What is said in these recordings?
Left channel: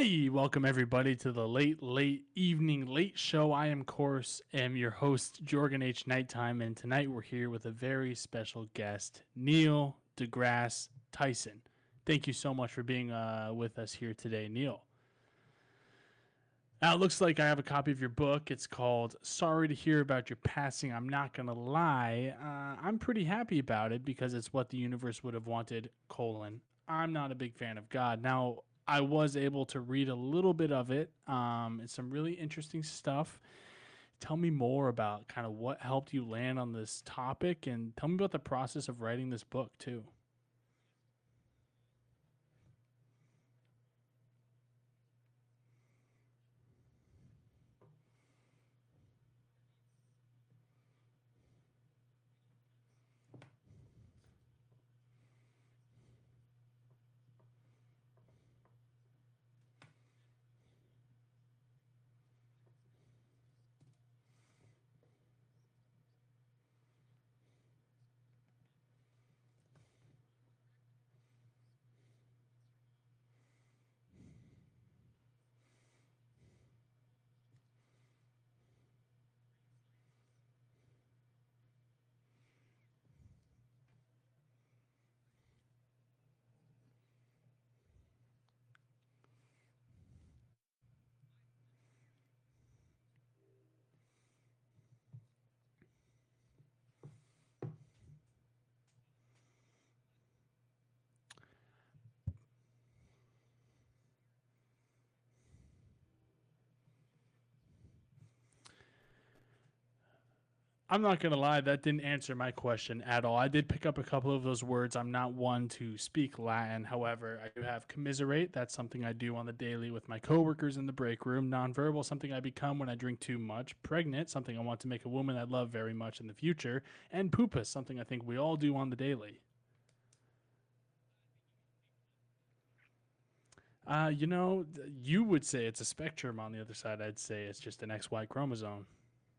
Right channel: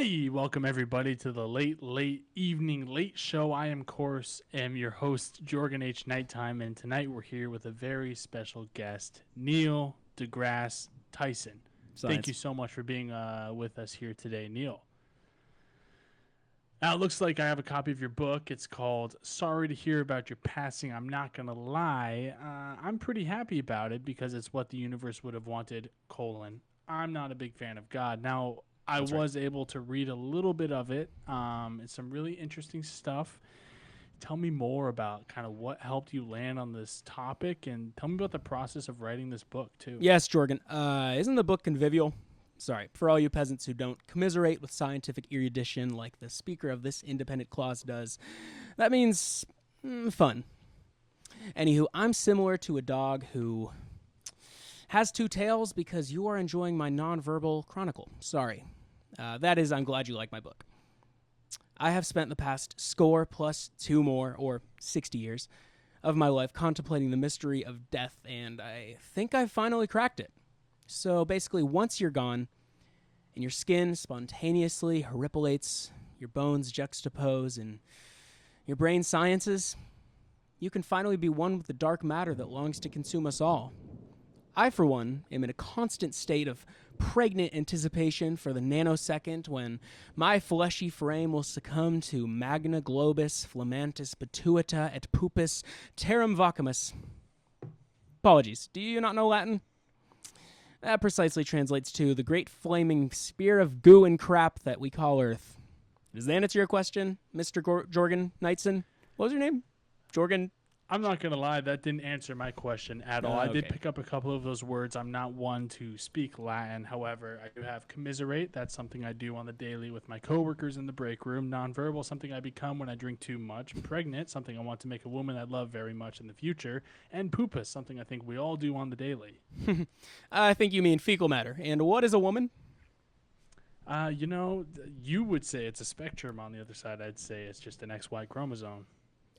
Hey, welcome everybody to the late evening late show. I am, of course, your host, Jorgen H. Nighttime, and tonight we're here with a very special guest, Neil deGrasse Tyson. Thank Science. you so much for being with us here today, Neil. Now, it looks like I have a copy of your book. It's called Sorry to Hear About Your Passing. I'm not going to lie. I'm pretty happy about it because it's what the universe would have wanted, colon. I'm not a big fan of God. Now, I That's right. was able to read a little bit of it. It's some really interesting stuff. Tell me more about kind of what helped you land on this topic and tell me about the process of writing this book, too. Yes, Jorgen. Isn't the book convivial? Sorry, for all you peasants who don't commiserate with scientific erudition like the speaker of this independent clause does, that means fun. Anywho, I'm similar to a dog who has two tails because you are enjoying my nonverbal chronicle. Sorry. That is, I'm glad you like my book. I have spent the past score plus two more, or 60 years, of my life contemplating the mystery of death, and I think I finally cracked it. So basically, once you're gone, and your skin spontaneously horripilates, your bones juxtapose, and your brain sciences, you can finally be one with the dark matter that longs to consume us all. I, for one, am in a constant state of pregnant anticipation for the nanosecond when my fleshy frame will succumb to magna globus flamantis pituita et pupus terram vacuumus. Apologies, do you not know Latin? That precisely translates to the great flaming spear of goo and crap that we call Earth. Does that answer your question, Mr. Jorgen Knightson? What was your name? Jorgen? I'm not going to lie, that didn't answer my question at all. I did Okay. pick up a couple of those words. I'm not one to speak Latin. However, I do have commiserate. That's something I do on the daily with my coworkers in the break room. Nonverbal, something I become when I drink too much. Pregnant, something I want to make a woman I love very much in the future. And poopus, something I think we all do on the daily. I think you mean fecal matter. And what is a woman? You would say it's a spectrum. On the other side, I'd say it's just an XY chromosome.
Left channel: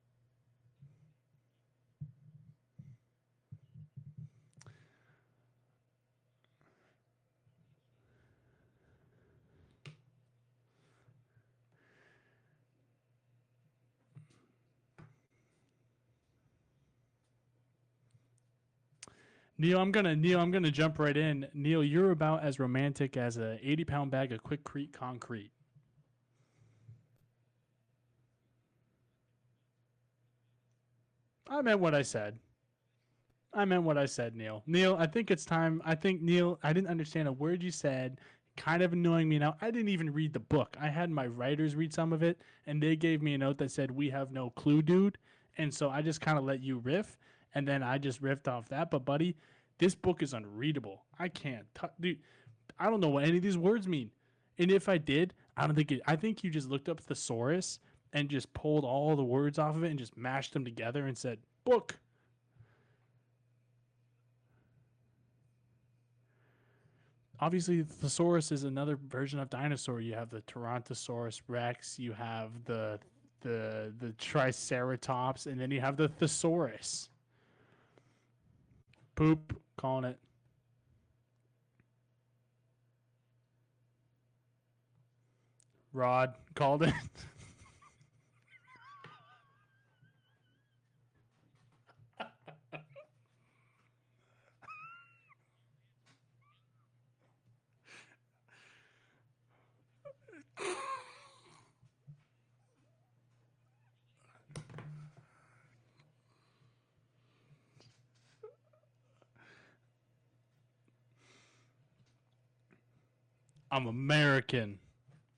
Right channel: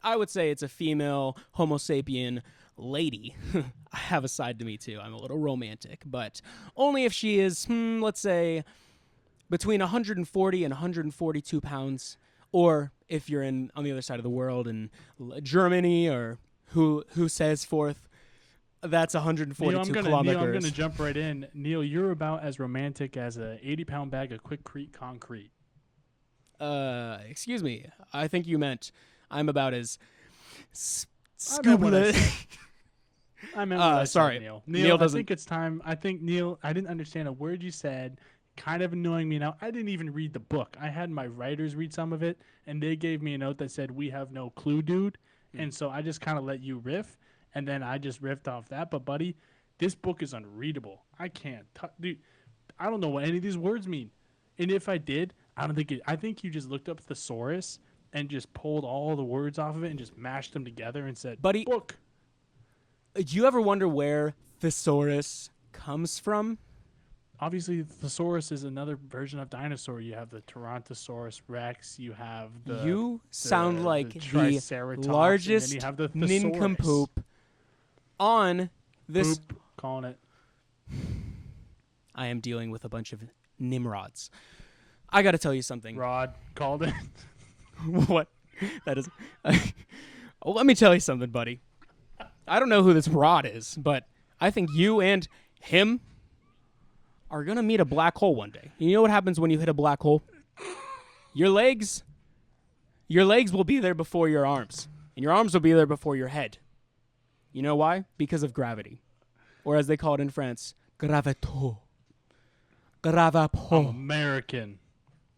I would say it's a female Homo sapien lady. I have a side to me too. I'm a little romantic, but only if she is, let's say, between 140 and 142 pounds, or if you're on the other side of the world in Germany or who says forth, that's 142 kilometers. Neil, I'm gonna jump right in. Neil, you're about as romantic as a 80-pound bag of quickcrete concrete. Excuse me. I think you meant I'm about as I meant what I scuba- said. I meant what I sorry. said, Neil. Neil I doesn't- think it's time. I think, Neil, I didn't understand a word you said. Kind of annoying me now. I didn't even read the book. I had my writers read some of it, and they gave me a note that said, "We have no clue, dude." And so I just kind of let you riff, and then I just riffed off that. But, buddy, this book is unreadable. I can't. Dude, I don't know what any of these words mean. And if I did, I don't think it. I think you just looked up thesaurus and just pulled all the words off of it and just mashed them together and said, Buddy, book. do you ever wonder where thesaurus comes from? Obviously, thesaurus is another version of dinosaur. You have the Tyrannosaurus Rex. You have You sound like the the Triceratops, largest and then you have the thesaurus. nincompoop on this. Poop, calling it. I am dealing with a bunch of Nimrods. I got to tell you something. Rod, called it. What? That is. Well, let me tell you something, buddy. I don't know who this Rod is, but I think you and him are gonna meet a black hole one day. You know what happens when you hit a black hole? Your legs will be there before your arms, and your arms will be there before your head. You know why? Because of gravity, or as they call it in France, gravito. I'm Gravapon. American.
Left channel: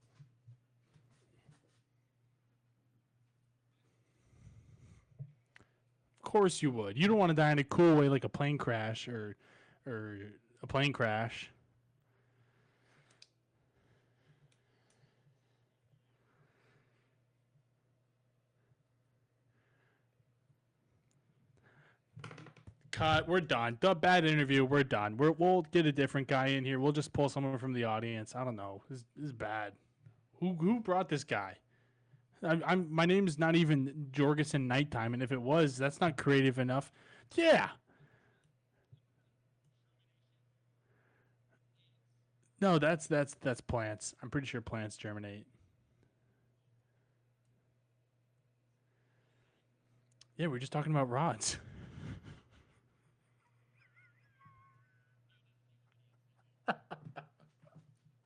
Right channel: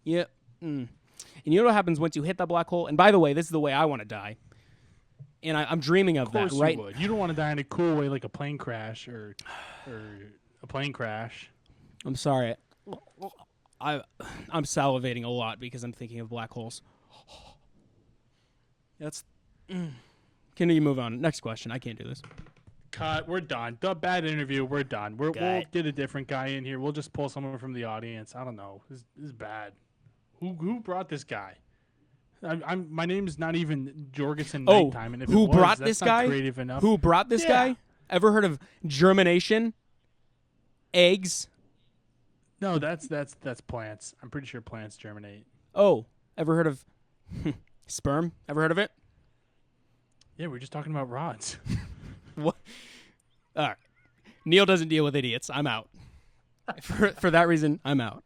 Yeah. And you know what happens once you hit that black hole? And by the way, this is the way I want to die. And I'm dreaming of Of course that, right? you would. You don't want to die in a cool way like a plane crash or a plane crash. I'm sorry. I'm salivating a lot because I'm thinking of black holes. That's. Can you move on? Next question. I can't do this. Cut. We're done. The bad interview. We're done. We'll Guy. get a different guy in here. We'll just pull someone from the audience. I don't know. This is bad. Who brought this guy? My name is not even Jorgensen Nighttime, and if who it was, brought that's this not guy? creative enough. Who brought this Yeah. guy? Ever heard of germination? Eggs? No, that's plants. I'm pretty sure plants germinate. Oh, ever heard of sperm? Ever heard of it? Yeah, we're just talking about rods. What? All right. Neil doesn't deal with idiots. I'm out. For that reason, I'm out.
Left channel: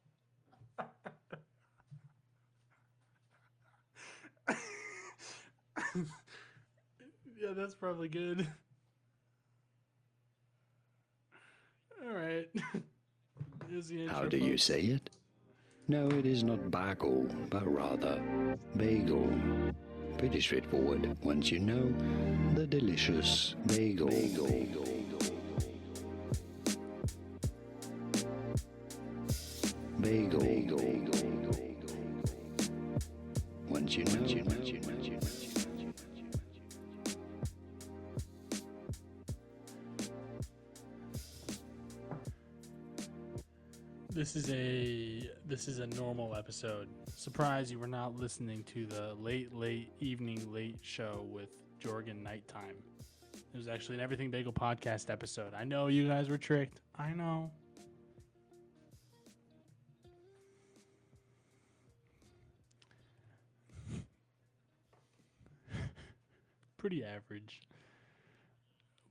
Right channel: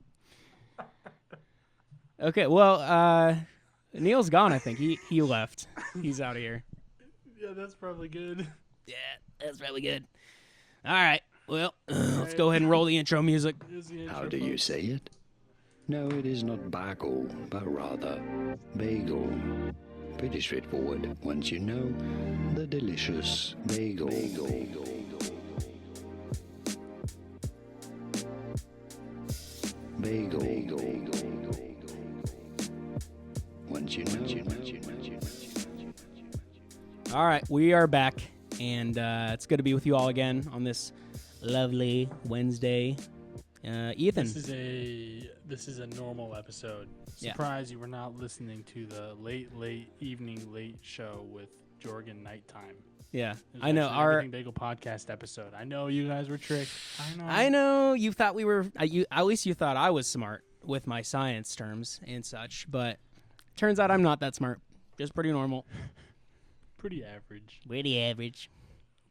Okay, well, Neil's gone, I think. He left. He's out of here. Yeah, that's probably good. Yeah, that's probably good. All right. Well, let's right. go ahead and roll the intro music. Here's the intro, How do you folks. say it? No, it is not bagel, but rather bagel. Pretty straightforward once you know the delicious bagel. Bagel. Once you know. All right, we are back, and it's good to be with you all again on this lovely Wednesday. Ethan. This is a normal episode. Yeah. Surprise, you were not listening to the late evening late show with Jorgen Nighttime. Yeah, It was I know. actually Everything Bagel podcast episode. I know you guys were tricked. I know you thought we were. At least you thought I was smart with my science terms and such, but turns out I'm not that smart. Just pretty normal. Pretty average. Pretty average.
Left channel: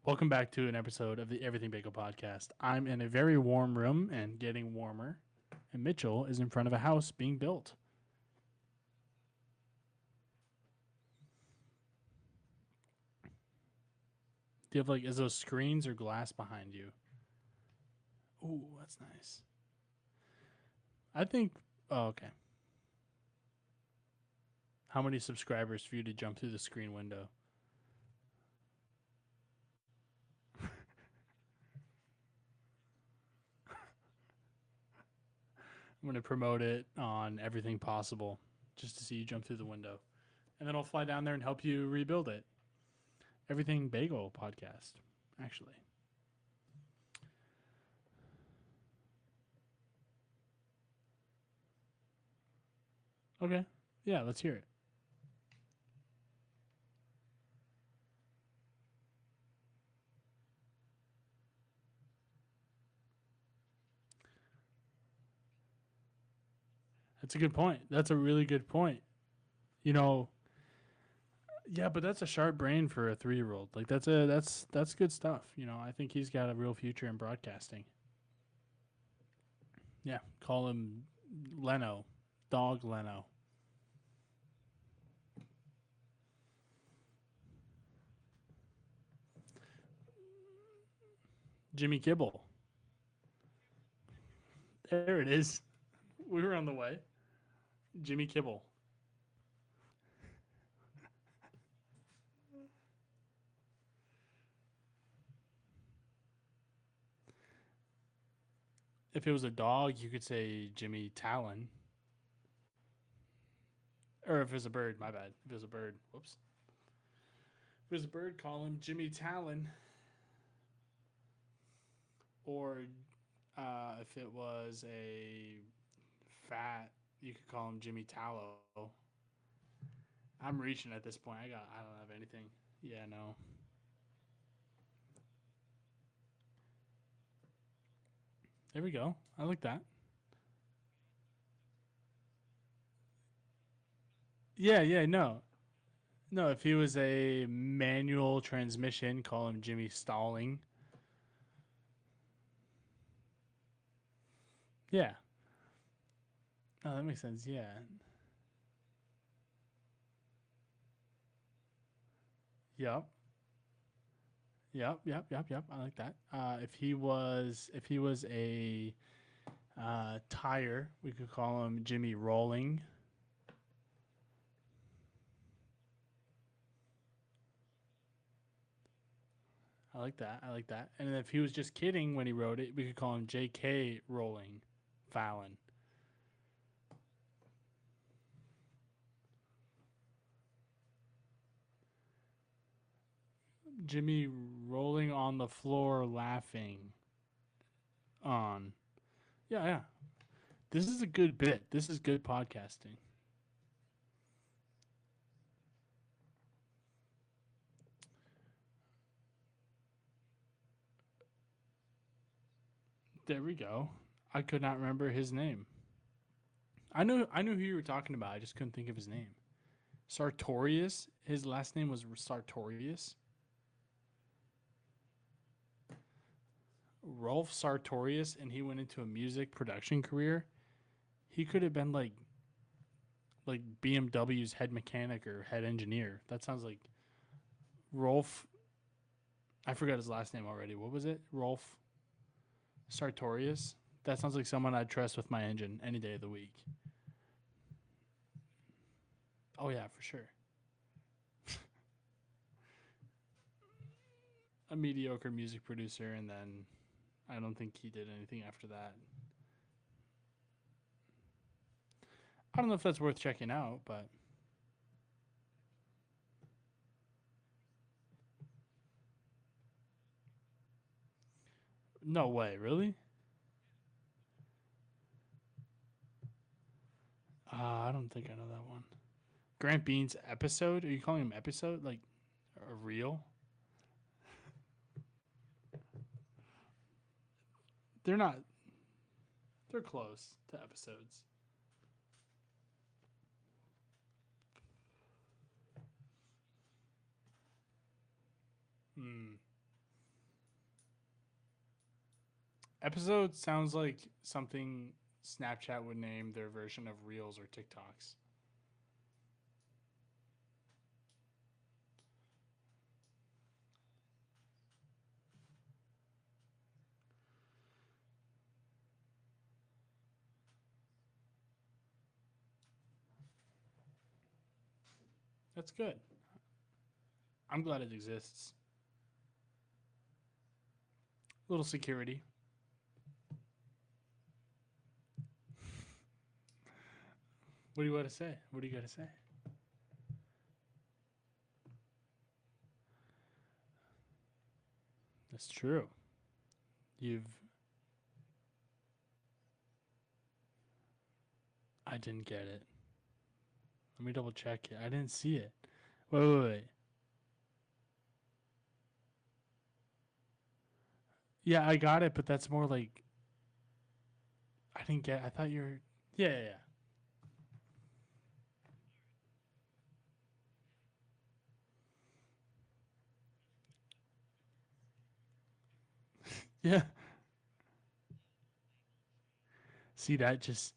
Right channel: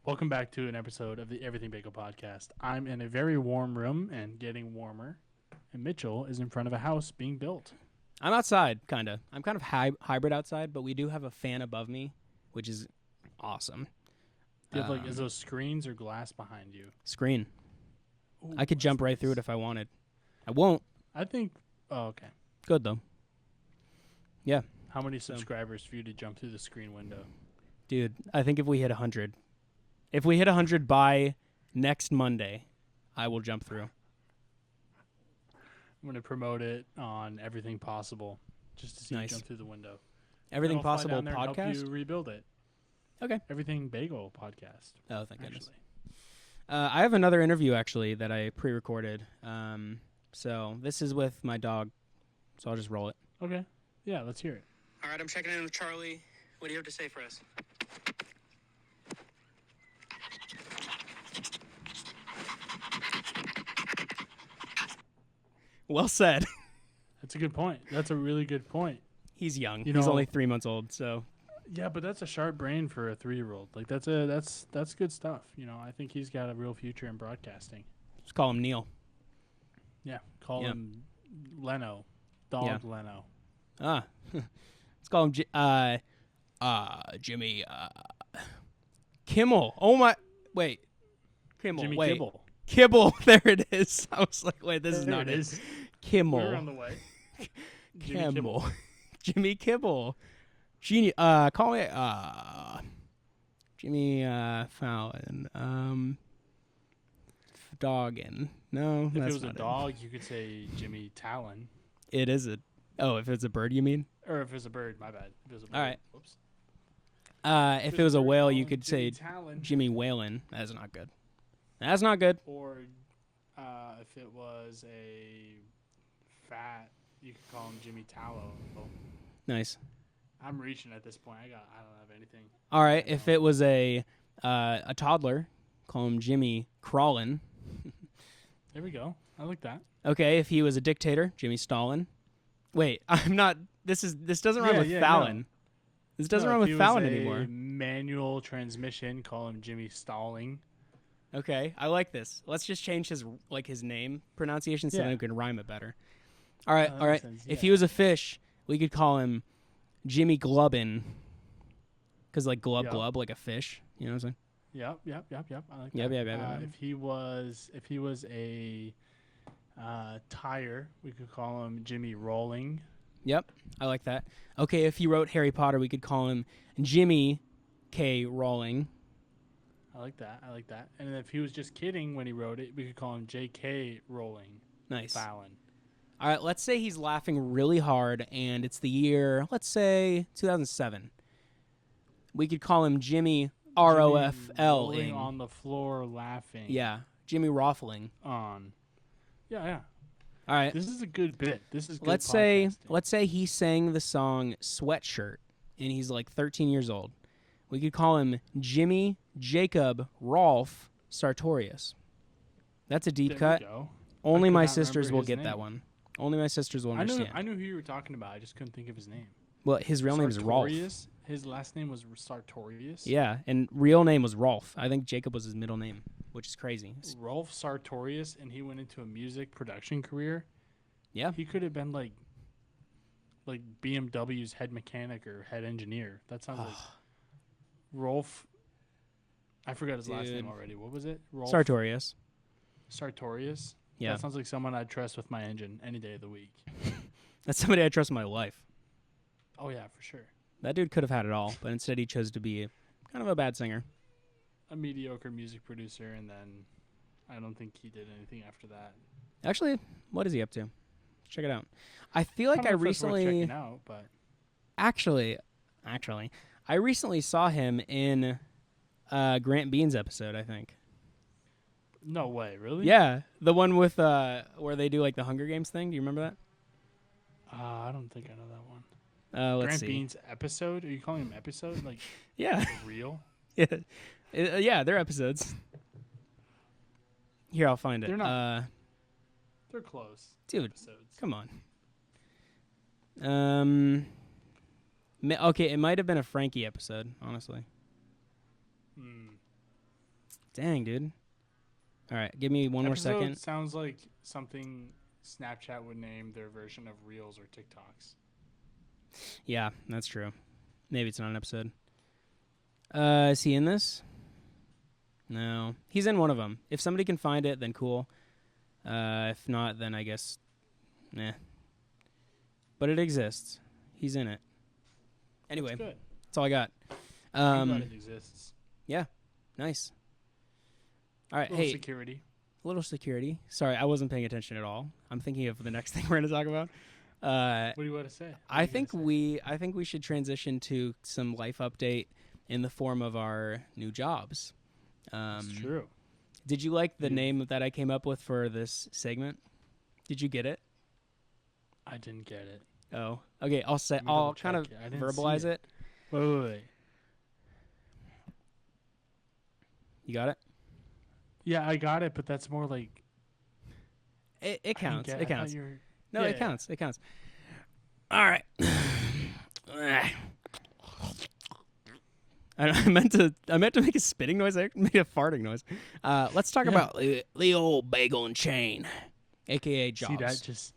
Welcome back to an episode of the Everything Bagel podcast. I'm in a very warm room and getting warmer, and Mitchell is in front of a house being built. I'm outside, kind of. I'm kind of hybrid outside, but we do have a fan above me, which is awesome. Do you have is those screens or glass behind you? Screen. Ooh, I could jump right through it if I wanted. I won't. I think. Oh, okay. Good though. Yeah, How many subscribers for you to jump through the screen window? dude. I think if we hit 100, if we hit 100 by next Monday, I will jump through. I'm going to promote it on Everything Possible just to see you Nice. jump through the window. Everything Then I'll possible fly down there and help podcast. you rebuild it. Okay. Everything Bagel podcast, Oh, thank goodness. actually. I have another interview actually that I pre-recorded. So this is with my dog. So I'll just roll it. Okay. Yeah, let's hear it. All right, I'm checking in with Charlie. What do you have to say for us? Well said. That's a good point. That's a really good point. He's young. You He's know- only 3 months old. So Yeah, but that's a sharp brain for a 3-year-old. Like that's good stuff. You know, I think he's got a real future in broadcasting. just call him Neil. Yeah, call Yeah. him Leno, dog Leno. Ah, let's call him Jimmy Kimmel. Oh my, wait, Kimmel. Jimmy wait. Kibble. Kibble. There it is. I was like, wait, this is There not it is. Kimmel. We're on the way. Jimmy Kibble. Jimmy Kibble. Genius. Call me Jimmy Fallon. Doggin. No. If that's it was a not dog, you could say Jimmy Talon. It is a. Oh, if it's a bird, you mean? Or if it was a bird, my bad. If it was a bird. All right. Whoops. If it was a bird, whale, call you him could Jimmy say Talon. Jimmy Whalen. That's not good. That's not good. Or if it was a fat, you could call him Jimmy Tallow. Nice. I'm reaching at this point. I don't have anything. All right. Yeah, If no. it was a toddler, call him Jimmy Crawlin. There we go. I like that. Okay. If he was a dictator, Jimmy Stalin. Wait, I'm not. This doesn't rhyme with Fallon. No. This doesn't No, rhyme if with he Fallon was a anymore. manual transmission, call him Jimmy Stalling. Okay, I like this. Let's just change his name pronunciation so Yeah. we can rhyme it better. All right, that all right. makes sense, If he yeah. was a fish, we could call him Jimmy Glubbin, because like glub Yep. glub like a fish. You know what I'm saying? Yep. I like Yep, that. yep, yep. If he was a tire, we could call him Jimmy Rolling. Yep, I like that. Okay, if he wrote Harry Potter, we could call him Jimmy K. Rowling. I like that. And if he was just kidding when he wrote it, we could call him J.K. Rowling Nice. Fallon. All right, let's say he's laughing really hard, and it's the year, let's say 2007. We could call him Jimmy ROFL. Jimmy rolling on the floor laughing. Yeah, Jimmy Roffling. On. Yeah. All right. This is a good bit. This is good Let's say podcasting. he sang the song Sweatshirt and he's like 13 years old. We could call him Jimmy Jacob Rolf Sartorius. That's a deep There cut. we go. Only could my not sisters remember will his get that name. one. Only my sisters will I understand. knew who you were talking about. I just couldn't think of his name. Well, his real name is Rolf. Sartorius. His last name was Sartorius. Yeah, and real name was Rolf. I think Jacob was his middle name, which is crazy. Rolf Sartorius, and he went into a music production career. Yeah. He could have been like BMW's head mechanic or head engineer. That sounds like Rolf. I forgot his last name already. What was it? Rolf Sartorius. Sartorius. Yeah. That sounds like someone I'd trust with my engine any day of the week. That's somebody I trust in my life. Oh yeah, for sure. That dude could have had it all, but instead he chose to be kind of a bad singer. A mediocre music producer, and then I don't think he did anything after that. Actually, what is he up to? Check it out. I feel like I don't know if that's recently worth checking out, but actually, I recently saw him in Grant Bean's episode, I think. no way, really? Yeah, the one with where they do like the Hunger Games thing. Do you remember that? I don't think I know that one. Let's Grant see. Bean's episode? Are you calling him episode? Like Yeah. for real? Yeah. Yeah, they're episodes. Here, I'll find it. They're not- They're close. Dude. Episodes. Come on. Okay, it might have been a Frankie episode, honestly. Dang, dude. All right, give me one more Episode second. sounds like something Snapchat would name their version of Reels or TikToks. Yeah, that's true. Maybe it's not an episode. Is he in this? No. He's in one of them. If somebody can find it, then cool. If not, then I guess, nah. But it exists. He's in it. Anyway, That's good. that's all I got. I'm glad it exists. Nice. All right, Little hey, security. little security. Sorry, I wasn't paying attention at all. I'm thinking of the next thing we're going to talk about. What do you want to say? I think we should transition to some life update in the form of our new jobs. That's true. Did you like the You've- name that I came up with for this segment? Did you get it? I didn't get it. Oh, okay. I'll say. Let me I'll kind of double-check it. I didn't see verbalize it. Wait. You got it. Yeah, I got it, but that's more like It I didn't counts. get- It I thought counts. you were- No, Yeah, it yeah. counts. It counts. All right. I meant to make a spitting noise. I made a farting noise. Let's talk about the old bagel and chain, aka Jaws. See that just.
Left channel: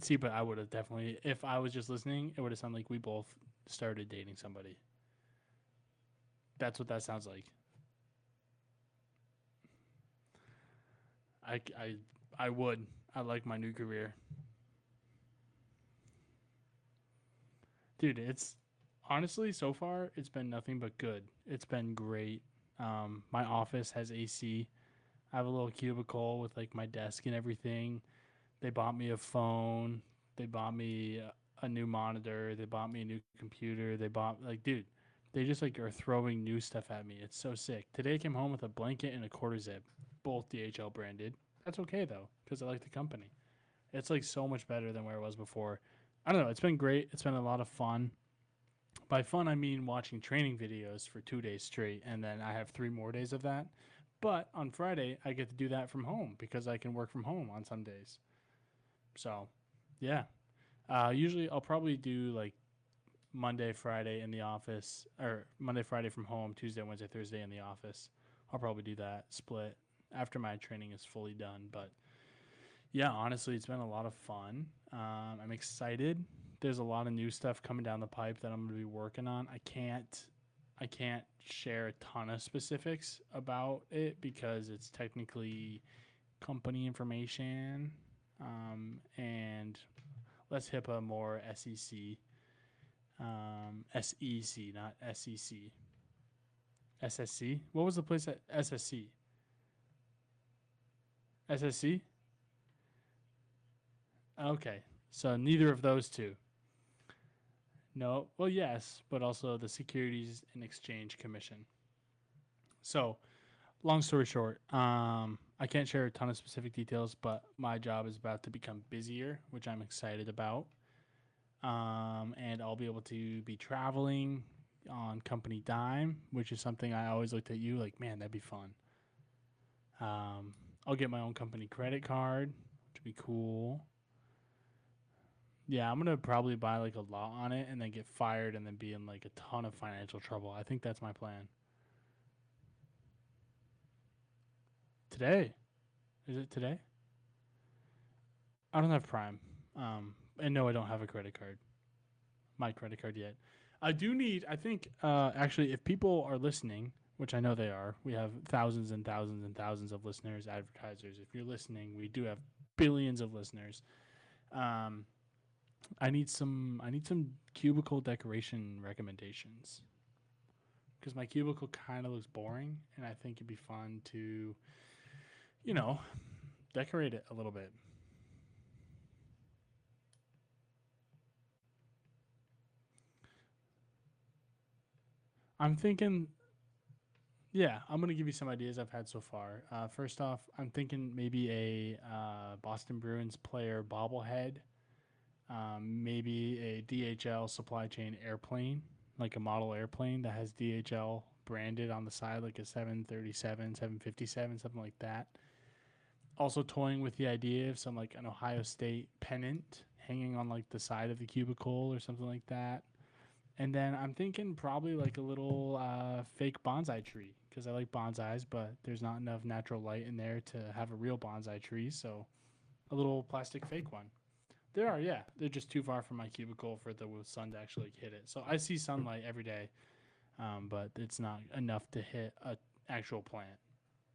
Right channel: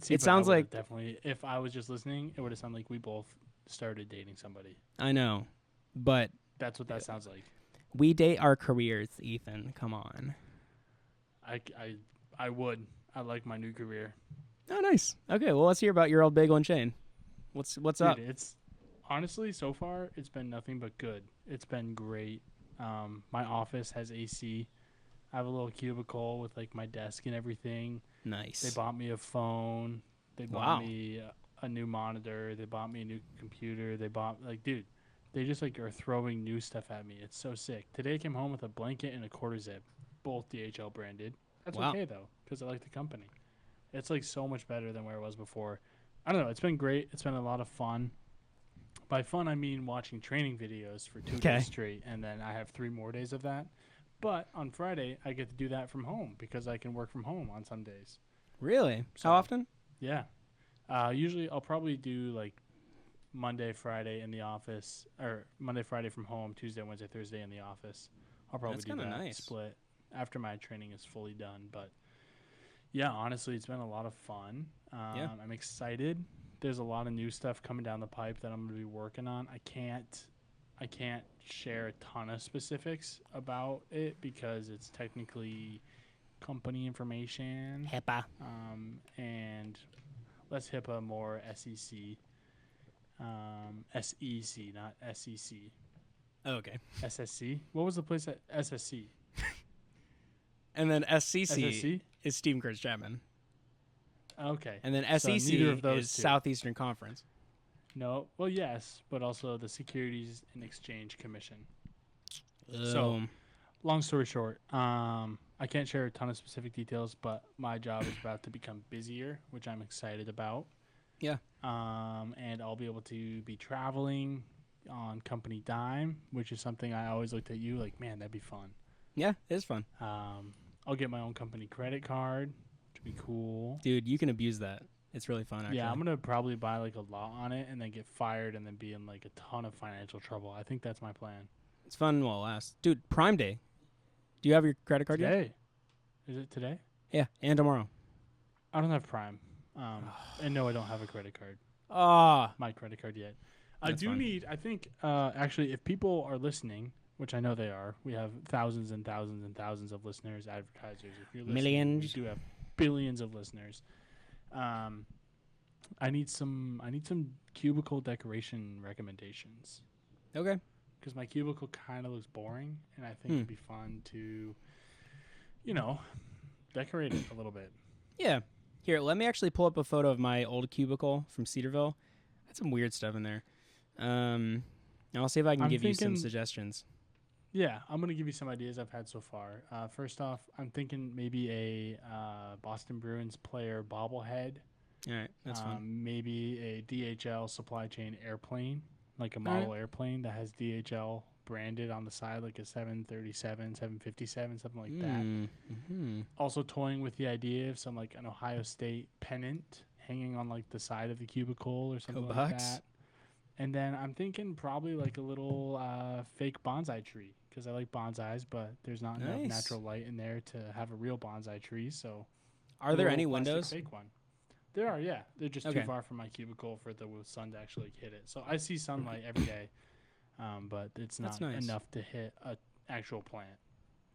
See, It but sounds I would've like- definitely. If I was just listening, it would have sounded like we both started dating somebody. I know, but That's what that sounds like. we date our careers, Ethan. Come on. I would. I like my new career. Oh, nice. Okay, well, let's hear about your old bagel and chain. What's Dude, up? it's honestly so far it's been nothing but good. It's been great. My office has AC. I have a little cubicle with like my desk and everything. Nice. They bought me a phone. They Wow. bought me a new monitor. They bought me a new computer. They bought dude, they just like are throwing new stuff at me. It's so sick. Today I came home with a blanket and a quarter zip, both DHL branded. That's Wow. okay though, because I like the company. It's like so much better than where it was before. I don't know. It's been great. It's been a lot of fun. By fun, I mean watching training videos for 2 Okay. days straight, and then I have 3 more days of that. But on Friday, I get to do that from home because I can work from home on some days. Really? So- How often? Yeah. Usually I'll probably do like Monday, Friday in the office, or Monday, Friday from home, Tuesday, Wednesday, Thursday in the office. I'll probably That's do kinda that nice. split after my training is fully done. But yeah, honestly, it's been a lot of fun. I'm excited. There's a lot of new stuff coming down the pipe that I'm going to be working on. I can't share a ton of specifics about it because it's technically company information. HIPAA. And less HIPAA, more SEC. SEC, not SEC. Oh, okay. SSC? What was the place at SSC? And then SCC SSC? is Stephen Curtis Chapman. Okay. And then So SEC neither of those is two. Southeastern Conference. No. Well, yes, but also the Securities and Exchange Commission. So- Long story short, I can't share a ton of specific details, but my job is about to become busier, which I'm excited about. Yeah. And I'll be able to be traveling on company dime, which is something I always looked at you like, man, that'd be fun. Yeah, it is fun. I'll get my own company credit card, be cool. Dude, you can abuse that. It's really fun. Actually. Yeah, I'm gonna probably buy like a lot on it and then get fired and then be in like a ton of financial trouble. I think that's my plan. It's fun while it lasts. Dude, Prime Day. Do you have your credit card yet? Today? Is it today? Yeah, and tomorrow. I don't have Prime. And no, I don't have a credit card. Ah, My credit card yet. I That's do fine. need. I think actually, if people are listening, which I know they are, we have thousands and thousands and thousands of listeners, advertisers. If you're listening, we Millions. do have billions of listeners. I need some cubicle decoration recommendations okay. because my cubicle kind of looks boring, and I think it'd be fun to, decorate it a little bit. Yeah. Here, let me actually pull up a photo of my old cubicle from Cedarville. Had some weird stuff in there. And I'll see if I can I'm give you some thinking- suggestions. Yeah, I'm gonna give you some ideas I've had so far. First off, I'm thinking maybe a Boston Bruins player bobblehead. All right, that's fine. Maybe a DHL supply chain airplane, like a model airplane that has DHL branded on the side, like a 737, 757, something like that. Mm-hmm. Also toying with the idea of some like an Ohio State pennant hanging on like the side of the cubicle or something like bucks. that. And then I'm thinking probably like a little fake bonsai tree because I like bonsais, but there's not enough Nice. natural light in there to have a real bonsai tree. So Are a there little any plastic windows? Fake one. There are, yeah. They're just Okay. too far from my cubicle for the sun to actually hit it. So I see sunlight every day, but it's That's not nice. enough to hit an actual plant.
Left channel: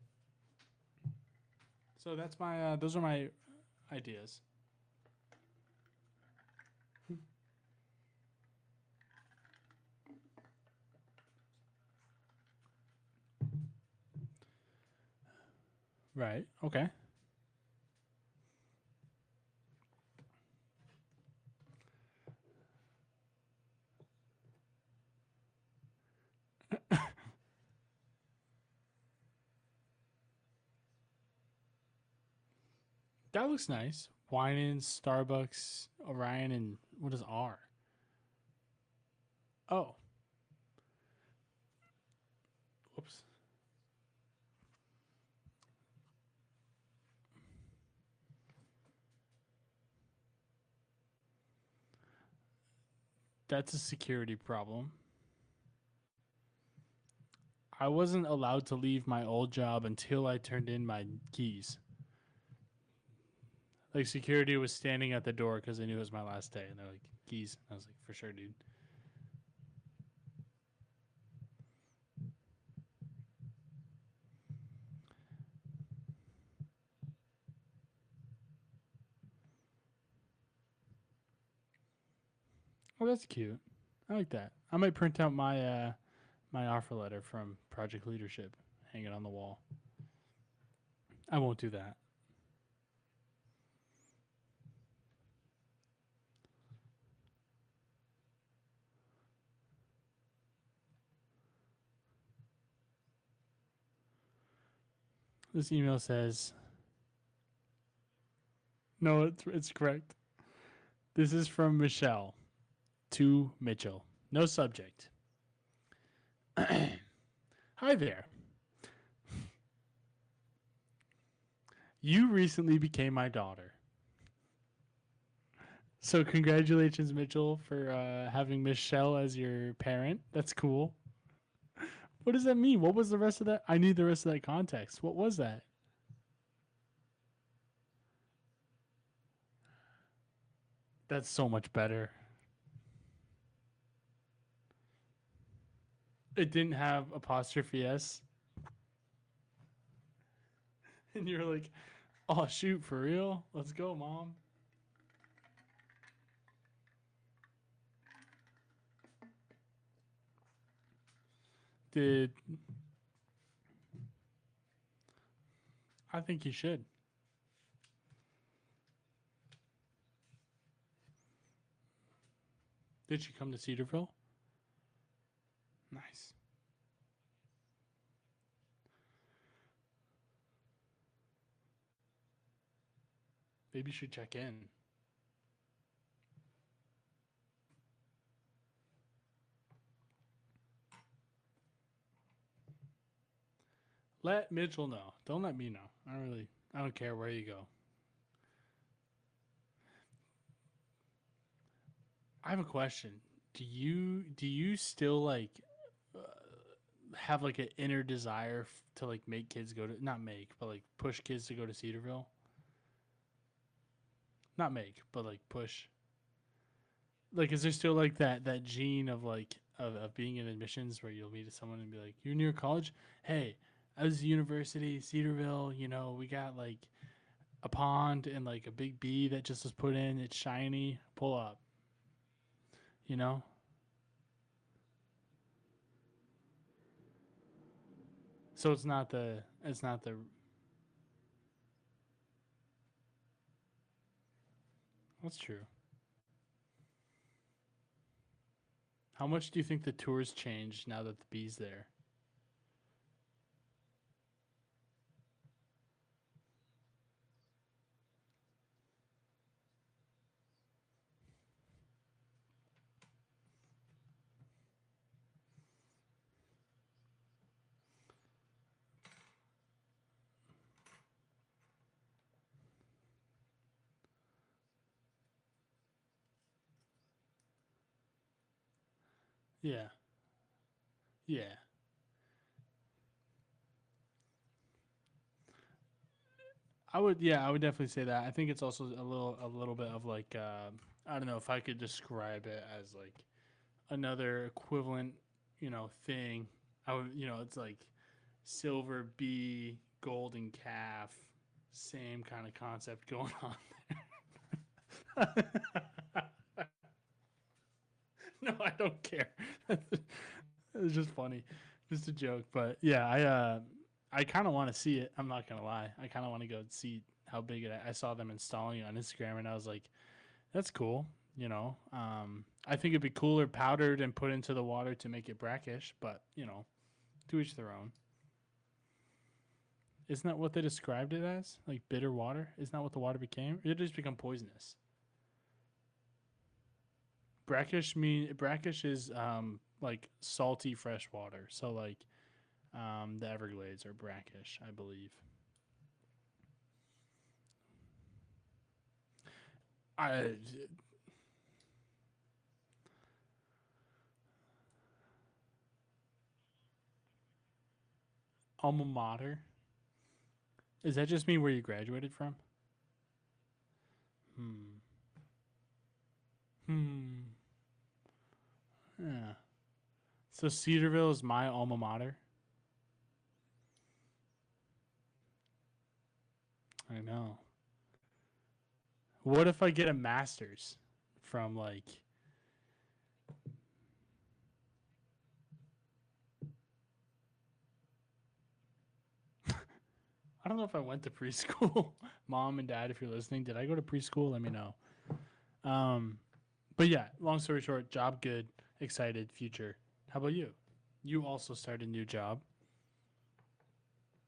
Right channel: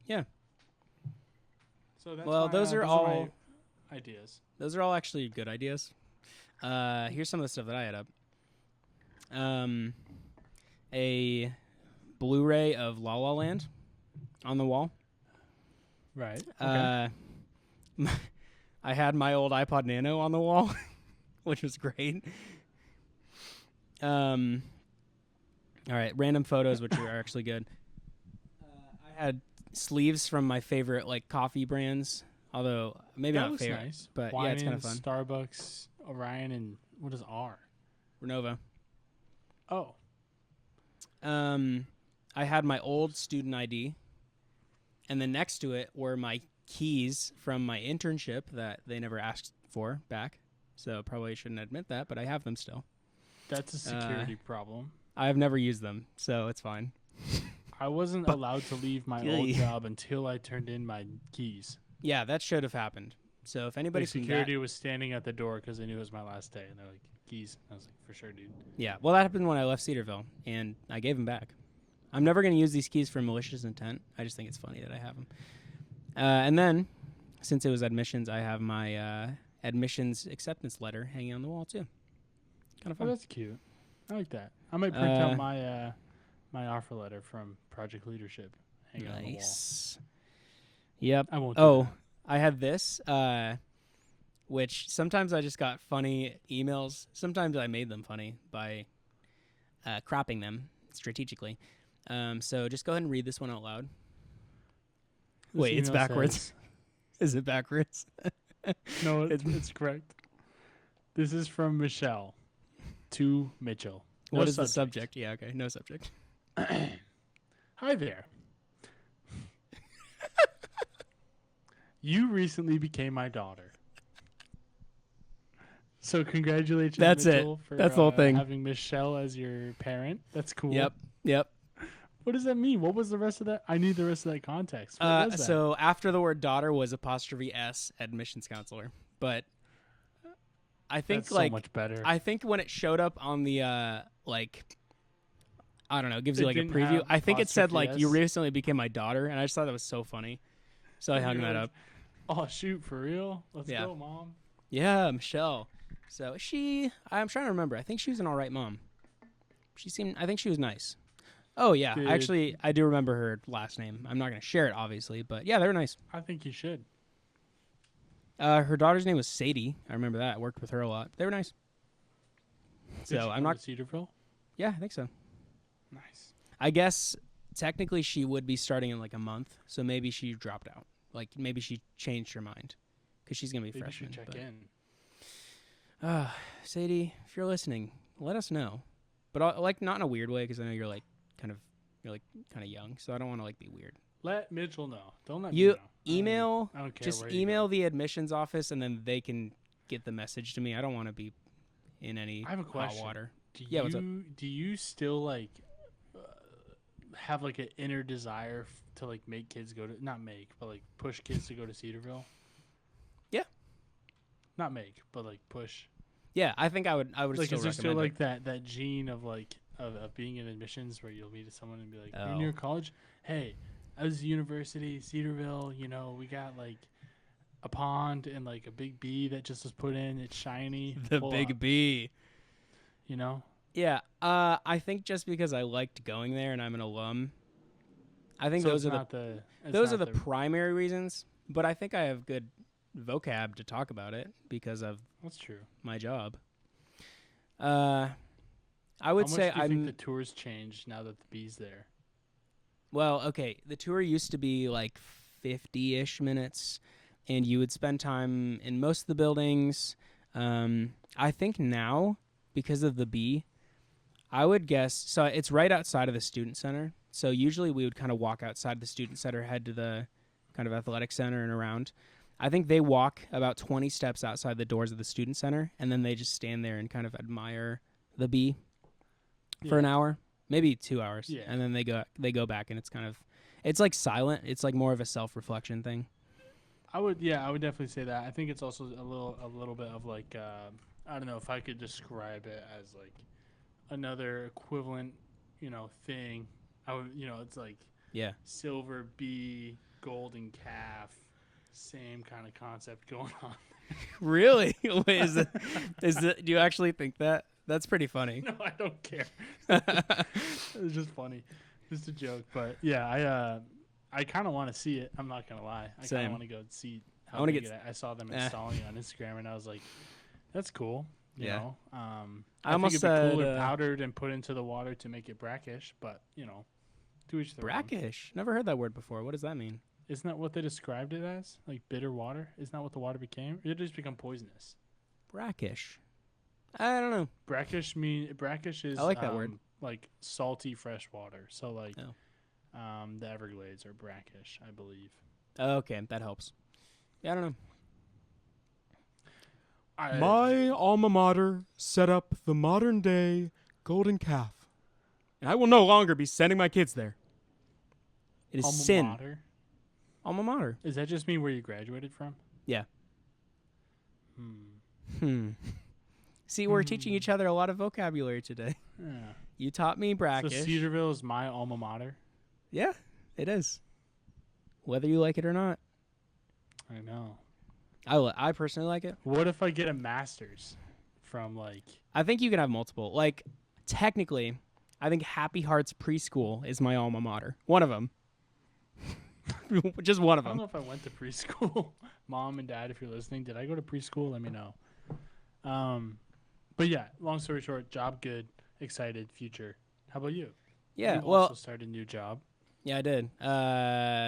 Yeah. So that's Well, my, those are those all- are my ideas. Those are all actually good ideas. Here's some of the stuff that I had up. A Blu-ray of La La Land on the wall. Right. Okay. I had my old iPod Nano on the wall, which was great. All right, random photos, which are actually good. I had sleeves from my favorite like coffee brands, although maybe that not looks favorite, nice. but yeah, it's kind of Winans, fun. Starbucks, Orion, and what is R? Renova. Oh, I had my old student ID, and then next to it were my keys from my internship that they never asked for back. So probably shouldn't admit that, but I have them still. that's a security problem. I've never used them, so it's fine. I wasn't allowed to leave my old Yay. job until I turned in my keys. Yeah, that should have happened. So if anybody Like security was standing at the door because they knew it was my last day, and they're like, "Keys." I was like, "For sure, dude." yeah, well, that happened when I left Cedarville, and I gave them back. I'm never going to use these keys for malicious intent. I just think it's funny that I have them. And then, since it was admissions, I have my admissions acceptance letter hanging on the wall too. Kind of Oh, fun. that's cute. I like that. I might print out Uh, my my offer letter from Project Leadership, hang it on the wall. Nice. Yep. I won't do Oh, that. I had this, which sometimes I just got funny emails. Sometimes I made them funny by cropping them strategically. So just go ahead and read this one out loud. This Wait, it's email backwards. says- Is it backwards? no, it's correct. This is from Michelle to Mitchell. No What is subject. the subject? Yeah, okay. No subject. Hi there. You recently became my daughter. So congratulations, That's it. Mitchell, for That's the whole thing. having Michelle as your parent. That's cool. Yep. What does that mean? What was the rest of that? I need the rest of that context. What was that? So after the word daughter was apostrophe S, admissions counselor. But I think That's so much better. I think when it showed up on the I don't know, it gives you It like a didn't preview. have I think it said apostrophe like you S? recently became my daughter, and I just thought that was so funny. So I And hung you're that like, up. Oh shoot, for real? Let's Yeah. go, Mom. Yeah, Michelle. So I'm trying to remember. I think she was an all right mom. I think she was nice. Oh yeah, Did- actually I do remember her last name. I'm not gonna share it obviously, but yeah, they were nice. I think you should. Her daughter's name was Sadie. I remember that. I worked with her a lot. They were nice. Did So she I'm come not. to Cedarville? Yeah, I think so. Nice. I guess technically she would be starting in like a month, so maybe she dropped out. Like maybe she changed her mind because she's gonna be. Maybe you freshman, should check but- in. Sadie, if you're listening, let us know. But like not in a weird way, because I know you're like kind of young, so I don't want to like be weird. Let Mitchell know. Don't let me You know. email, I don't care just where you email go. the admissions office, and then they can get the message to me. I don't want to be in any I have a hot question. water. Do Yeah, what's up? you still like uh, have like an inner desire to like make kids go to not make but like push kids to go to Cedarville? Yeah. Not make, but like push. Yeah, I think I would. I would Like, still is there still recommend like that gene of like of being in admissions where you'll meet someone and be like, "You're Oh. near college? Hey, I was at university, Cedarville. You know, we got like a pond and like a big bee that just was put in. It's shiny. it. The Pull big up, B. you know." Yeah. I think just because I liked going there and I'm an alum, I think So those it's are not the it's those are not the primary reasons. But I think I have good vocab to talk about it because of That's true. my job. I would How much say do you I'm think the tours changed now that the bee's there? well. Okay, the tour used to be like 50-ish minutes, and you would spend time in most of the buildings. I think now because of the bee, I would guess so. It's right outside of the student center. So usually we would kind of walk outside the student center, head to the kind of athletic center and around. I think they walk about 20 steps outside the doors of the student center, and then they just stand there and kind of admire the bee for an hour, maybe 2 hours. Yeah. And then they go back, and it's like silent. It's like more of a self-reflection thing. I would definitely say that. I think it's also a little bit of like I don't know if I could describe it as like another equivalent, thing. I would, it's like Yeah. silver bee, golden calf, same kind of concept going on. Really? Wait, is it? Do you actually think that? That's pretty funny. No, I don't care. It's just funny, just a joke. But yeah, I kind of want to see it. I'm not gonna lie. I kind Same. of want to go see I how wanna big get it. I saw them installing it on Instagram, and I was like, "That's cool." You Yeah. know, I I think almost it'd be cooler said, powdered and put into the water to make it brackish. But to each their own. brackish. Never heard that word before. What does that mean? Isn't that what they described it as? Like bitter water? Isn't that what the water became? It just become poisonous. Brackish. I don't know. Brackish is I like that word. like salty fresh water. So like Oh. the Everglades are brackish, I believe. Okay, that helps. Yeah, I don't know. My alma mater set up the modern day golden calf, and I will no longer be sending my kids there. It is alma sin. mater. Alma mater. Does that just mean where you graduated from? Yeah. Hmm. See, we're teaching each other a lot of vocabulary today. Yeah. You taught me So brackish. Cedarville is my alma mater. Yeah, it is. Whether you like it or not. I know. I personally like it. What if I get a master's from like? I think you can have multiple. Like, technically, I think Happy Hearts Preschool is my alma mater. One of them. Just one of I don't them. know if I went to preschool. Mom and Dad, if you're listening, did I go to preschool? Let me know. But yeah, long story short, job good, excited, future. How about you? Yeah, You well, also started a new job. yeah, I did.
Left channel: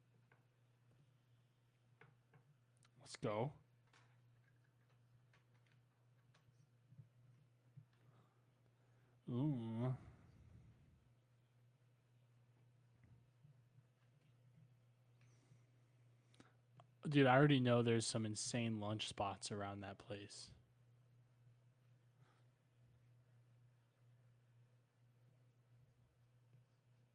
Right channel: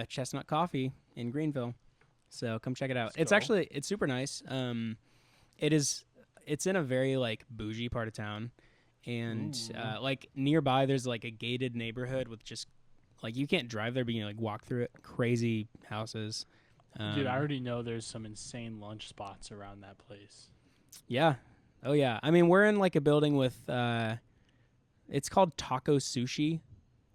Chestnut Coffee in Greenville. So come check it out. Let's It's go. it's super nice. It's in a very like bougie part of town, and Ooh. like nearby there's like a gated neighborhood with just like you can't drive there, but you can like walk through it. Crazy houses. Dude, I already know there's some insane lunch spots around that place. Yeah. Oh yeah. I mean, we're in like a building with it's called Taco Sushi,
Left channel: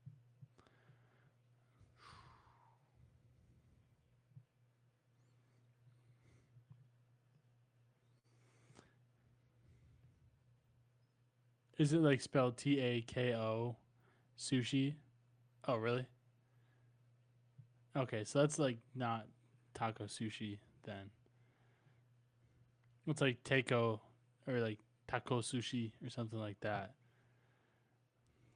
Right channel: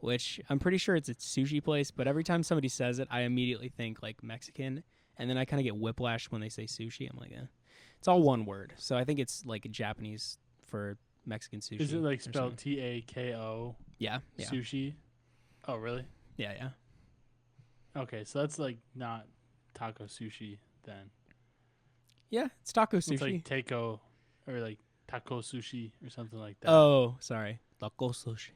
which I'm pretty sure it's a sushi place, but every time somebody says it, I immediately think like Mexican, and then I kind of get whiplash when they say sushi. I'm like, it's all one word. So I think it's like Japanese for Mexican sushi. Is it like or spelled something. Tako Yeah. Yeah. sushi? Oh, really? Yeah, yeah. Okay, so that's like not taco sushi then. Yeah, it's taco sushi. It's like taco or like taco sushi or something like that. Oh, sorry. Taco sushi.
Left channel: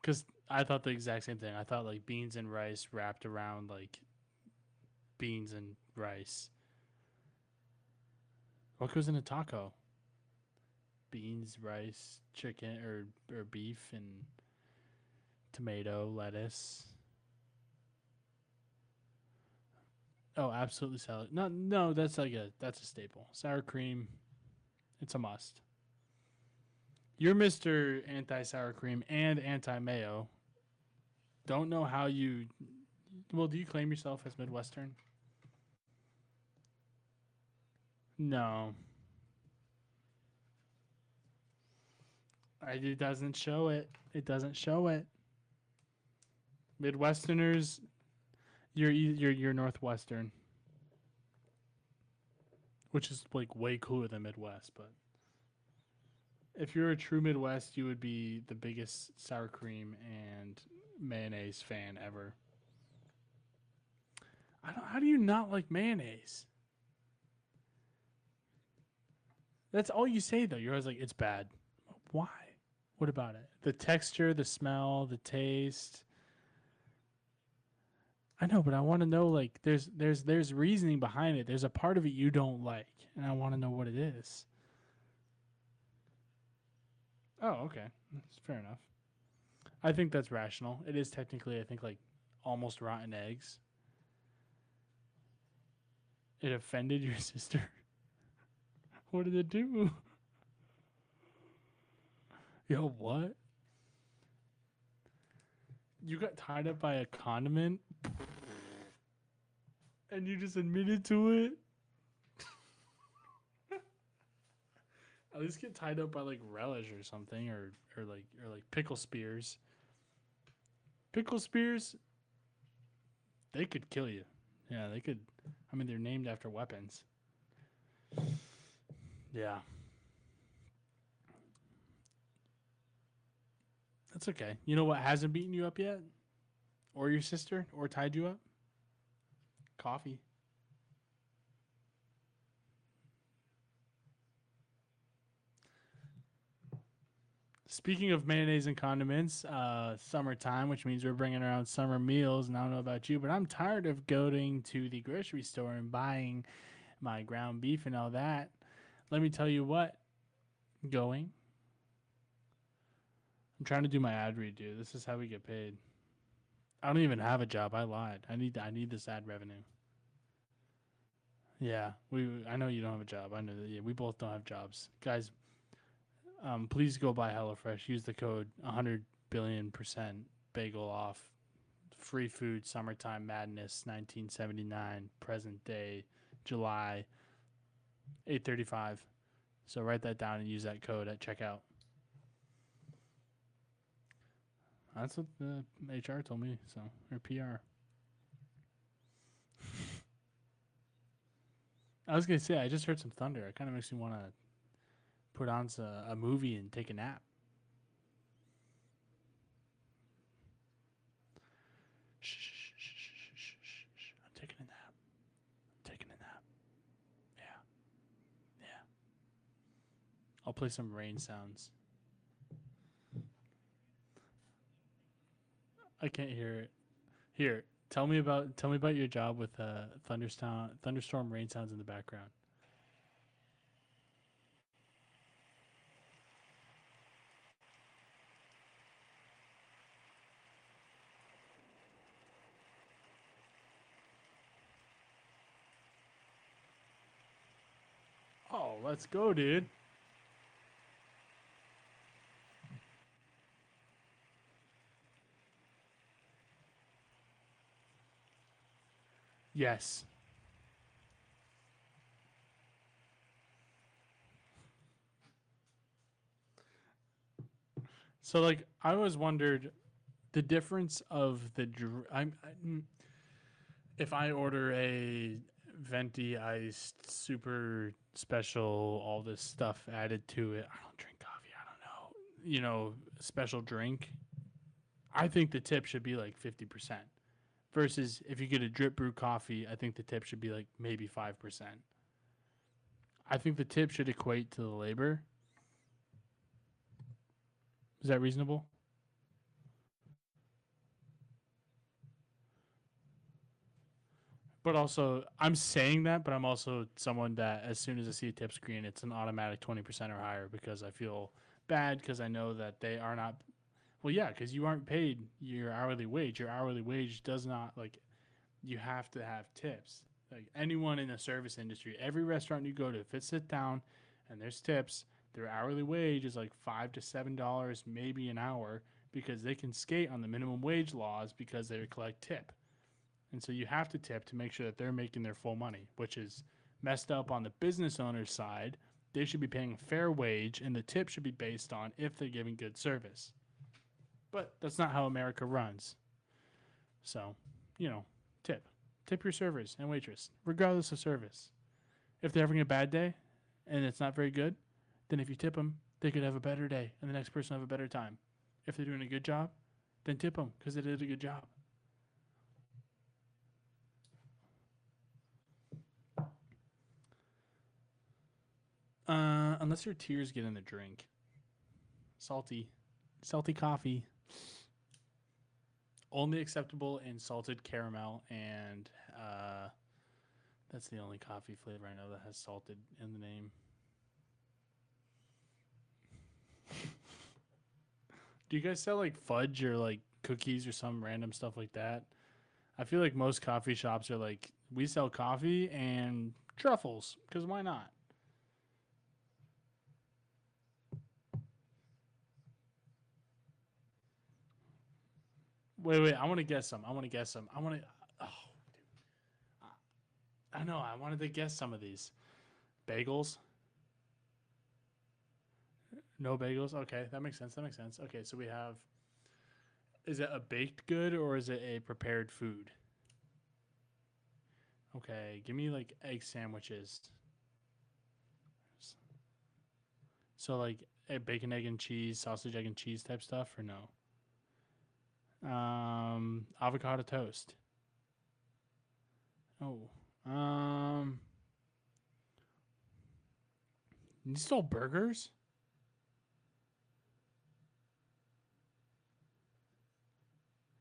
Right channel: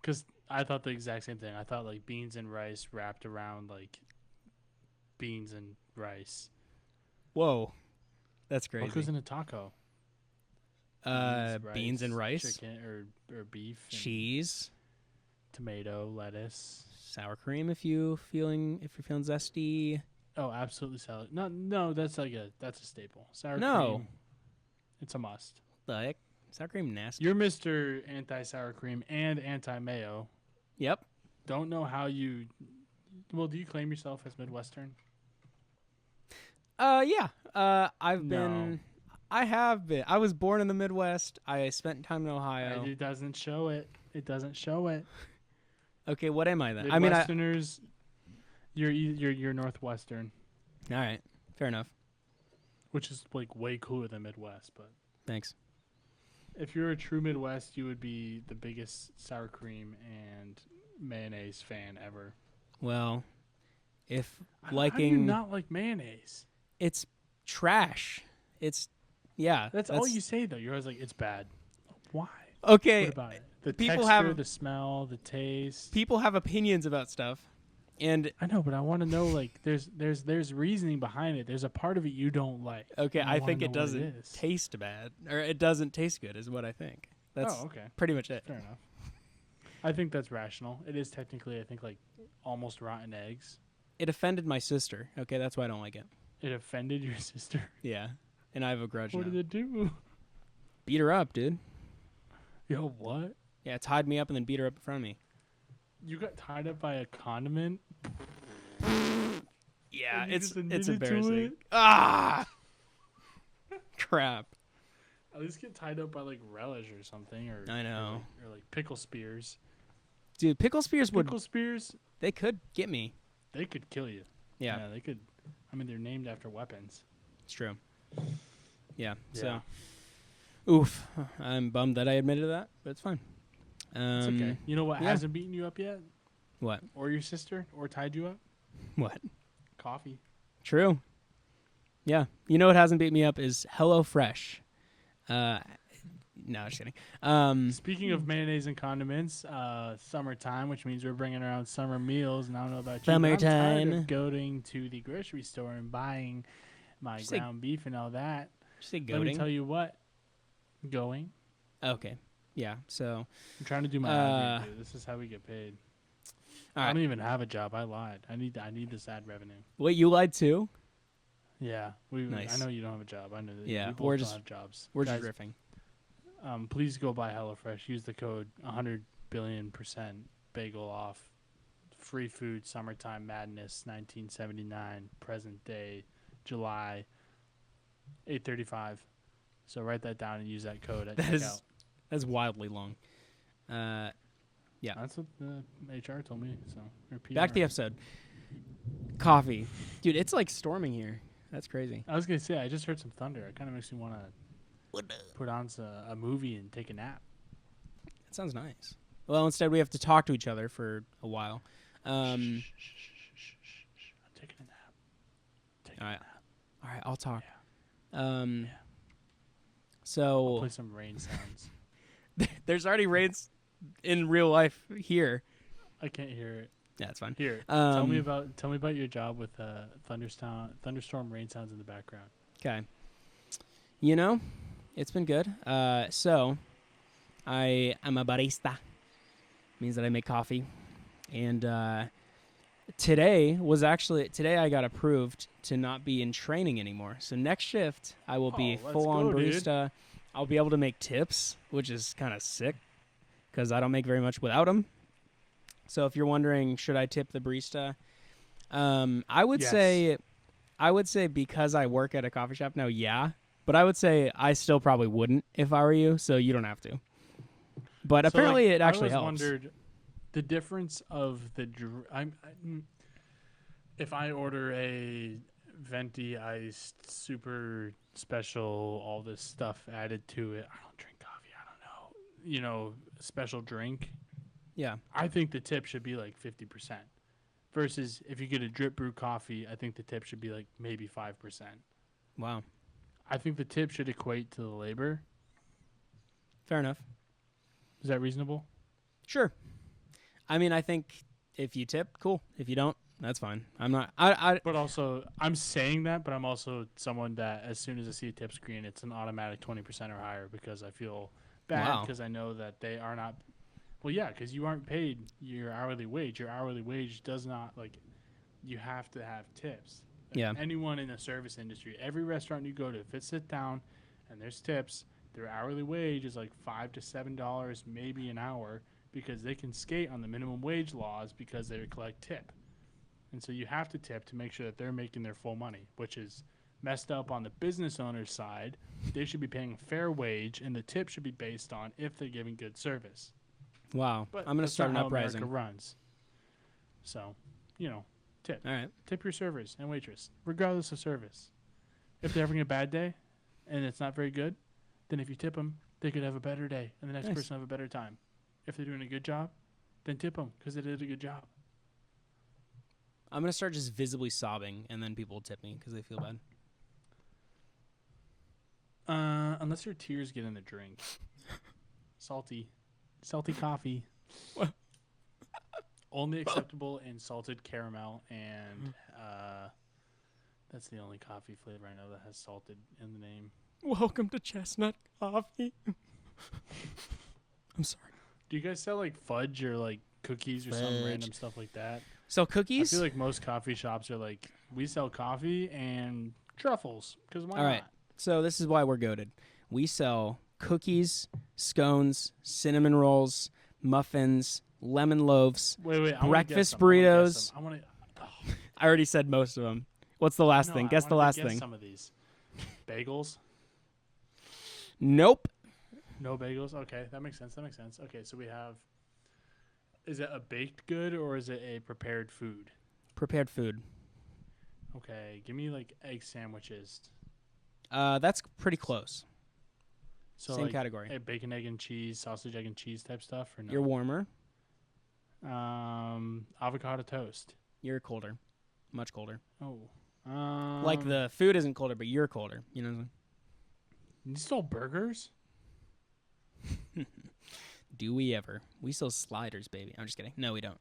Because I thought the exact same thing. I thought like beans and rice wrapped around like beans and rice. Whoa. That's crazy. What goes in a taco? Beans and rice, chicken or beef, and cheese, tomato, lettuce. sour cream if you're feeling zesty. Oh, absolutely salad. No, that's a staple. Sour No. cream. It's a must. Like sour cream nasty. You're Mr. Anti sour cream and anti mayo. Yep. Don't know how you Well, do you claim yourself as Midwestern? Yeah. I've No. been. I have been. I was born in the Midwest. I spent time in Ohio. It doesn't show it. It doesn't show it. Okay, what am I then? Midwesterners, you're Northwestern, All right, fair enough. which is like way cooler than Midwest. But Thanks. if you're a true Midwest, you would be the biggest sour cream and mayonnaise fan ever. Well, if How do you not like mayonnaise? it's trash. It's yeah. That's all you say though. You're always like, it's bad. Why? Okay. What about it? The people texture, have- the smell, the taste. People have opinions about stuff, and I know, but I want to know like there's reasoning behind it. There's a part of it you don't like. okay, and I wanna think know it what doesn't is. taste bad, or it doesn't taste good, is what I think. That's Oh, okay. pretty much it. Fair enough. I think that's rational. It is technically, I think, like almost rotten eggs. It offended my sister. Okay, that's why I don't like it. It offended your sister. Yeah, and I have a grudge. What now. did it do? Beat her up, dude. Yo, what? Yeah, tied me up and then beat her up in front of me. You got tied up by a condiment? Yeah, And you it's just admitted to embarrassing. it? Ah, crap. At least get tied up by like relish or something, or I know. or like pickle spears. Dude, pickle spears would Pickle spears, they could get me. they could kill you. Yeah, They could. I mean, they're named after weapons. it's true. Yeah. Yeah. So, oof. I'm bummed that I admitted that, but it's fine. It's okay. You know what yeah. hasn't beaten you up yet? What? Or your sister? Or tied you up? What? Coffee. True. Yeah. You know what hasn't beat me up is HelloFresh. No, just kidding. Speaking of mayonnaise and condiments, summertime, which means we're bringing around summer meals. And I don't know about you, but I'm tired Summertime. of going to the grocery store and buying my Just like- ground beef and all that. Just say Let me goating. tell you what. Going. Okay. Yeah. So, I'm trying to do my ad Uh, read, dude. This is how we get paid. all I right. don't even have a job. I lied. I need this ad revenue. Wait, you lied too? Yeah, I Nice. know you don't have a job. I know that Yeah, we we're both just- don't have jobs. We're Guys, just riffing. please go buy HelloFresh. Use the code 100 billion% bagel off. Free food, summertime madness, 1979, present day, July, 8:35. So write that down and use that code at That is- checkout. That's wildly long. Yeah. That's what the HR told me. So or PR. Back to the episode. Coffee. Dude, it's like storming here. That's crazy. I was gonna say I just heard some thunder. It kind of makes me want to put on a movie and take a nap. That sounds nice. Well, instead we have to talk to each other for a while. Shh, shh, shh, shh, shh, shh. I'm taking a nap. Taking Alright. a nap. All right, I'll talk. Yeah. Um. Yeah. I'll So play some rain sounds. there's already rains in real life here. I can't hear it. Yeah, it's fine. Here, tell me Um, about your job with thunderstorm rain sounds in the background. Okay. You know, it's been good. So I am a barista. Means that I make coffee. And today I got approved to not be in training anymore. So next shift I will be Oh, let's full go, on dude. barista. I'll be able to make tips, which is kind of sick because I don't make very much without them. So if you're wondering, should I tip the barista? I would Yes. say because I work at a coffee shop now, yeah. But I would say I still probably wouldn't if I were you, so you don't have to. But So, apparently like, it actually I always helps. wondered the difference of the. If I order a venti iced super special, all this stuff added to it, I don't drink coffee. I don't know. Special drink. Yeah. I think the tip should be like 50%. Versus if you get a drip brew coffee, I think the tip should be like maybe 5%. Wow. I think the tip should equate to the labor. Fair enough. Is that reasonable? Sure. I mean, I think if you tip, cool. If you don't, that's fine. I'm not. I But also, I'm saying that, but I'm also someone that as soon as I see a tip screen, it's an automatic 20% or higher because I feel bad Wow. because I know that they are not. Well, yeah, because you aren't paid your hourly wage. Your hourly wage does not, you have to have tips. Yeah. Anyone in the service industry, every restaurant you go to, if it's sit down and there's tips, their hourly wage is like $5 to $7 maybe an hour because they can skate on the minimum wage laws because they collect tip. And so you have to tip to make sure that they're making their full money, which is messed up on the business owner's side. They should be paying a fair wage, and the tip should be based on if they're giving good service. Wow. But I'm gonna that's start not how an America uprising. runs. So, tip. All right. Tip your servers and waitress, regardless of service. If they're having a bad day and it's not very good, then if you tip them, they could have a better day, and the next Nice. person have a better time. If they're doing a good job, then tip them because they did a good job. I'm gonna start just visibly sobbing, and then people will tip me because they feel bad. Unless your tears get in the drink. Salty coffee. Only acceptable in salted caramel, and that's the only coffee flavor I know that has salted in the name. Welcome to chestnut coffee. I'm sorry. Do you guys sell like fudge or like cookies or some Fudge. random stuff like that? So I cookies. feel like most coffee shops are like, we sell coffee and truffles because why All not? right. So this is why we're goated. We sell cookies, scones, cinnamon rolls, muffins, lemon loaves. Wait, I want to guess Breakfast some. burritos. I want to. I already said most of them. What's the last thing? Guess the last guess thing. some of these. Bagels. Nope. No bagels. Okay, that makes sense. Okay, so we have. Is it a baked good or is it a prepared food? Prepared food. Okay, give me like egg sandwiches. That's pretty close. So Same like category. a bacon, egg, and cheese, sausage, egg, and cheese type stuff, or no? You're warmer. Avocado toast. You're colder. Much colder. Oh. Like the food isn't colder, but you're colder. You know what I'm You stole burgers? saying? Do we ever? We sell sliders, baby. I'm just kidding. No, we don't.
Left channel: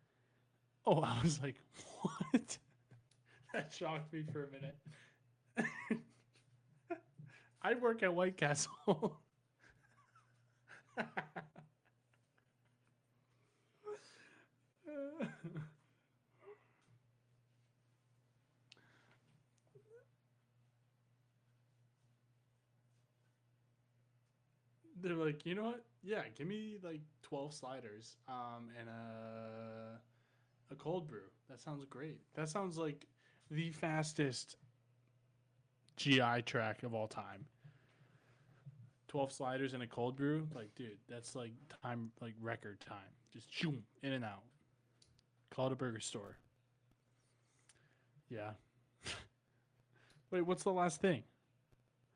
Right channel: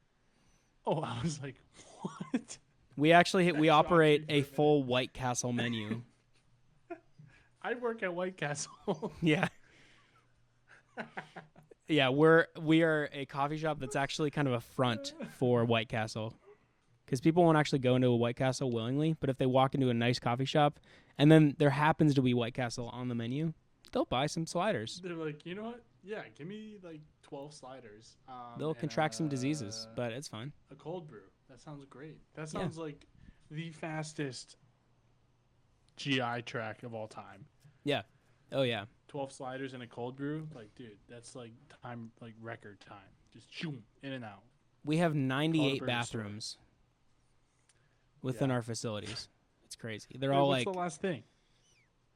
Oh, I was like, what? We actually That we shocked operate me for a a minute. full White Castle menu. I work at White Castle. Yeah. Yeah, we are a coffee shop that's actually kind of a front for White Castle. Because people won't actually go into a White Castle willingly, but if they walk into a nice coffee shop and then there happens to be White Castle on the menu, they'll buy some sliders. They're like, you know what? Yeah, give me like 12 sliders. They'll and, contract some diseases, but it's fine. a cold brew. That sounds great. That sounds like the fastest GI track of all time. Oh yeah. 12 sliders and a cold brew. Like, dude, that's like time, like record time. Just shoom, in and out. We have 98 burger store. bathrooms within Yeah. our facilities. It's crazy. They're Wait, all what's like the last thing?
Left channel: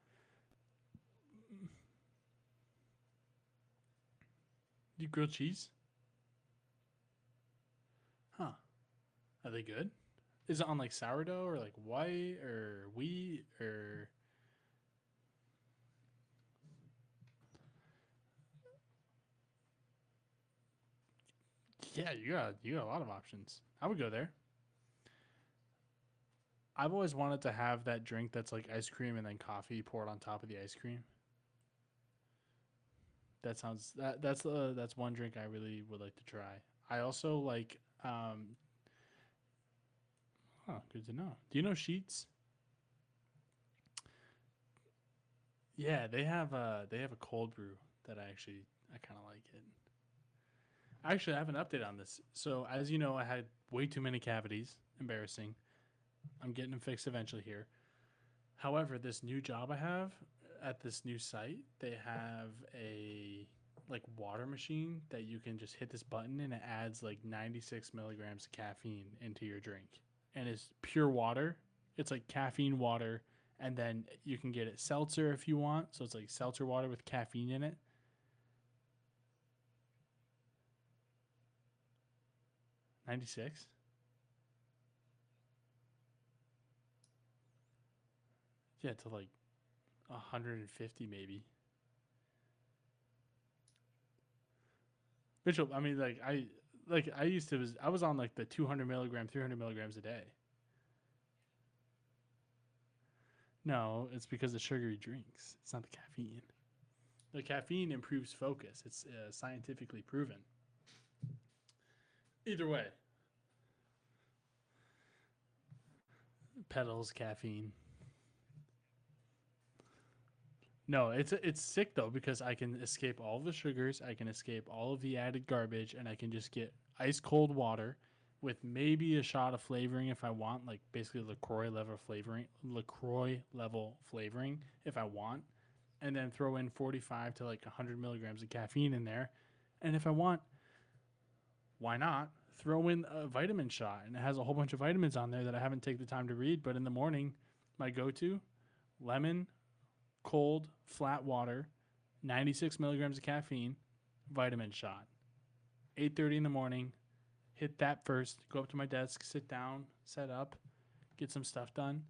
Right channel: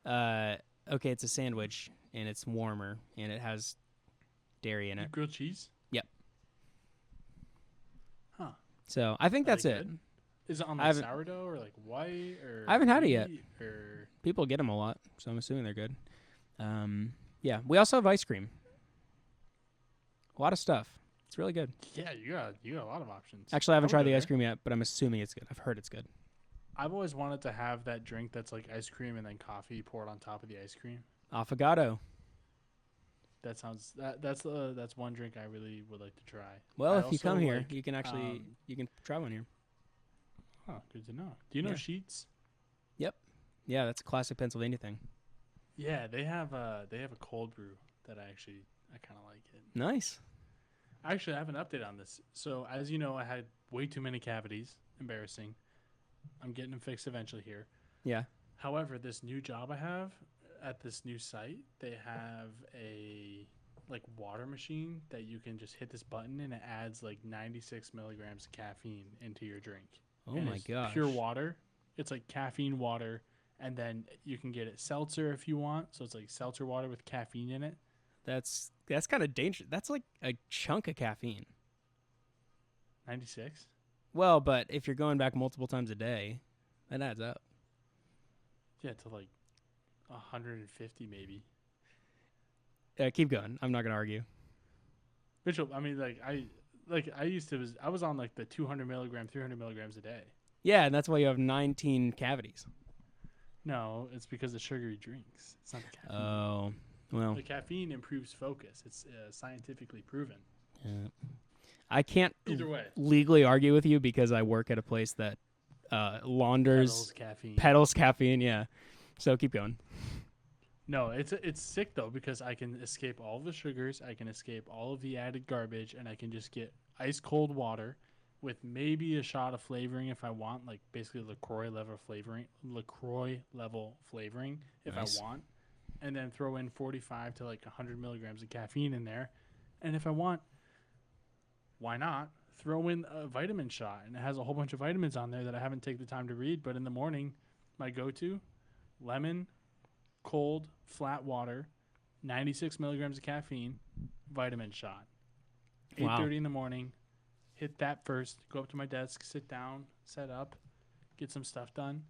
okay, it's a sandwich and it's warmer and it has dairy in You it. grilled cheese? Yep. Huh. So I think Are that's they it. good? Is it on I like haven't- sourdough or like white or? I haven't had it yet. wheat Or People get them a lot, so I'm assuming they're good. Yeah, we also have ice cream. A lot of stuff. It's really good. yeah, you got a lot of options. Actually, I haven't would tried go the ice there. cream yet, but I'm assuming it's good. I've heard it's good. I've always wanted to have that drink that's like ice cream and then coffee poured on top of the ice cream. Affogato. That sounds that's one drink I really would like to try. Well, I if you also come here, like, you can actually you can try one here. Oh, good to know. Do you know Yeah. Sheets? Yeah, that's a classic Pennsylvania thing. Yeah, they have a cold brew that I kind of like it. Nice. Actually, I have an update on this. So, as you know, I had way too many cavities. Embarrassing. I'm getting them fixed eventually here. Yeah. However, this new job I have at this new site, they have a like water machine that you can just hit this button and it adds like 96 milligrams of caffeine into your drink. Oh and my it's gosh. pure water. It's like caffeine water, and then you can get it seltzer if you want. So it's like seltzer water with caffeine in it. That's kind of dangerous. That's like a chunk of caffeine. 96. Well, but if you're going back multiple times a day, that adds up. Yeah, to like 150 maybe. Keep going. I'm not gonna argue. Bishop, I mean, I was on like the 200 milligram, 300 milligrams a day. Yeah, and that's why you have 19 cavities. No, it's because of sugary drinks. It's not the caffeine. Oh, well. The caffeine improves focus. It's scientifically proven. Yeah. I can't Either way, legally argue with you because I work at a place that launders pedals caffeine. caffeine. Yeah, so keep going. No, it's sick though because I can escape all of the sugars, I can escape all of the added garbage, and I can just get ice cold water with maybe a shot of flavoring if I want, like basically LaCroix level flavoring if Nice. I want, and then throw in 45 to like 100 milligrams of caffeine in there. And if I want, why not throw in a vitamin shot? And it has a whole bunch of vitamins on there that I haven't taken the time to read. But in the morning, my go-to, lemon, cold, flat water, 96 milligrams of caffeine, vitamin shot. Wow. 8:30 in the morning. Hit that first. Go up to my desk, sit down, set up, get some stuff done.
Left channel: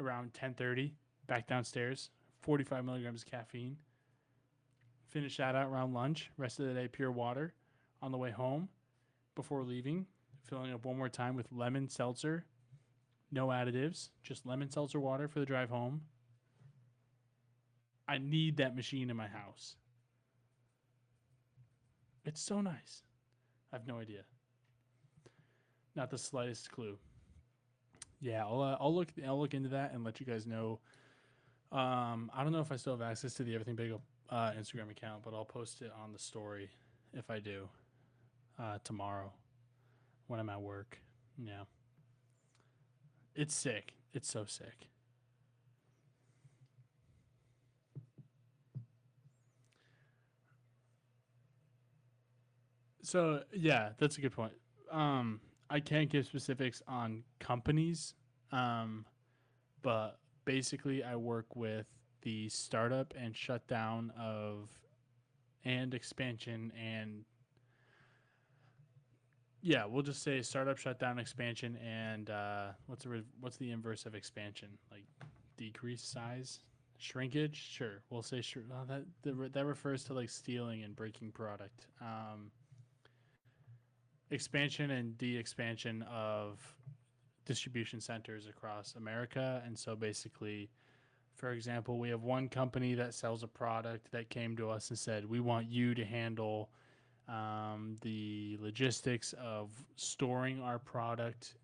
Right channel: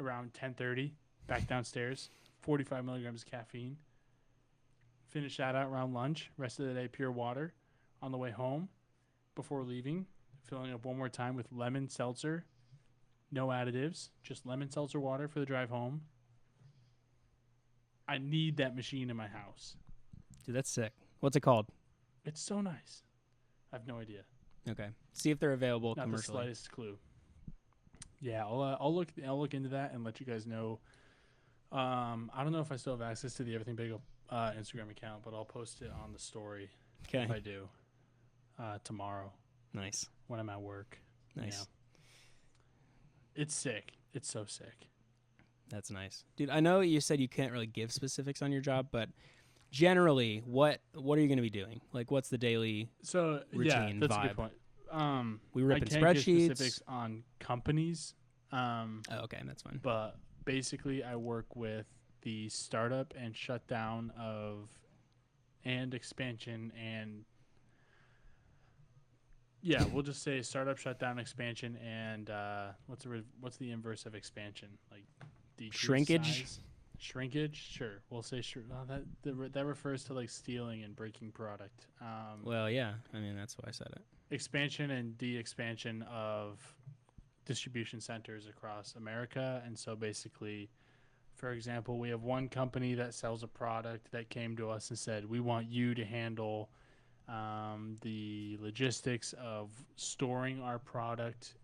Around 10:30, back downstairs. 45 milligrams of caffeine. Finish that out around lunch. Rest of the day, pure water. On the way home, before leaving, filling up one more time with lemon seltzer. No additives, just lemon seltzer water for the drive home. I need that machine in my house. Dude, that's sick. What's it called? It's so nice. I have no idea. Okay. See if they're available. Not the commercially. slightest clue. Yeah, I'll look into that and let you guys know. I don't know if I still have access to the Everything Bagel Instagram account, but I'll post it on the story Okay. if I do tomorrow Nice. when I'm at work. Nice. Yeah, it's sick. It's so sick. That's nice, dude. I know you said you can't really give specifics on your job, but generally, what are you going to be doing? Like, what's the daily? So yeah, routine that's a vibe. good point. We I rip in can't give spreadsheets. specifics on companies. Oh, okay, that's fine. But basically I work with the startup and shutdown of and expansion and yeah, we'll just say startup, shutdown, expansion, and what's the inverse of expansion? Like decrease Shrinkage? size? Shrinkage? Sure, we'll say sure. That refers to like stealing and breaking product. Well, yeah. I mean, that's why I said it. Expansion and de-expansion of distribution centers across America. And so basically, for example, we have one company that sells a product that came to us and said, we want you to handle the logistics of storing our product,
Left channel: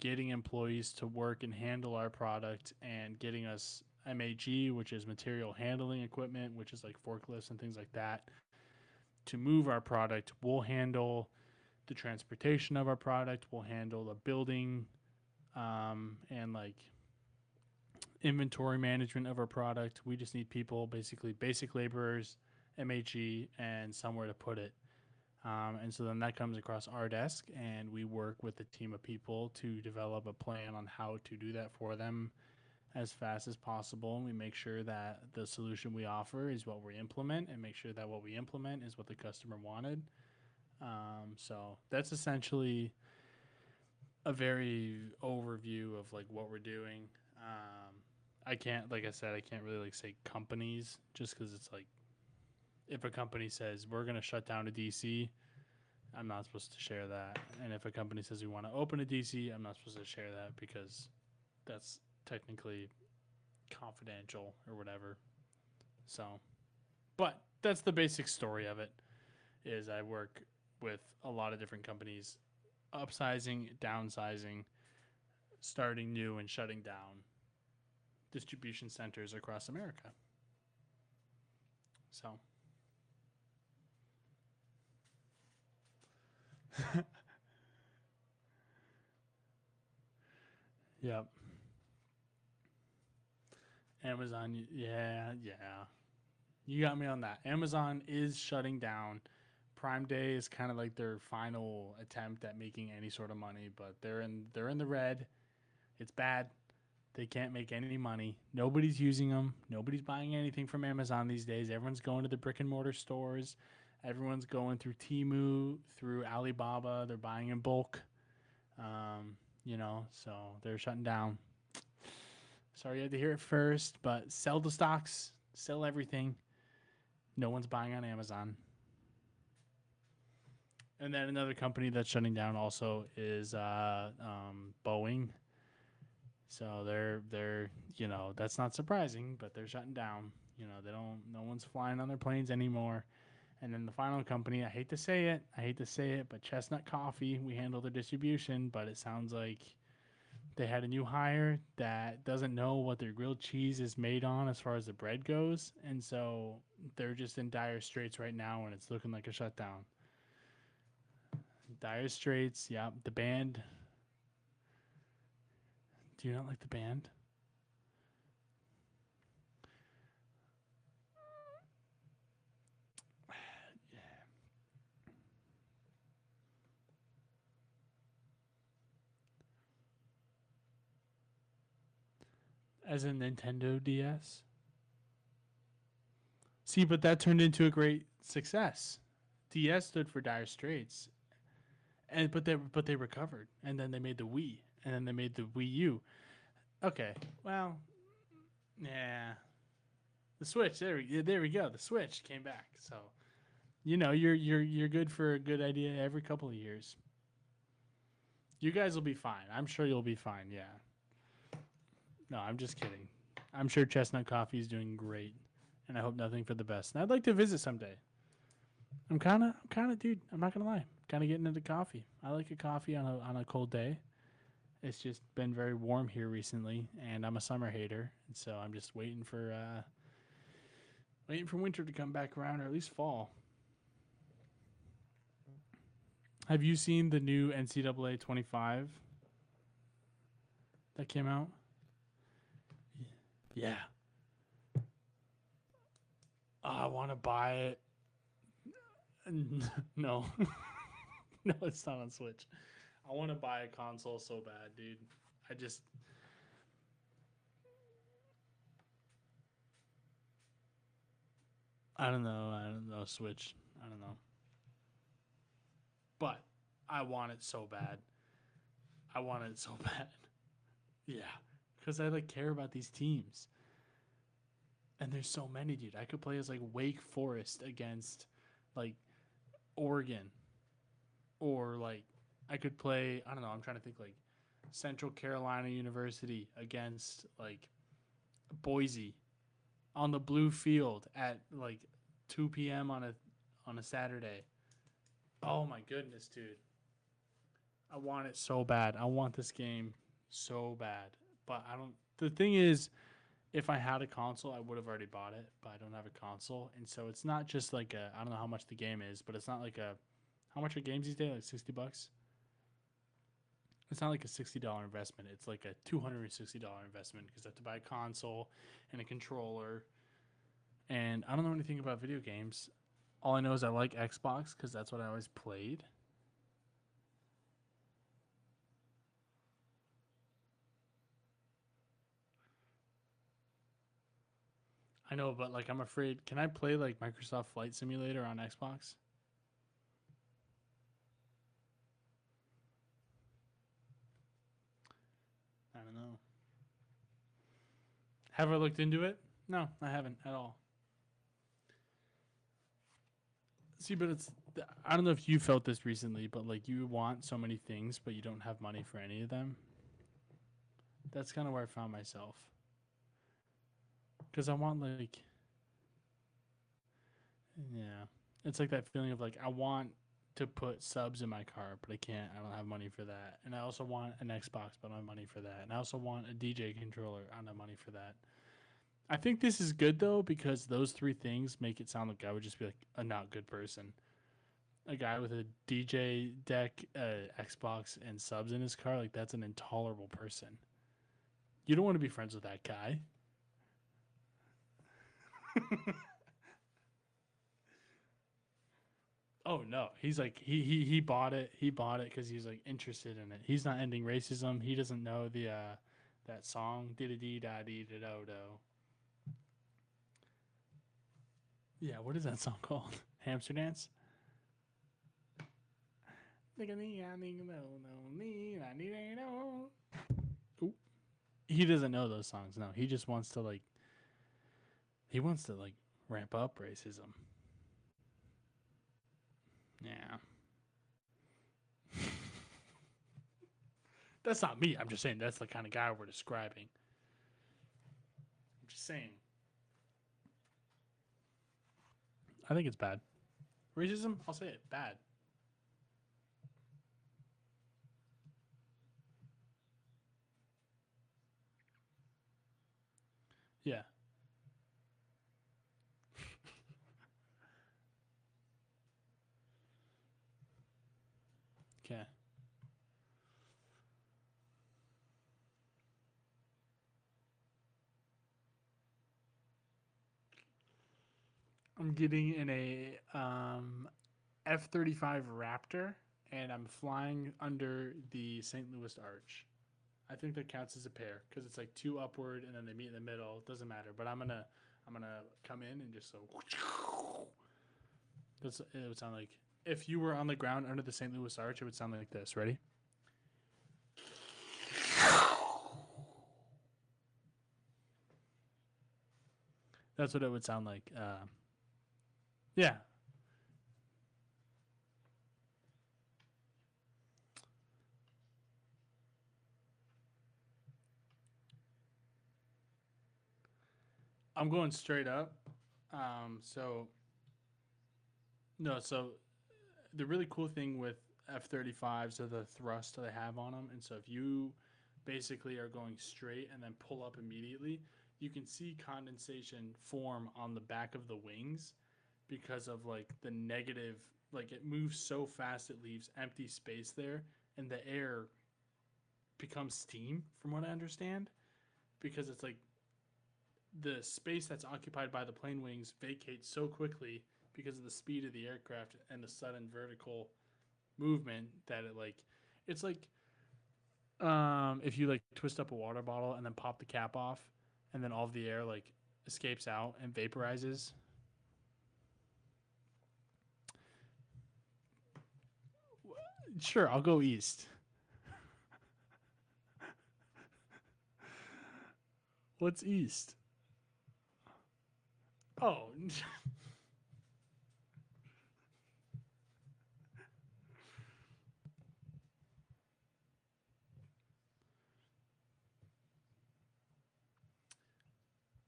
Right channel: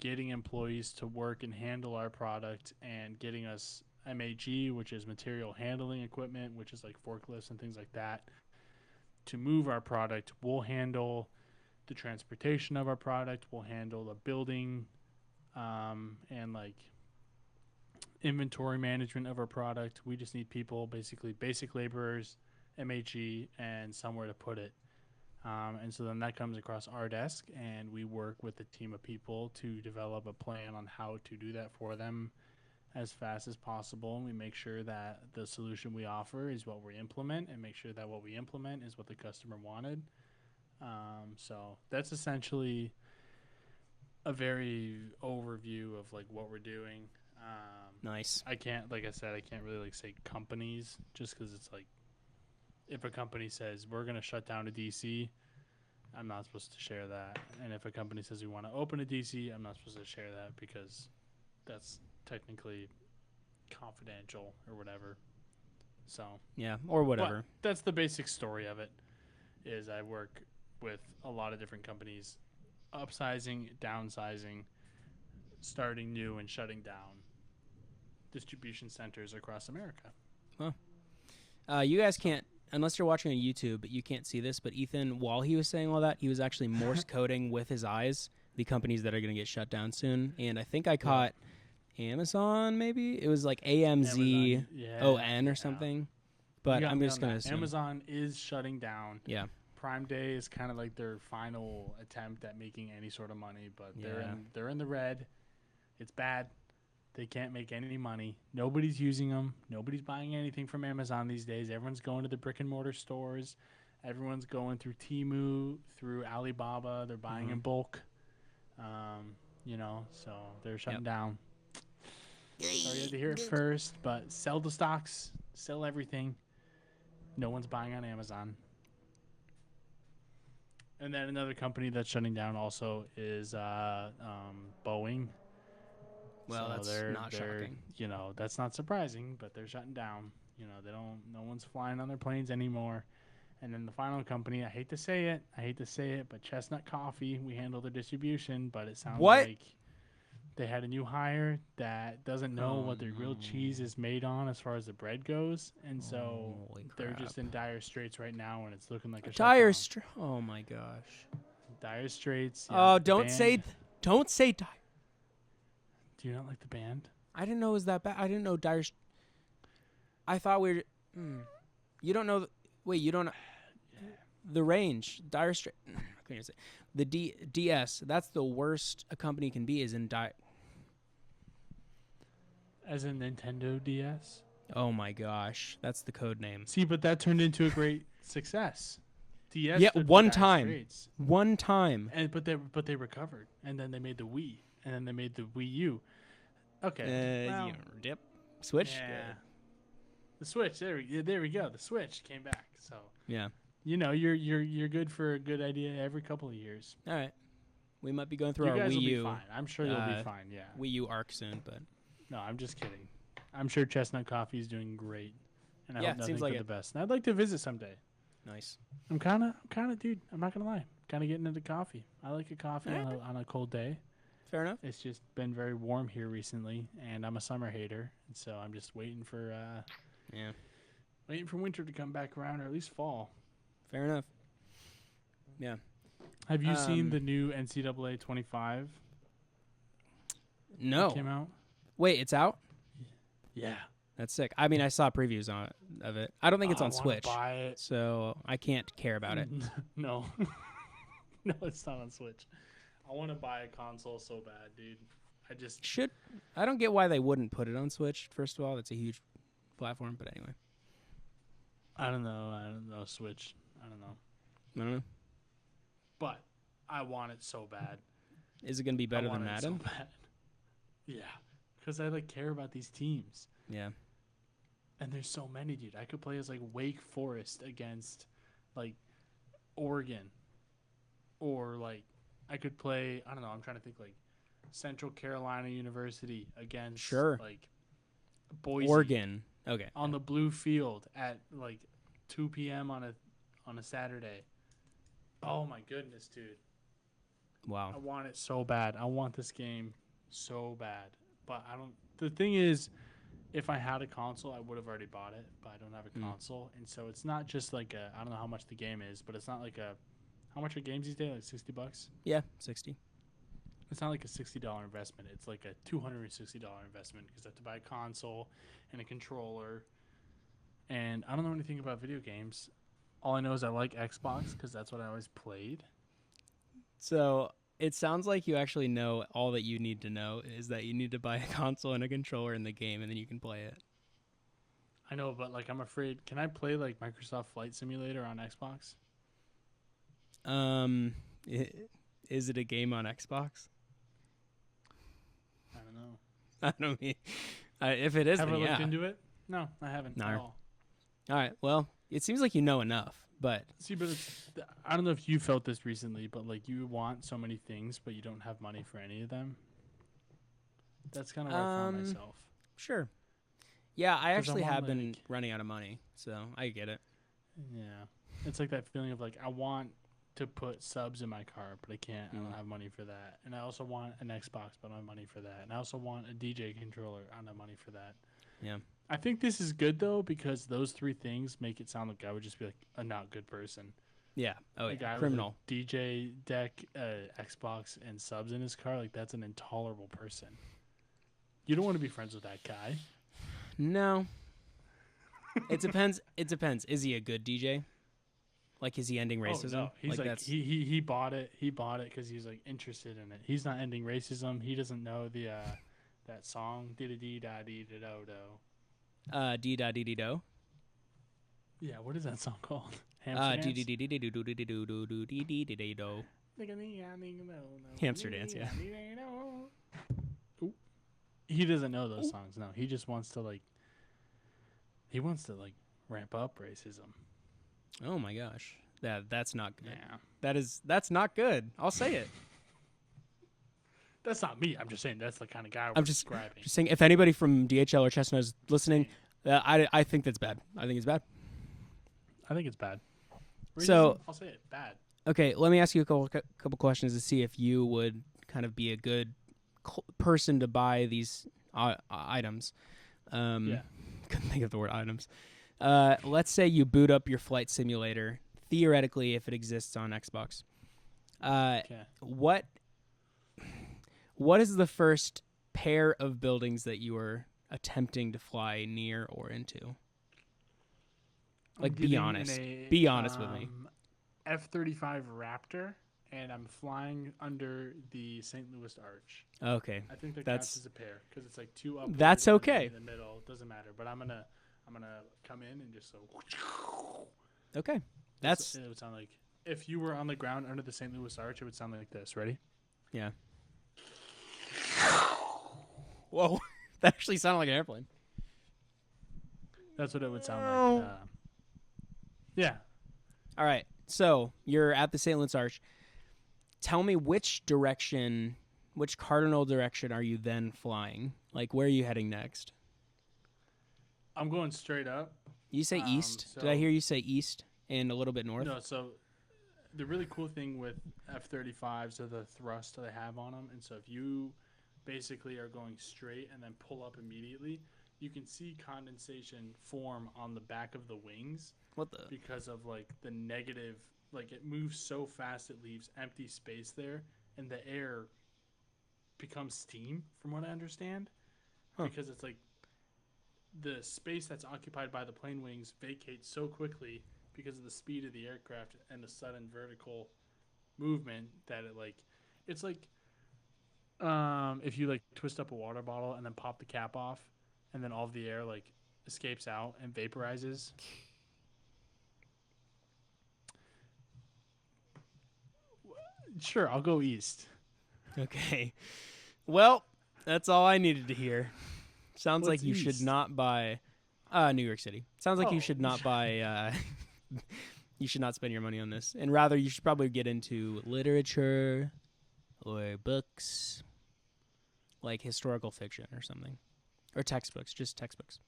getting employees to work and handle our product, and getting us MAG, which is material handling equipment, which is like forklifts and things like that, to move our product. We'll handle the transportation of our product. We'll handle the building and like inventory management of our product. We just need people, basically basic laborers, MHE, and somewhere to put it. And so then that comes across our desk, and we work with a team of people to develop a plan on how to do that for them as fast as possible. And we make sure that the solution we offer is what we implement, and make sure that what we implement is what the customer wanted. So that's essentially a very overview of like what we're doing. Nice. I can't, like I said, I can't really like say companies just because it's like if a company says we're going to shut down a DC, I'm not supposed to share that. And if a company says we want to open a DC, I'm not supposed to share that because that's technically confidential or whatever. So, Yeah, or whatever. but that's the basic story of it. Is I work with a lot of different companies, upsizing, downsizing, starting new and shutting down distribution centers across America. You guys can't, unless you're watching on YouTube, you can't see this, but Ethan, while he was saying all that, he was actually Morse coding with his eyes the companies that are going to get shut down soon. And I think I caught Amazon, maybe? It was like AMZON or something. But you got I'm me just on going that. to Amazon is shutting down. Yeah. Prime Day is kind of like their final attempt at making any sort of money, but Yeah. they're in the red. It's bad. They can't make any money. Nobody's using them. Nobody's buying anything from Amazon these days. Everyone's going to the brick and mortar stores. Everyone's going through Temu, through Alibaba. They're buying in bulk. So they're shutting down. Sorry you had to hear it first, but sell the stocks, sell everything. No one's buying on Amazon. And then another company that's shutting down also is Boeing. Well, So that's not they're shocking. that's not surprising, but they're shutting down. No one's flying on their planes anymore. And then the final company, I hate to say it, but Chestnut Coffee, we handle the distribution, but it sounds What? like they had a new hire that doesn't know what their grilled cheese is made on as far as the bread goes. And so Holy they're crap. just in dire straits right now, and it's looking like a Dire shutdown. Oh my gosh. Dire Straits. Yeah, Oh, the don't say, band. don't say. Do you not like the band? I didn't know it was that bad. I didn't know Dire. I thought we were. You don't know. Wait, you don't know the range. Dire Straits. I couldn't even say. The DS. That's the worst a company can be. Is in Dire. As in Nintendo DS. Oh my gosh, that's the code name. See, but that turned into a great success. DS Yeah, stood for one Dire time. Straits. One time. And but they recovered, and then they made the Wii, and then they made the Wii U. Okay, well, Dip. Switch. yeah, the Switch. There we go. The Switch came back. So Yeah. you know you're good for a good idea every couple of years. All right. We might be going through You our guys Wii will be U, fine. I'm sure you'll be fine. Yeah. Wii U arc soon, but No, I'm just kidding. I'm sure Chestnut Coffee is doing great, and I Yeah, hope it nothing seems but like the it. best. And I'd like to visit someday. nice. I'm kind of, dude. I'm not gonna lie. Kind of getting into coffee. I like a coffee on a cold day. Fair enough. It's just been very warm here recently, and I'm a summer hater, and so I'm just waiting for winter to come back around, or at least fall. Fair enough. Yeah. Have you seen the new NCAA 25 No. that came out? Wait, it's out? Yeah. That's sick. I mean, I saw previews of it. I don't think it's on I wanna Switch, buy it. so I can't care about it. No, no, it's not on Switch. I want to buy a console so bad, dude. I don't get why they wouldn't put it on Switch. First of all, it's a huge platform, but anyway. I don't know Switch. I don't know. I don't know. But I want it so bad. Is it going to be I better want than it so Madden? bad. Yeah, because I care about these teams, Yeah. and there's so many, dude. I could play as Wake Forest against Oregon, or I could play. I don't know. I'm trying to think Central Carolina University against Boise, Oregon. Okay. on the blue field at 2 p.m. on a Saturday. Oh my goodness, dude. Wow. I want it so bad. I want this game so bad. But I don't. The thing is, if I had a console, I would have already bought it. But I don't have a console, and so it's not just I don't know how much the game is, but it's not how much are games these days? $60? Yeah, 60. It's not a $60 investment. It's a $260 investment because I have to buy a console and a controller. And I don't know anything about video games. All I know is I like Xbox because that's what I always played. So it sounds like you actually know all that you need to know is that you need to buy a console and a controller in the game, and then you can play it. I know, but I'm afraid. Can I play Microsoft Flight Simulator on Xbox? Is it a game on Xbox? I don't know. I don't mean. If it is, Have I then looked yeah. into it? No, I haven't No. at all. All right. Well, it seems like you know enough, but See, but I don't know if you felt this recently, but you want so many things, but you don't have money for any of them. That's kind of where I found myself. sure. Yeah, I 'Cause I actually want, have been running out of money, so I get it. Yeah. It's that feeling of I want to put subs in my car, but I can't. I don't have money for that. And I also want an Xbox, but I don't have money for that. And I also want a DJ controller. I don't have money for that. Yeah. I think this is good, though, because those three things make it sound like I would just be a not good person. Yeah. Oh, A yeah. guy Criminal. with a DJ deck, Xbox, and subs in his car, that's an intolerable person. You don't want to be friends with that guy. No. It depends. It depends. Is he a good DJ? Is he ending racism? Oh no, he's that's- he bought it. He bought it because he's interested in it. He's not ending racism. He doesn't know the that song dee dee da dee da do do. Dee da dee dee do. Yeah, what is that song called? Hamster Dee dance. dee dee dee dee do do dee do do do dee dee dee dee do. Hamster dance, yeah. Ooh. He doesn't know those songs. No, he just wants to He wants to ramp up racism. Oh my gosh. That's not good. Yeah. That's not good. I'll say it. That's not me. I'm just saying that's the kind of guy we're describing. Just saying, if anybody from DHL or Chestnut is listening, I think that's bad. I think it's bad. I think it's bad. Racism, So- I'll say it. Bad. Okay, let me ask you a couple questions to see if you would kind of be a good person to buy these items. Yeah. Couldn't think of the word items. Let's say you boot up your flight simulator, theoretically, if it exists on Xbox. Okay. What is the first pair of buildings that you were attempting to fly near or into? I'm Like, be getting honest. in a Be honest with me. F-35 Raptor, and I'm flying under the St. Louis Arch. Okay. I think that counts as a pair because it's like two upward. That's and then okay. in the middle, it doesn't matter. But I'm gonna come in and just so. Okay. It would sound like if you were on the ground under the St. Louis Arch, it would sound like this. Ready? Yeah. Whoa. That actually sounded like an airplane. That's what it would sound like. Yeah. All right. So you're at the St. Louis Arch. Tell me which cardinal direction are you then flying? Like, where are you heading next? I'm going straight up. You say east? Did I hear you say east and a little bit north? No, so the really cool thing with F-35s are the thrust they have on them. And so if you basically are going straight and then pull up immediately, you can see condensation form on the back of the wings. What the? Because of like the negative, like it moves so fast it leaves empty space there, and the air becomes steam, from what I understand. Because it's like the space that's occupied by the plane wings vacates so quickly because of the speed of the aircraft and the sudden vertical movement that it's like if you like twist up a water bottle and then pop the cap off, and then all of the air like escapes out and vaporizes. Sure, I'll go east. Okay. Well, that's all I needed to hear. Sounds What's like you east? should not buy New York City. Sounds like you should not buy you should not spend your money on this. And rather you should probably get into literature or books, like historical fiction or something. Or textbooks, just textbooks.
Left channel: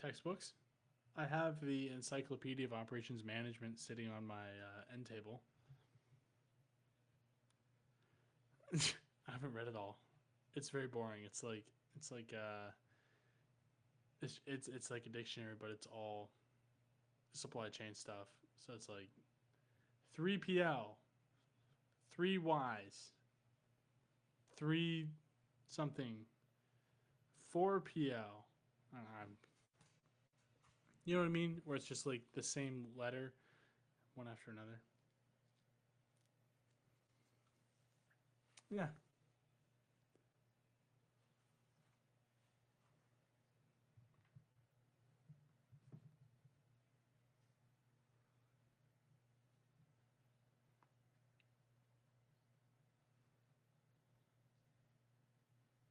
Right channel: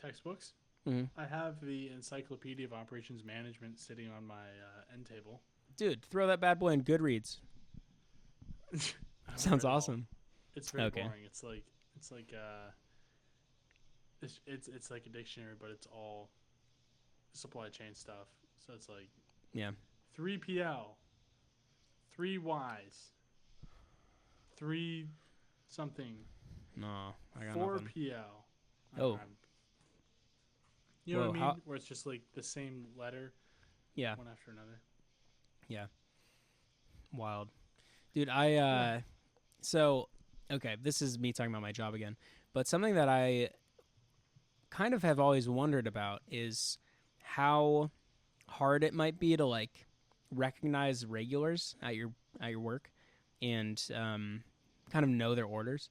Textbooks? Mm-hmm. I have the Encyclopedia of Operations Management sitting on my end table. Dude, throw that bad boy in Goodreads. Sounds awesome. It's very boring. It's like it's like a dictionary, but it's all supply chain stuff. So it's like 3PL, 3 Ys, 3 something. No, I got 4 nothing. PL. Oh. You know what I mean? Where it's just like the same letter. Yeah. One after another. Yeah. Wild. Dude, so, okay, this is me talking about my job again. But something that I kind of have always wondered about is how hard it might be to, like, recognize regulars at your work and kind of know their orders.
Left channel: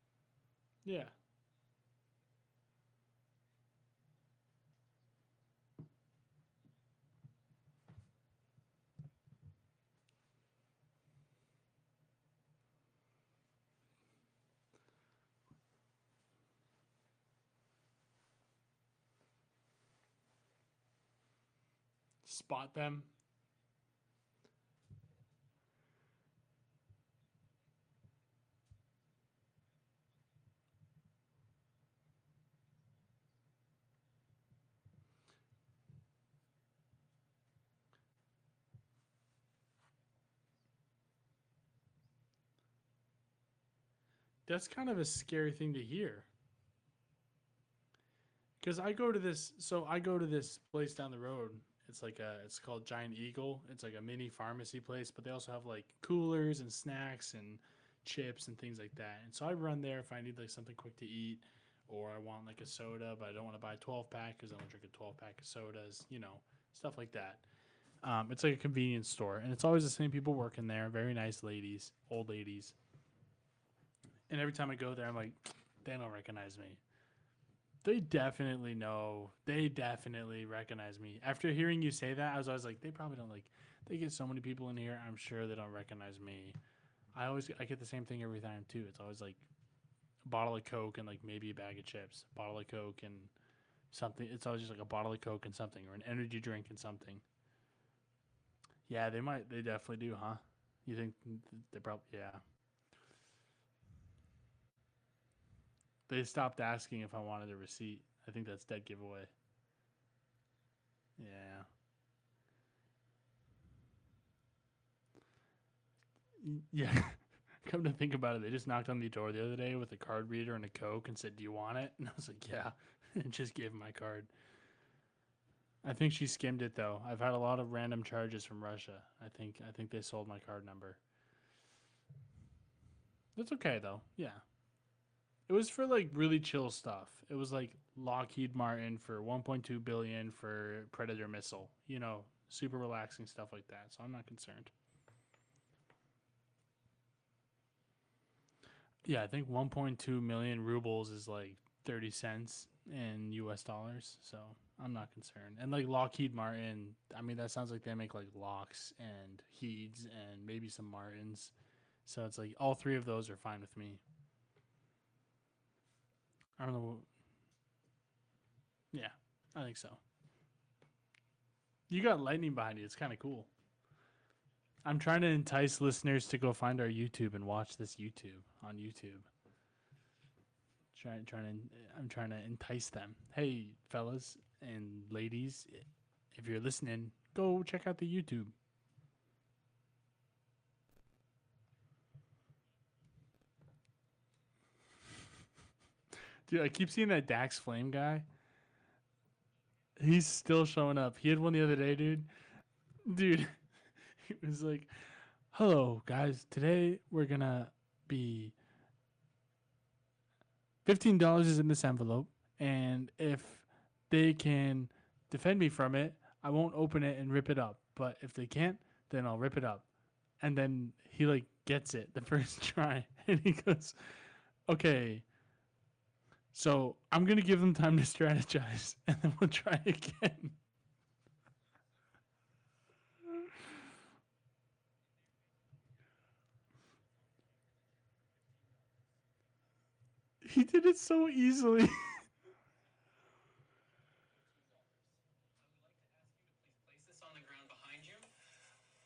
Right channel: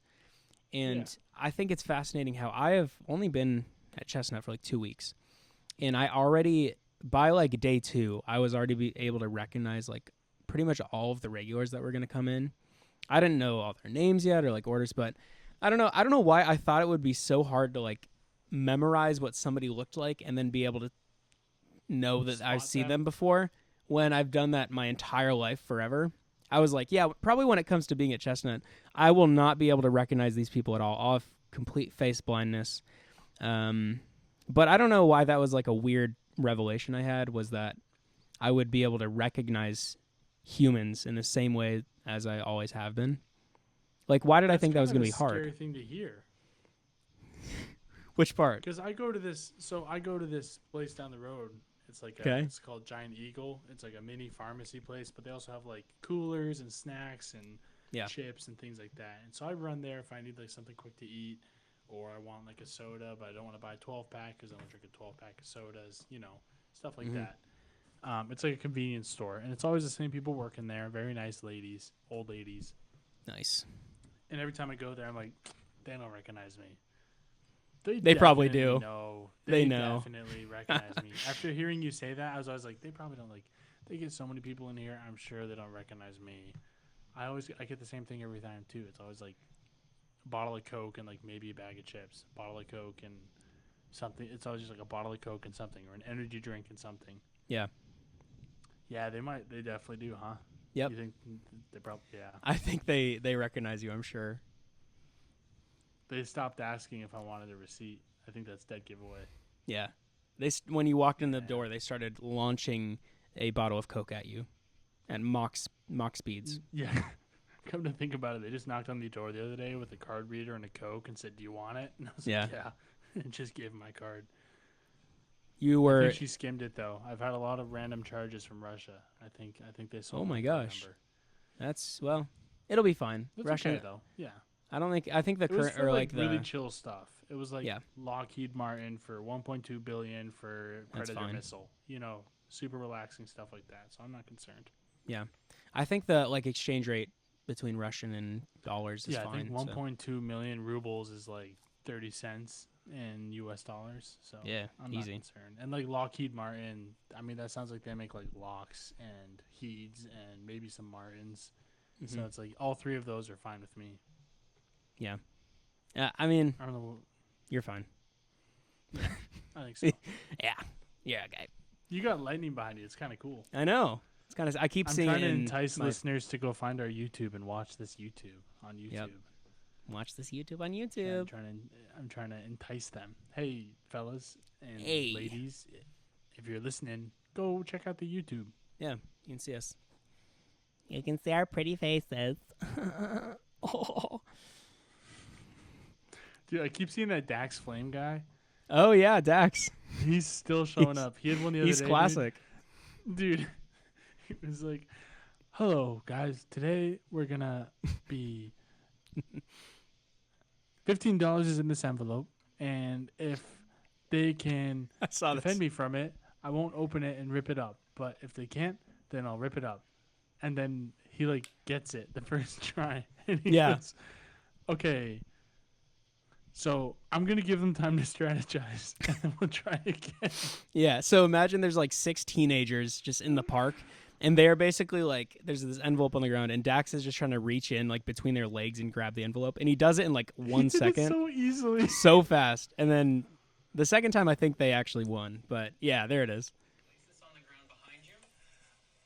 And I think it's fascinating how I have only been at Chestnut for, like, 2 weeks. And I already, by, like, day 2, I was already able to recognize, like, pretty much all of the regulars that were going to come in. I didn't know all their names yet or like orders, but I don't know why I thought it would be so hard to like memorize what somebody looked like and then be able to know that I've seen them before when I've done that my entire life forever. I was like, yeah, probably when it comes to being at Chestnut, I will not be able to recognize these people at all. I'll have complete face blindness. But I don't know why that was like a weird revelation I had, was that I would be able to recognize humans in the same way as I always have been. Like, why did I think that was going to be hard? That's kind of a scary thing to hear. Which part? Because I go to this place down the road. It's like it's called Giant Eagle. It's like a mini pharmacy place, but they also have like coolers and snacks and chips and things like that. And so I run there if I need like something quick to eat, or I want like a soda, but I don't want to buy a 12-pack because I don't drink a 12-pack of sodas. Stuff like that. It's like a convenience store, and it's always the same people working there. Very nice ladies, old ladies. Nice. And every time I go there, I'm like, they don't recognize me. They probably do. No, they know. Definitely recognize me. After hearing you say that, I was always like, they probably don't like. They get so many people in here. I'm sure they don't recognize me. I get the same thing every time too. It's always like a bottle of Coke and like maybe a bag of chips. Bottle of Coke and something. It's always just like a bottle of Coke and something, or an energy drink and something. Yeah. Yeah, they might. They definitely do, huh? Yep. You think they probably? Yeah. I think they recognize you. I'm sure. They stopped asking if I wanted a receipt. I think that's dead giveaway. Yeah. When you walked in the door, they started launching a bottle of Coke at you. at Mach speeds. Yeah. Come to think about it, they just knocked on the door the other day with a card reader and a Coke and said, "Do you want it?" And I was Yeah. like, "Yeah," and just gave him my card. You I were think she skimmed it though. I've had a lot of random charges from Russia. I think they sold my card gosh. number. that's well, it'll be fine. It's Russia, okay though. Yeah. I think the It was current for or like really the, chill stuff. It was like Yeah. Lockheed Martin for 1.2 billion for That's Predator fine. missile. Super relaxing stuff like that. So I'm not concerned. I think the like exchange rate between Russian and dollars is Yeah, fine. I think so- 1.2 million rubles is like 30 cents in US dollars. So Yeah, I'm not easy. concerned. And like Lockheed Martin, I mean that sounds like they make like Locks and Heeds and maybe some Martins. So Mhm. it's like all three of those are fine with me. I mean, I don't know. you're fine. I think so. Yeah, okay. You got lightning behind you. It's kind of cool. I know. It's kind of. I keep I'm seeing. trying to it in entice my- listeners to go find our YouTube and watch this YouTube on YouTube. Watch this YouTube on Trying, YouTube. I'm trying to entice them. Hey, fellas and Hey. ladies, if you're listening, go check out the YouTube. You can see us. You can see our pretty faces. Oh. Dude, I keep seeing that Dax Flame guy. Oh yeah, Dax. He's still showing He's- up. He had one the other He's day. classic. Dude, he was like, "Hello, guys. Today we're gonna be $15 is in this envelope, and if they can I saw defend me from it, I won't open it and rip it up. But if they can't, then I'll rip it up." And then he like gets it the first try, and he Yeah. goes, "Okay, so I'm gonna give them time to strategize, and then we'll try again." Yeah, so imagine there's like 6 teenagers just in the park, and they're basically like, there's this envelope on the ground, and Dax is just trying to reach in like between their legs and grab the envelope, and he does it in like He 1 did it second, so easily. so fast, and then the second time I think they actually won, but yeah, there it is. Place this on the ground behind you.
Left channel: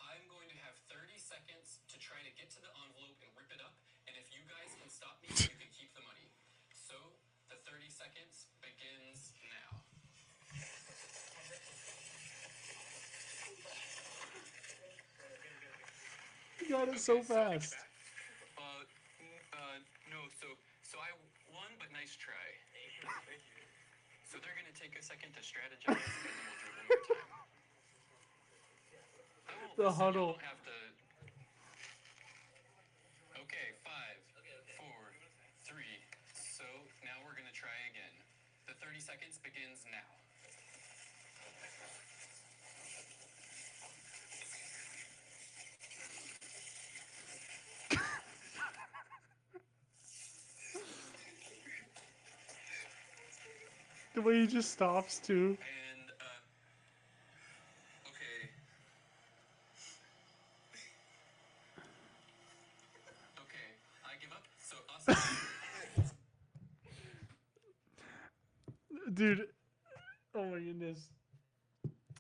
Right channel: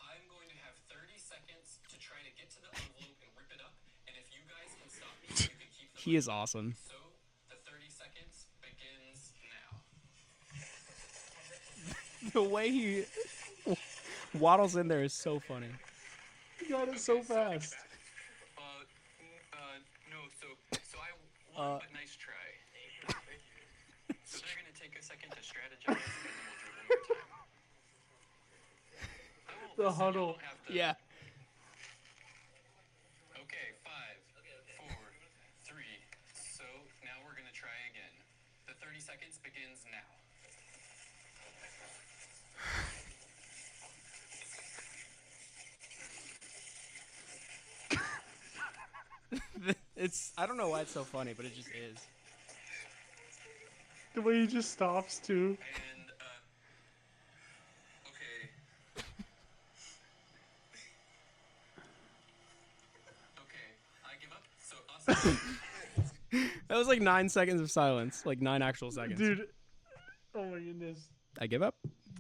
I'm going to have 30 seconds to try to get to the envelope and rip it up, and if you guys can stop me, you can keep the He money. is awesome. So, the 30 seconds begins now. The way he waddles in there is so funny. He got it so fast. No, so I won, but nice try. So they're gonna take a second to strategize, and then we'll do it one more time. I won't The listen, huddle. y'all have to- Yeah. Okay, 5, 4, 3. So now we're gonna try again. The 30 seconds begins now. It's I don't know why it's so funny, but it just is. The way he just stops too. And okay. Okay, I give up. So us. That was like 9 seconds of silence, like 9 actual seconds. Dude. Oh my goodness. I give up.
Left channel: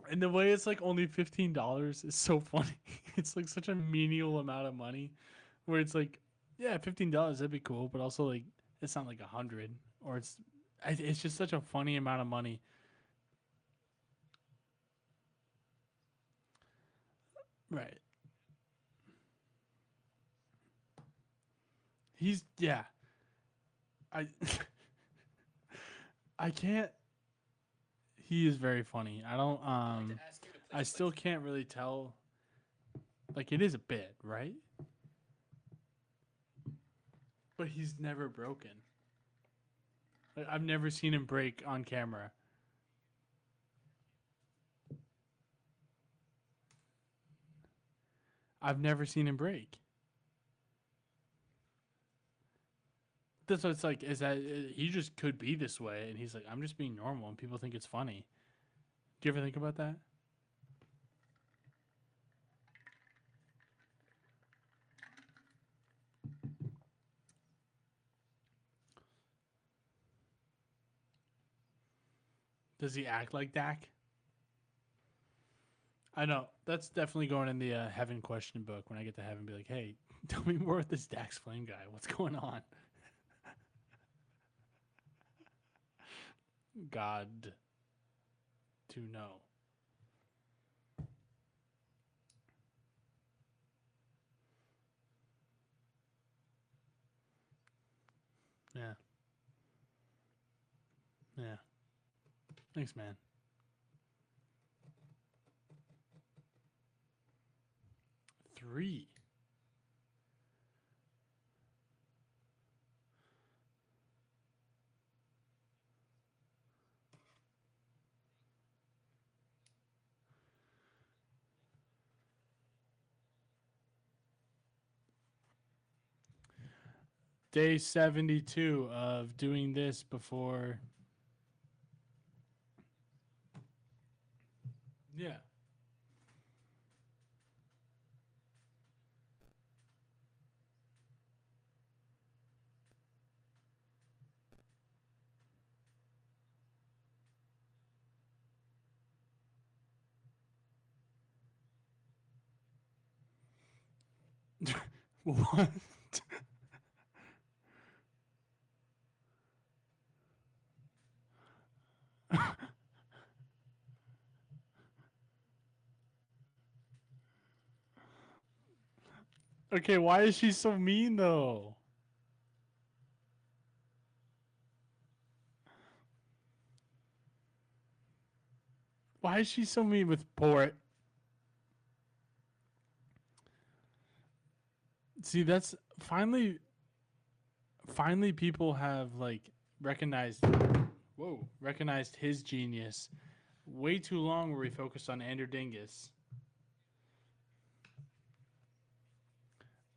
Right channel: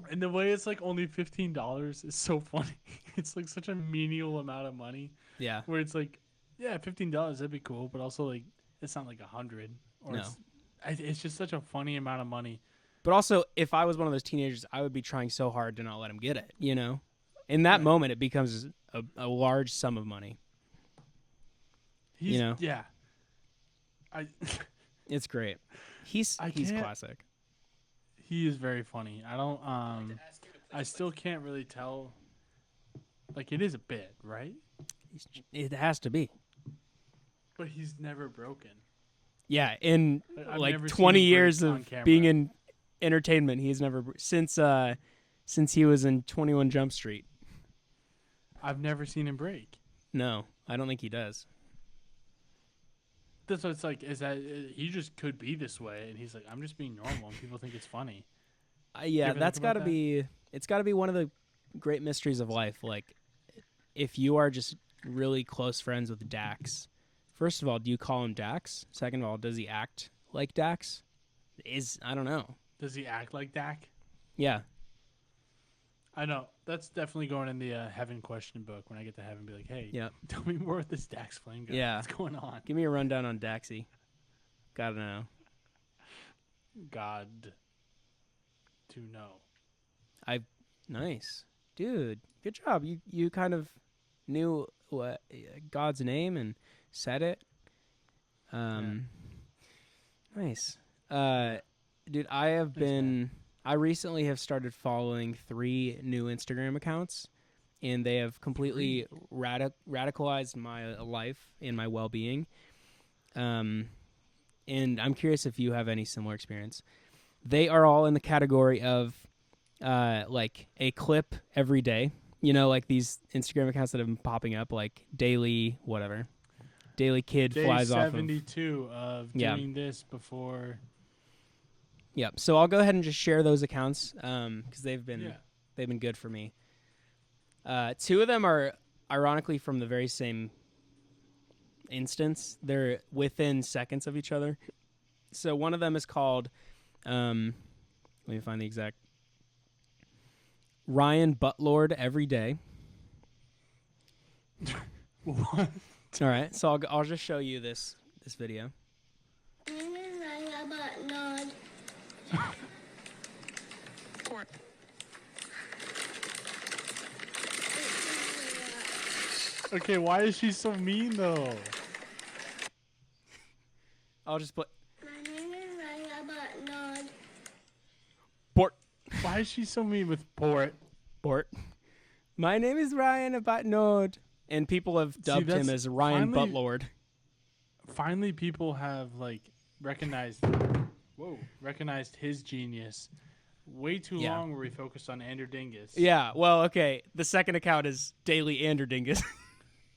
And the way it's like only $15 is so funny. It's like such a menial amount of money Yeah. where it's like, yeah, $15, that'd be cool. But also like, it's not like 100 or No. it's just such a funny amount of money. But also, if I was one of those teenagers, I would be trying so hard to not let him get it, you know? In that Right. moment, it becomes a large sum of money. He's, know? yeah. It's great. He's I he's can't- classic. He is very funny. I don't, I still can't really tell. Like, it is a bit, right? It has to be. But he's never broken. Yeah, in I've like never seen 20 him break years on of camera. being in entertainment, he's never since he was in 21 Jump Street. I've never seen him break. No, I don't think he does. That's what it's like. Is that he just could be this way, and he's like, I'm just being normal, and people think it's funny. Yeah, ever think that's got about to that? be. It's got to be one of the great mysteries of life. Like, if you are just really close friends with Dax, first of all, do you call him Dax? Second of all, does he act like Dax? I don't know. Does he act like Dak? Yeah, I know. That's definitely going in the heaven question book when I get to heaven. Be like, hey, Yep. tell me more with this Dax Flame guy. Yeah. What's going on? give me a rundown on Daxy. Gotta know. God to know. Nice. Dude, good job. You kind of knew what God's name and said it. Nice. Dude, I have Thanks, been. man. I recently have started following 3 new Instagram accounts, and they have completely radicalized my life and my well-being. And I'm curious if you have any similar experience. They are all in the category of like a clip every day. You know, like these Instagram accounts that have been popping up, like daily whatever. Daily kid Day flies off of 72 of Yeah. doing this before. Yep. So I'll go ahead and just share those accounts because they've been good for me. 2 of them are ironically from the very same instance. They're within seconds of each other. So one of them is called, let me find the exact. Ryan Butlord every day. What? All right. So I'll just show you this video. Okay, why is she so mean though? I'll just put. Why is she so mean with Port? My name is Ryan Butlord, and people have See, dubbed him that's as Ryan finally- Butlord. Finally, people have like recognized his genius. Way too Yeah. long where we focused on Andrew Dingus. Yeah. Well, okay. The second account is Daily Anderdingus,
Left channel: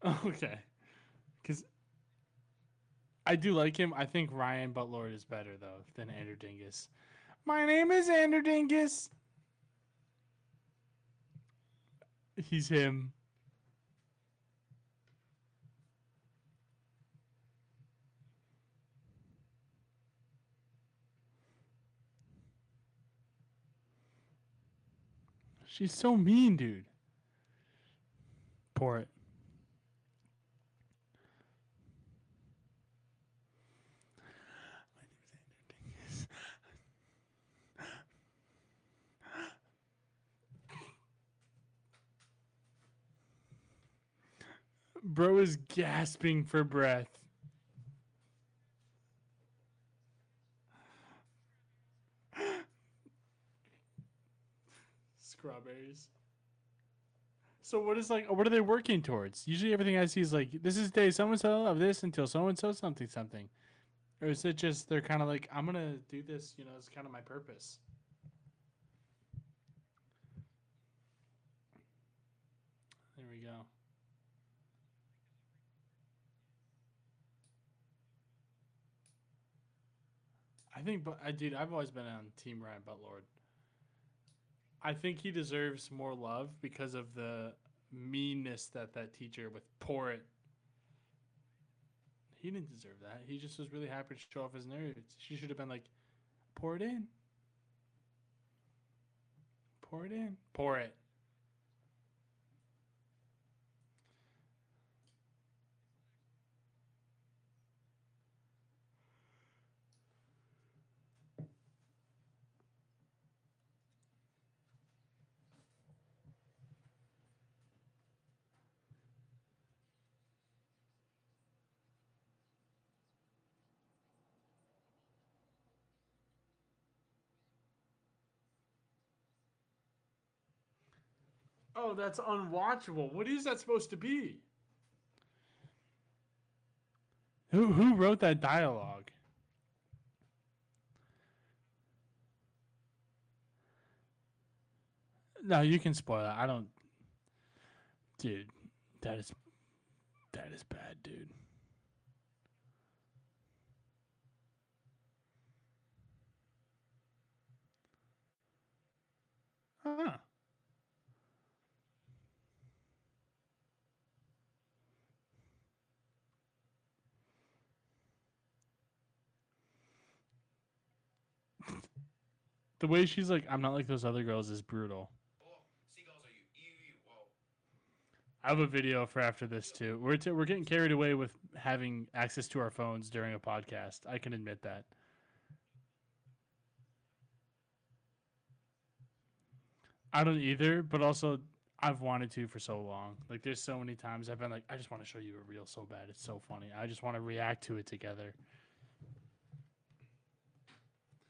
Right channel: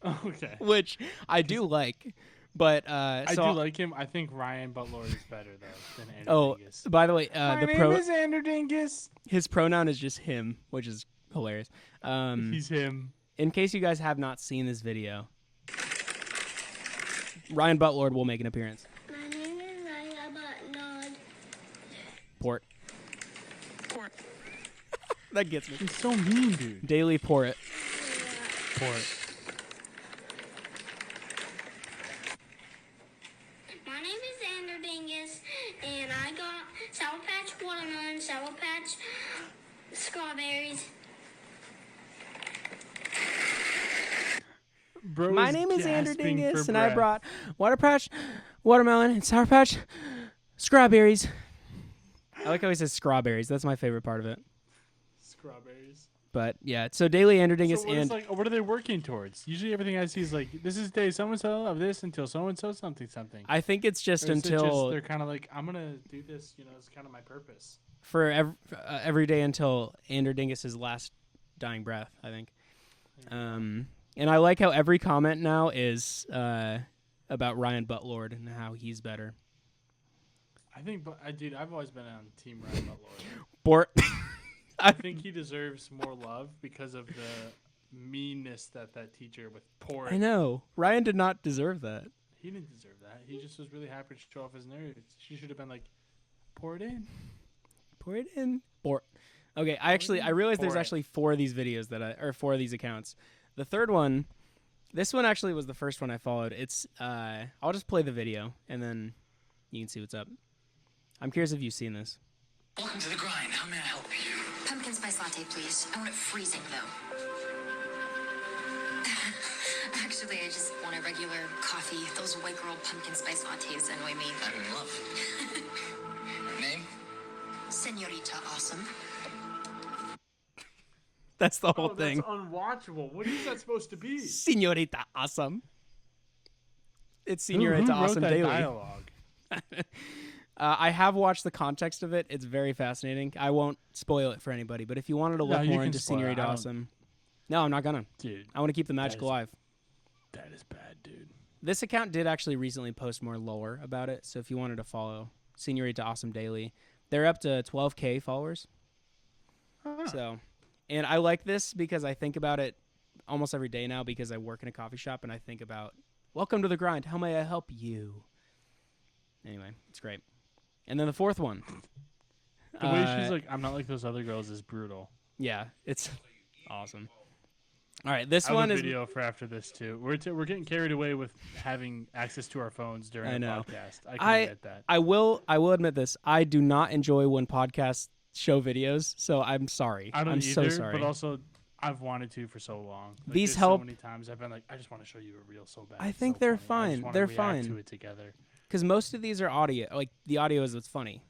Okay. which I do like, but I do like him. I think Ryan Butlord is better though than Andrew Oh, Dingus. by the way, My name is Andrew Dingus. his pronoun is just him, which is hilarious. He's him. In case you guys have not seen this video, Ryan Butlord will make an appearance. My name is Ryan Butlord. Port. That gets me. She's so mean, dude. Daily Port. Port. My name is Andrew Dingus, and I got Sour Patch watermelon, Sour Patch strawberries. Bro My is name is Andrew gasping for Dingus, and breath. I brought Water Patch, watermelon, and Sour Patch strawberries. I like how he says strawberries. That's my favorite part of it. Strawberries. But yeah, so Daily Anderdingus So what and is like? What are they working towards? Usually, everything I see is like, this is day so and so of this until so and so something. I think it's just Or is it until just they're kind of like, I'm gonna do this. You know, it's kind of my purpose. for every day until Anderdingus's last dying breath. I think. And I like how every comment now is about Ryan Butlord and how he's better. I think, but I've always been on Team Ryan Butlord. Port. I think he deserves more love because of the meanness that teacher with Port. I know Ryan did not deserve that. He didn't deserve that. He just was really happy to show off his nerds. She should have been like, pour it in. Pour it in. Port. Okay, I realized there's Pour it. actually 4 of these videos 4 of these accounts. The third one, this one actually was the first one I followed. It's I'll just play the video and then you can see what's up. I'm curious if you've seen this. Welcome to the grind. How may I help you? Pumpkin spice latte, please. I want it freezing, though. Actually, I just want a regular coffee. Those white girl pumpkin spice lattes annoy me. I'm in love. Name? Senorita Awesome. That's the whole Oh, thing. that's unwatchable. What is that supposed to be? Senorita Awesome. It's Who Senorita wrote Awesome that Daily. dialogue? I have watched the context of it. It's very fascinating. I won't spoil it for anybody, but if you wanted to No, look you more can into spoil it. Senorita I don't- Awesome, no, I'm not gonna. Dude, I want to keep the magic is- alive. that is bad, dude. This account did actually recently post more lore about it, so if you wanted to follow Senorita Awesome Daily, they're up to 12K followers. So, and I like this because I think about it almost every day now because I work in a coffee shop and I think about, welcome to the grind. How may I help you? Anyway, it's great. And then the fourth one. The way she's like, I'm not like those other girls is brutal. Yeah, it's awesome. All right, this I have one a is video for after this too. We're getting carried away with having access to our phones during I a know. podcast. I can admit that. I will admit this. I do not enjoy when podcasts show videos, so I'm sorry. I don't I'm either, so sorry. but also I've wanted to for so long. Like, These there's help- so many times I've been like, I just want to show you a reel so bad. I It's think so they're funny. I fine. just want They're to react fine. to it together. Because most of these are audio. Like the audio is what's funny.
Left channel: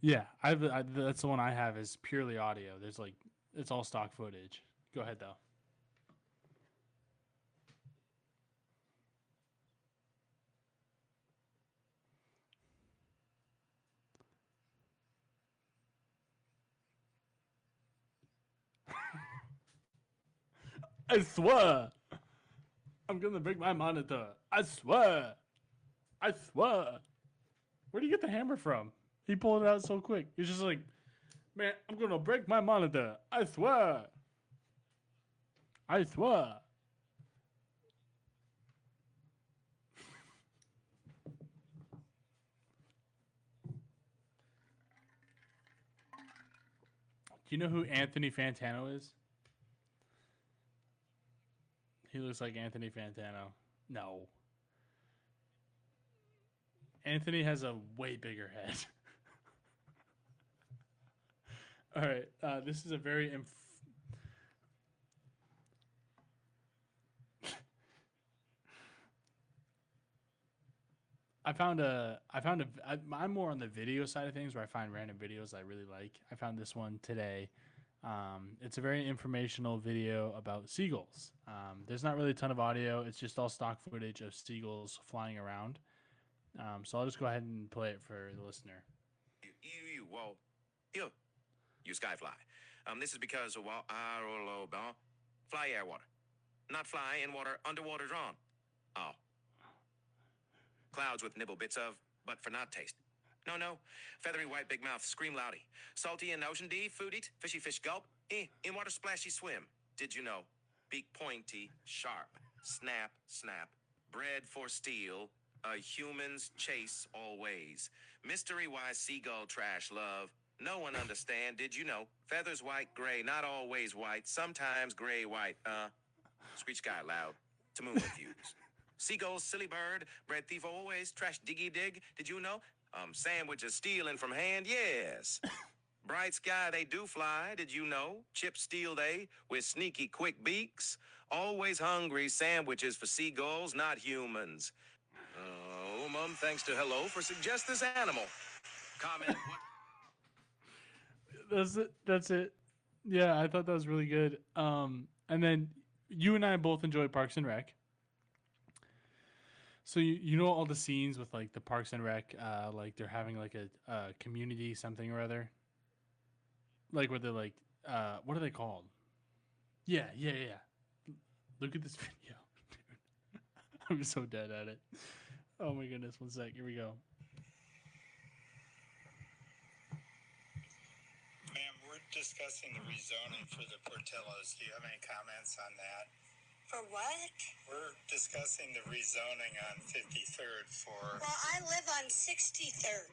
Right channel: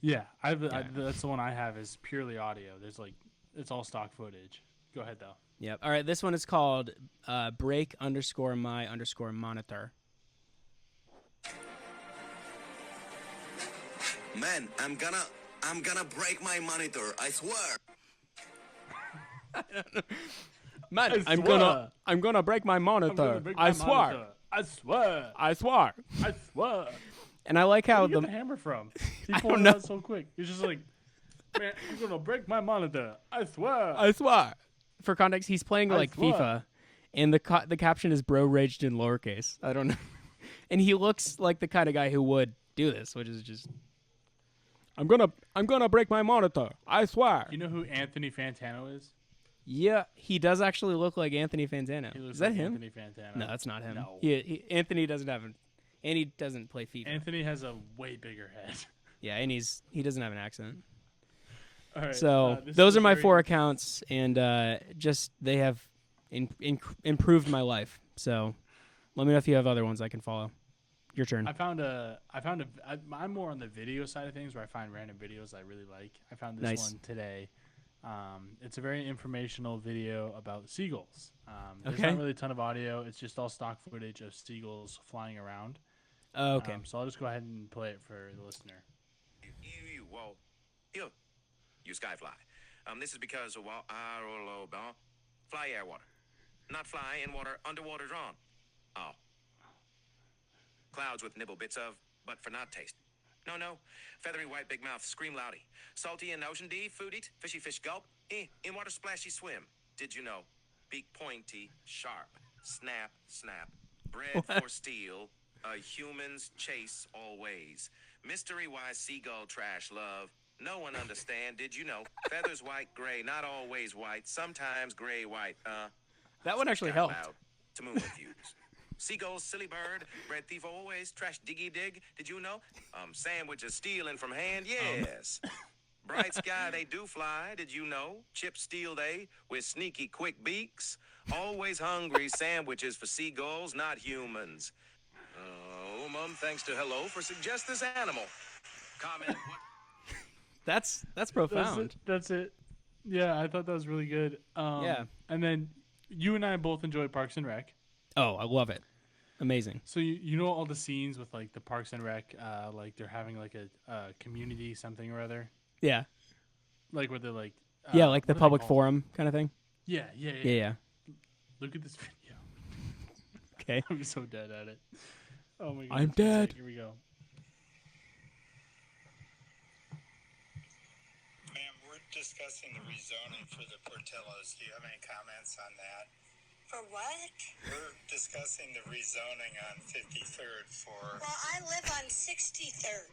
Yeah, that's the one I have is purely audio. There's like, it's all stock footage. Go ahead though. Yep. All right. This one is called break_my_monitor. Man, I'm gonna break my monitor. I swear. Man, I swear. I'm gonna break my monitor. I'm gonna break I my swear. monitor. I swear. I swear. I swear. And I like how Where do you get the hammer from? He I pulled don't it know. out so quick. He's just like, man, I'm gonna break my monitor. I swear. I swear. For context, he's playing I like swear. FIFA, and the caption is "Bro raged in lowercase." I don't know, and he looks like the kind of guy who would do this, which is just. I'm gonna break my monitor. I swear. You know who Anthony Fantano is? Yeah, he does actually look like Anthony Fantano. He looks is that like him? Anthony Fantano. No, that's not him. No. Anthony doesn't have and he doesn't play FIFA. Anthony has a way bigger head. Yeah, and he doesn't have an accent. All right. So this those is are my very- 4 accounts, and just they have improved my life. So let me know if you have other ones I can follow. Your turn. I'm more on the video side of things where I find random videos I really like. I found this Nice. one today. It's a very informational video about seagulls. There's Okay. not really a ton of audio. It's just all stock footage of seagulls flying around. Oh, okay. So I'll just go ahead and play it for the listener. Well, you skyfly. This is because of fly air water, not fly in water underwater drawn. Oh, clouds with nibble bits of, but for not taste. No, feathery white big mouth scream loudy, salty in ocean deep, food eat, fishy fish gulp, in water splashy swim. Did you know? Beak pointy, sharp, snap, bred for steel. Humans chase always. Mystery wise seagull trash love. No one understand. Did you know? Feathers white, gray, not always white. Sometimes gray, white. That one actually Sky helped. loud to moon views. Seagulls, silly bird, bread thief always. Trash diggy dig. Did you know? Sandwiches stealing from hand. Yes. Bright sky, they do fly. Did you know? Chips steal they with sneaky quick beaks. Always hungry sandwiches for seagulls, not humans. Thanks to Hello for suggest this animal. Comment. That's profound. That's it. Yeah, I thought that was really good. Yeah. And then you and I both enjoy Parks and Rec. Oh, I love it. Amazing. So you know all the scenes with like the Parks and Rec, like they're having like a community something or other, Yeah. like where they're like Yeah, like the what are they public called? forum kind of thing. Yeah. Yeah. Look at this video. Okay. I'm so dead at it. Oh my goodness. I'm one dead. sec, Here we go. Ma'am, we're discussing the rezoning for the Portillos. Do you have any comments on that? For what? We're discussing the rezoning on 53rd for, Well, I live on 63rd.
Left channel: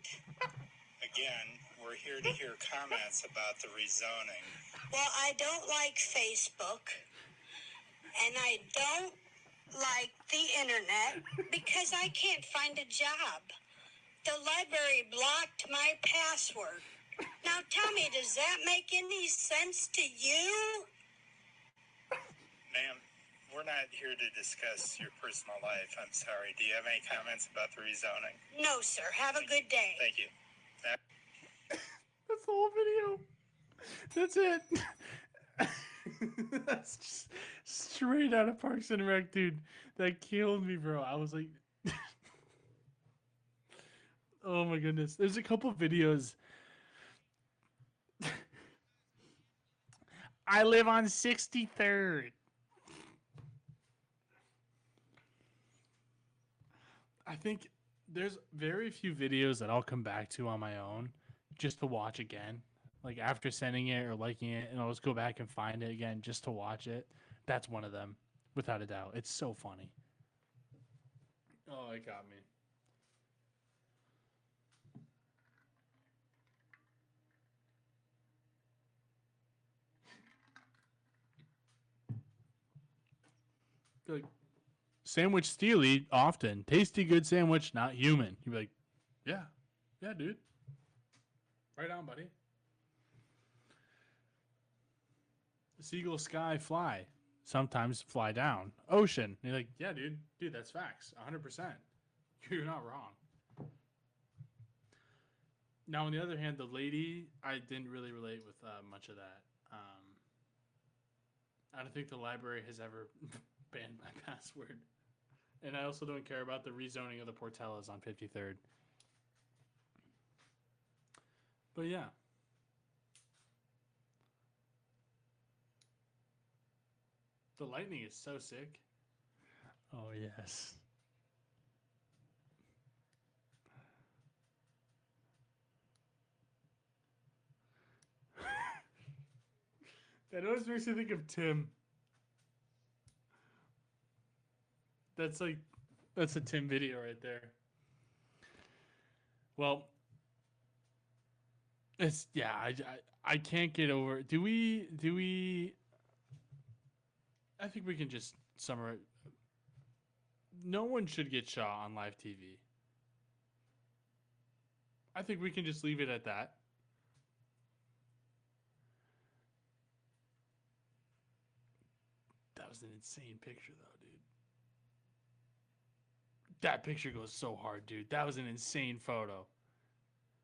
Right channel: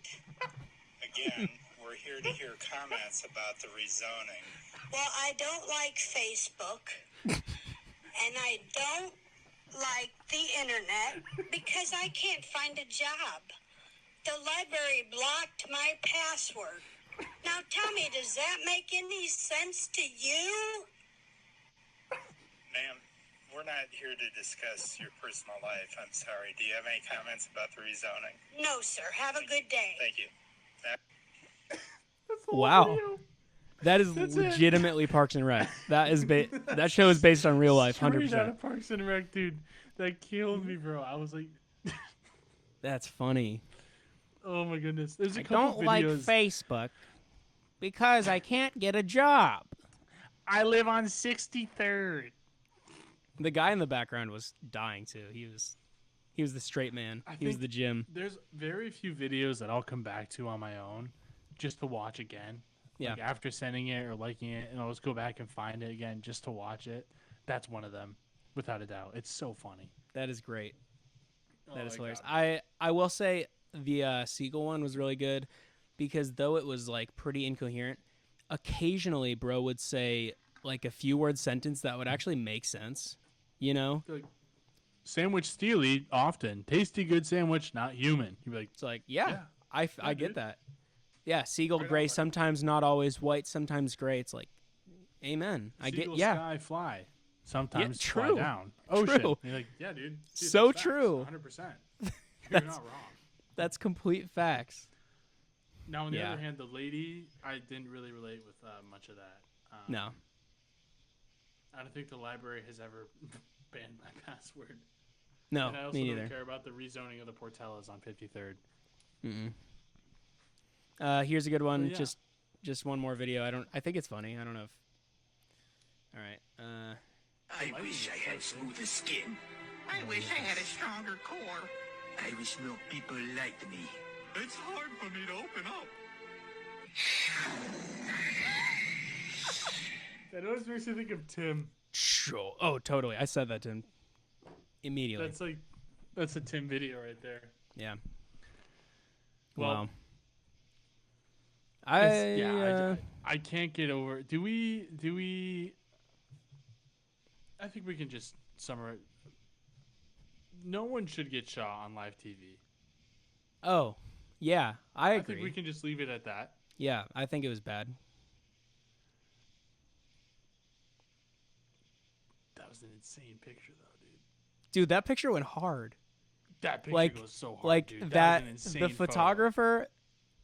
again, we're here to hear comments about the rezoning. Well, I don't like Facebook, and I don't like the internet because I can't find a job. The library blocked my password. Now tell me, does that make any sense to you? Ma'am, we're not here to discuss your personal life. I'm sorry. Do you have any comments about the rezoning? No, sir. Have a good day. Thank you. That's the whole Wow. video. That is That's it. legitimately Parks and Rec. That is that show is based on real life. Straight out 100%. of Parks and Rec, dude. That killed me, bro. I was like, That's funny. oh my goodness. There's a couple Don't videos. like Facebook because I can't get a job. I live on 63rd. The guy in the background was dying too. He was the straight man. I He was think the gym. There's very few videos that I'll come back to on my own just to watch again. Yeah. Like after sending it or liking it, and I'll just go back and find it again just to watch it. That's one of them, without a doubt. It's so funny. That is great. That Oh is my hilarious. God. I will say the Seagull one was really good because though it was like pretty incoherent, occasionally bro would say like a few word sentence that would actually make sense. You know? Like, sandwich steely often. Tasty good sandwich, not human. You'd be like, It's like, yeah, Yeah. I dude. get that. Yeah, seagull Right on, gray, buddy. sometimes not always white, sometimes gray. It's like, Amen. I get Seagull yeah. sky fly. Sometimes fly true. down. Ocean. True. And you're like, yeah, dude. So that's true. Facts, 100%. You're not wrong. That's complete facts. Now, on the Yeah. other hand, the lady, I didn't really relate with much of that. No. I don't think the library has ever banned my password. No. And I also me don't neither. care about the rezoning of the Portellas on 53rd. Here's a good one. But yeah. Just one more video. I think it's funny. I don't know if. All right. The lighting is so sick. skin. I wish I had a stronger core. I wish more people liked me. It's hard for me to open up. That always makes me think of Tim. Sure. Oh, totally. I said that to him immediately. That's a Tim video right there. Yeah. Well, wow. I can't get over. Do we? I think we can just summarize. No one should get shot on live TV. Oh, yeah. I agree. I think we can just leave it at that. Yeah, I think it was bad. That was an insane picture, though, dude. Dude, that picture went hard. That picture goes so hard, like dude. That was an insane The photographer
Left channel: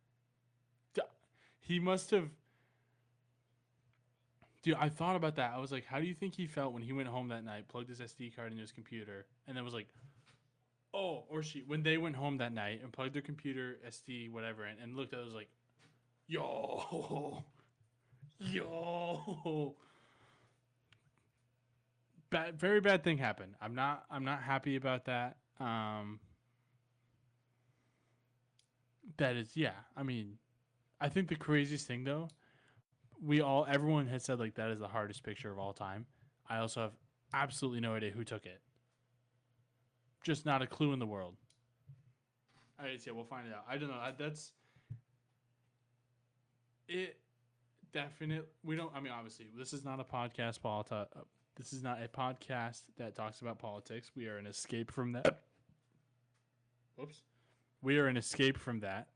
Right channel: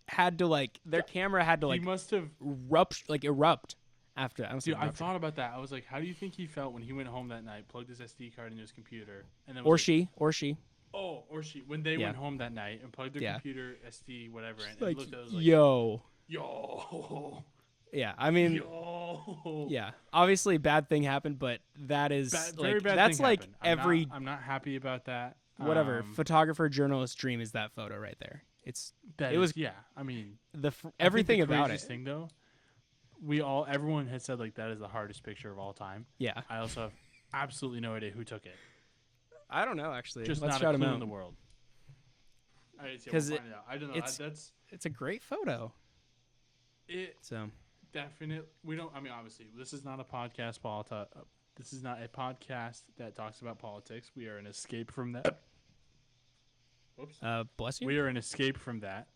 had to their camera had to he must have erupt after that. Dude, I thought about that. I was like, how do you think he felt when he went home that night, plugged his SD card into his computer, and then was or she. Oh, or she. When they went home that night and plugged their computer, SD, whatever, and looked at it, was like, yo. Yeah, I mean, yo. Yeah, obviously bad thing happened, but that is very bad that's thing happened. I'm not happy about that. Whatever photographer journalist dream is that photo right there. I mean, everything the about craziest it. thing though. Everyone had said like that is the hardest picture of all time. Yeah. I also have absolutely no idea who took it. I don't know actually. Just Let's not a clue in the world. All right, we'll find out. I don't know. It's a great photo. Definitely. We don't. I mean, obviously, this is not a podcast. This is not a podcast that talks about politics. We are an escape from that. Whoops. Bless you. We are an escape from that.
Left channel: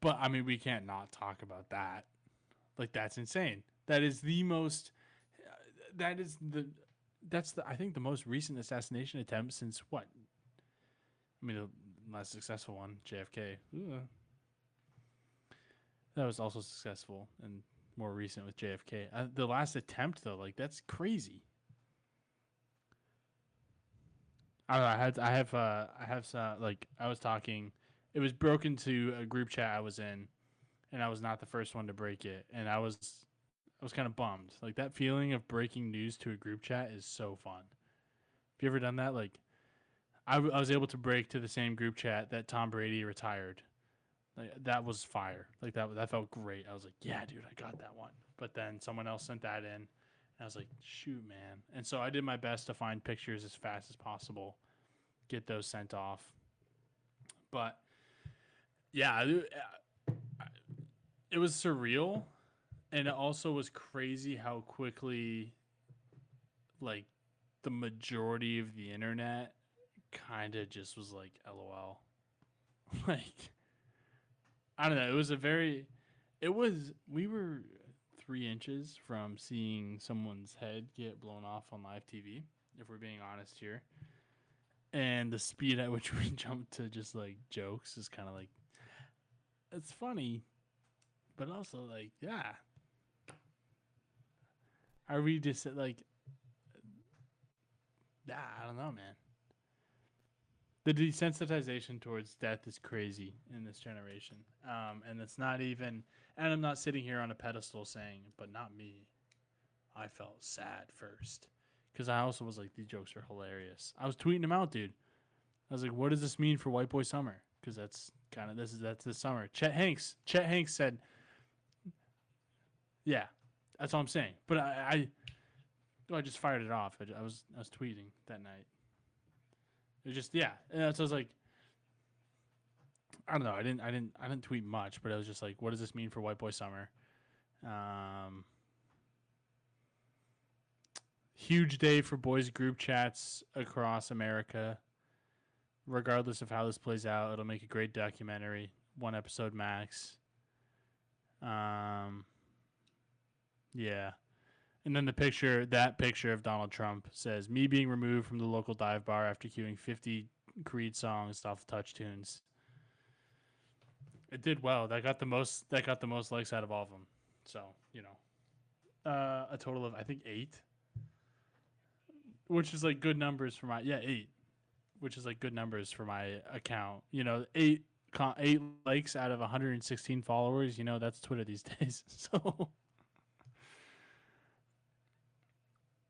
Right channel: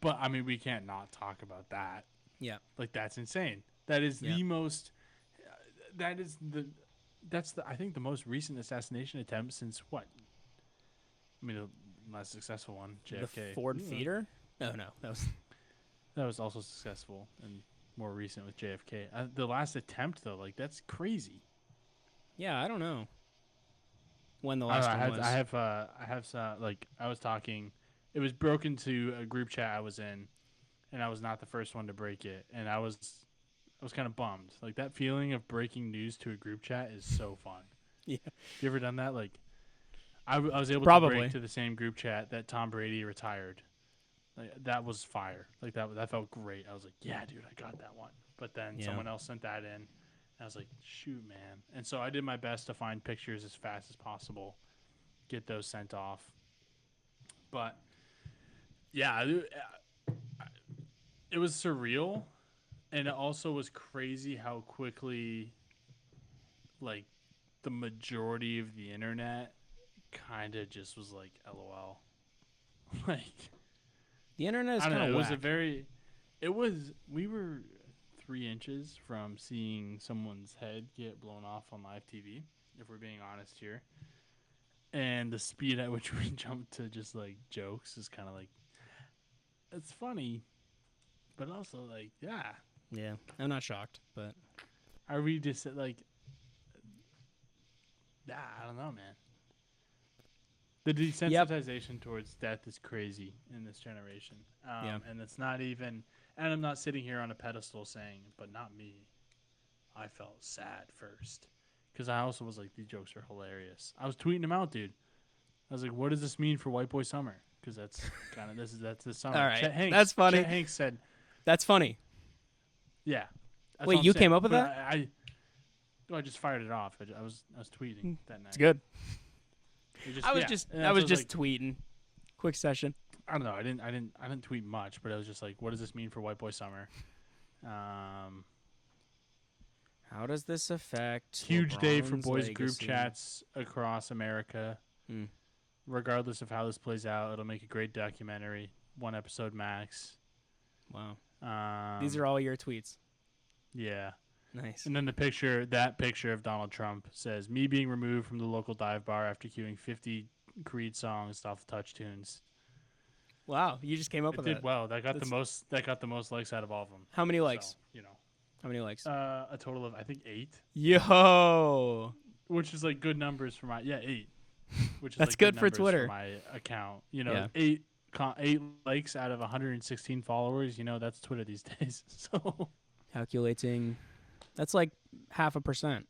But I mean, we can't not talk about that. Yeah. Like that's insane. That is the most. That's I think the most recent assassination attempt since what? I mean, the less successful one, JFK. The Ford feeder? No, that was also successful and more recent with JFK. The last attempt though, like that's crazy. Yeah, I don't know. When the last one was. I have I was talking. It was broken to a group chat I was in, and I was not the first one to break it, and I was kind of bummed. Like that feeling of breaking news to a group chat is so fun. Yeah. Have you ever done that? Like, I was able to break to the same group chat that Tom Brady retired. Like, that was fire. Like that felt great. I was like, yeah, dude, I got that one. But then someone else sent that in, and I was like, shoot, man. And so I did my best to find pictures as fast as possible, get those sent off. But yeah, it was surreal, and it also was crazy how quickly, like, the majority of the internet kind of just was like, LOL. Like, the internet is I don't know. It was we were 3 inches from seeing someone's head get blown off on live TV, if we're being honest here. And the speed at which we jumped to just like jokes is kind of like, it's funny, but also like, yeah. Yeah, I'm not shocked, but are we just like, I don't know, man. The desensitization towards death is crazy in this generation. And it's not even, and I'm not sitting here on a pedestal saying, but not me. I felt sad first. Because I also was like, these jokes are hilarious. I was tweeting them out, dude. I was like, what does this mean for White Boy Summer? Because that's kind of, that's the summer. All right. Chet Hanks. That's funny. Chet Hanks said. That's funny. Yeah. That's Wait, you came up with that? I just fired it off. I was tweeting that night. It's good. I was just tweeting. Quick session. I don't know. I didn't tweet much, but I was just like, what does this mean for White Boy Summer? How does this affect huge day for LeBron's boys legacy? group chats across America. Regardless of how this plays out, it'll make a great documentary. 1 episode max. Wow. These are all your tweets. Yeah. Nice. And then that picture of Donald Trump says, "Me being removed from the local dive bar after queuing 50 Creed songs off Touch Tunes." Wow, you just came up It with did that. well. That got the That's- most. That got the most likes out of all of them. How many So likes? you know, How many likes? a total of I think 8, Yo, which is like good numbers for my 8, which is That's like good for numbers Twitter. for my account. You know, Yeah. 8 likes out of 116 followers. You know, that's Twitter these days. So calculating. That's like 0.5%.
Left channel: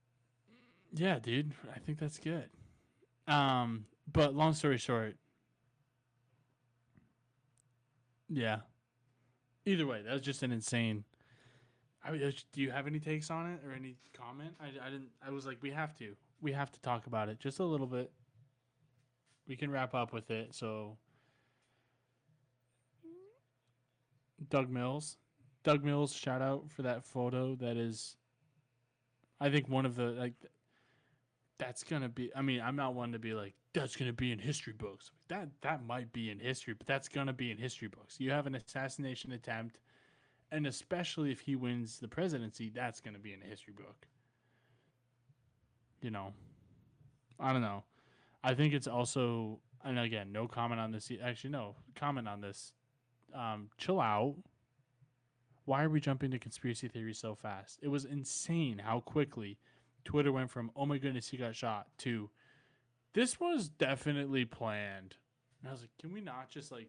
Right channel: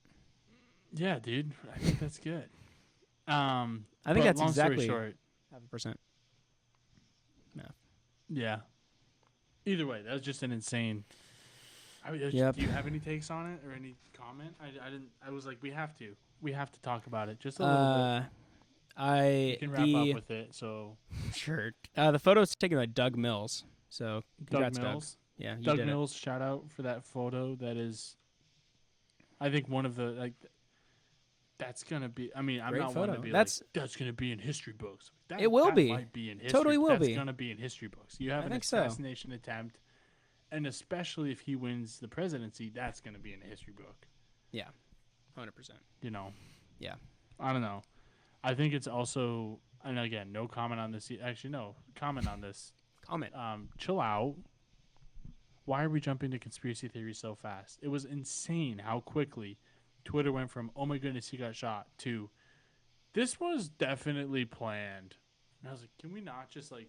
yeah, dude, I think that's good. I think but that's long exactly story short, 0.5%. yeah. Either way, that was just an insane. Yep. Do you have any takes on it or any comment? I didn't. I was like, we have to talk about it just a little bit. We can wrap up with it. So Sure. The photo's taken by Doug Mills. So Doug congrats, Mills, Yeah, you Doug did it. Mills, shout out for that photo. That is, I think one of the That's gonna be. I mean, I'm Great not one to photo. be That's- like that's gonna be in history books. That, It will that be. might be in history. Totally will that's be. gonna be in history books. You have I an think so. assassination attempt, and especially if he wins the presidency, that's gonna be in a history book. 100%. You know. Yeah. I don't know. I think it's also, and again, no comment on this. Actually, no comment on this. Comment. Chill out. Why are we jumping to conspiracy theories so fast? It was insane how quickly Twitter went from, oh my goodness, he got shot, to this was definitely planned. And I was like, can we not just like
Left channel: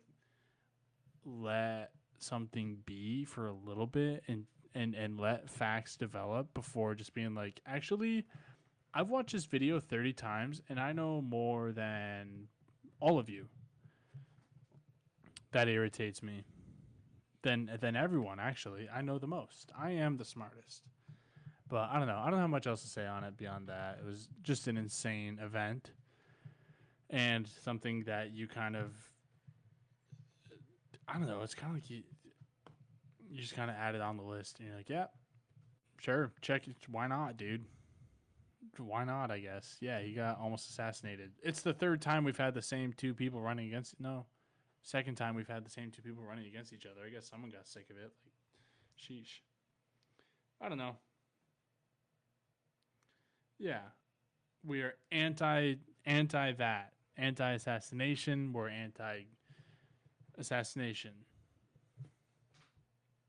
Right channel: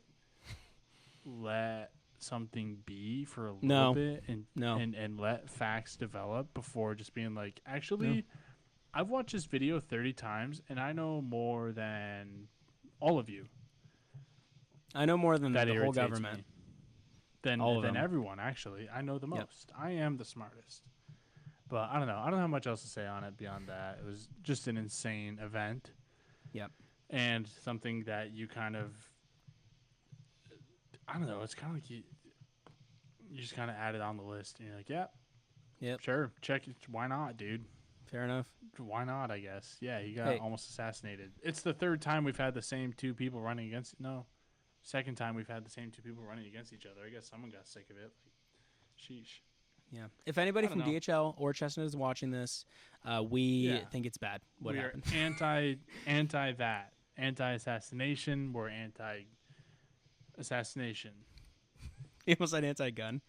let something be for a little No. bit No. and let facts develop before just being like, actually, I've watched this video 30 times and I know more than all of you. I know more than That the whole irritates government. me. Than All of them. everyone, actually. I know the Yep. most. I am the smartest. But I don't know. I don't have much else to say on it beyond that. It was just an insane event. Yep. And something that you kind of, I don't know, it's kind of like you just kind of add it on the list. And you're like, yeah, Yep. sure, check it. Why not, dude? Fair enough. Why not, I guess. Yeah, he got Hey. almost assassinated. It's the third time we've had the same two people running against, no, second time we've had the same two people running against each other. I guess someone got sick of it. Like, sheesh. Yeah. If anybody I from don't know. DHL or Chestnut is watching this, we Yeah. think it's bad. What We are happened. anti that, anti assassination. We're anti assassination. He almost said anti-gun.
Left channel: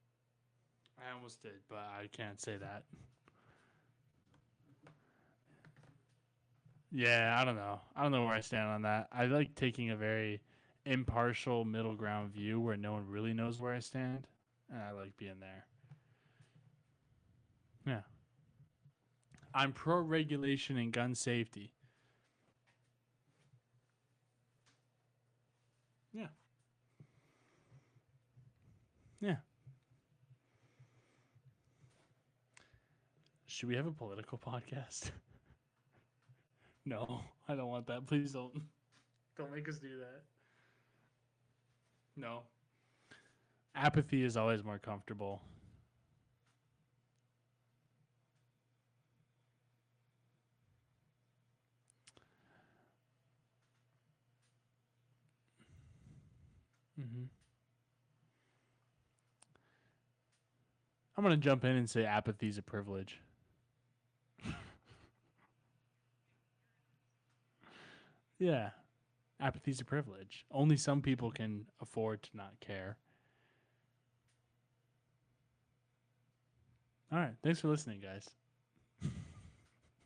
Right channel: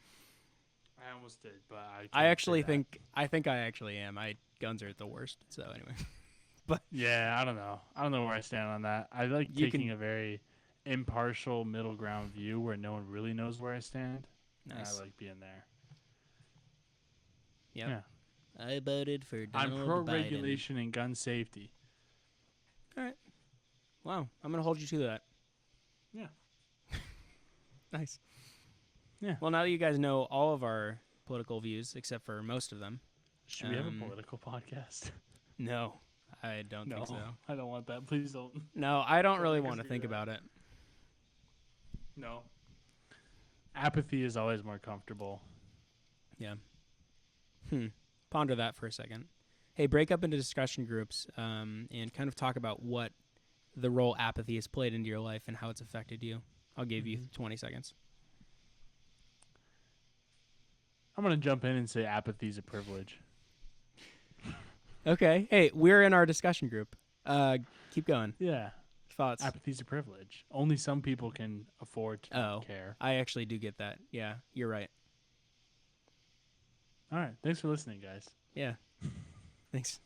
I almost did, but I I actually think. think I actually am. Guns are the worst. So anyway. Yeah, I don't know. I don't know where I stand on that. I like You taking a very impartial middle ground view where no one really knows where I stand. And I Nice. like being there. Yep. Yeah. I voted for I'm Donald pro Biden. regulation and gun safety. Wow. I'm going to hold you to that. Yeah. Nice. Yeah. Well, now that you guys know all of our political views, except for most of them. Should we have a Um, political podcast? No, I don't No, think so. I don't want that. Please don't. No, I don't Don't really make us want to do think that. about it. No. Apathy is always more comfortable. Ponder that for a second. Hey, break up into discussion groups and kind of talk about what the role apathy has played into your life and how it's affected you. I'll give you 20 seconds. I'm going to jump in and say apathy is a privilege. Okay. Hey, we're in our discussion group. Keep going. Yeah. Thoughts? Apathy's a privilege. Only some people can afford to Oh. not care. I actually do get that. Yeah, you're right. All right. Thanks for listening, guys. Yeah. Thanks.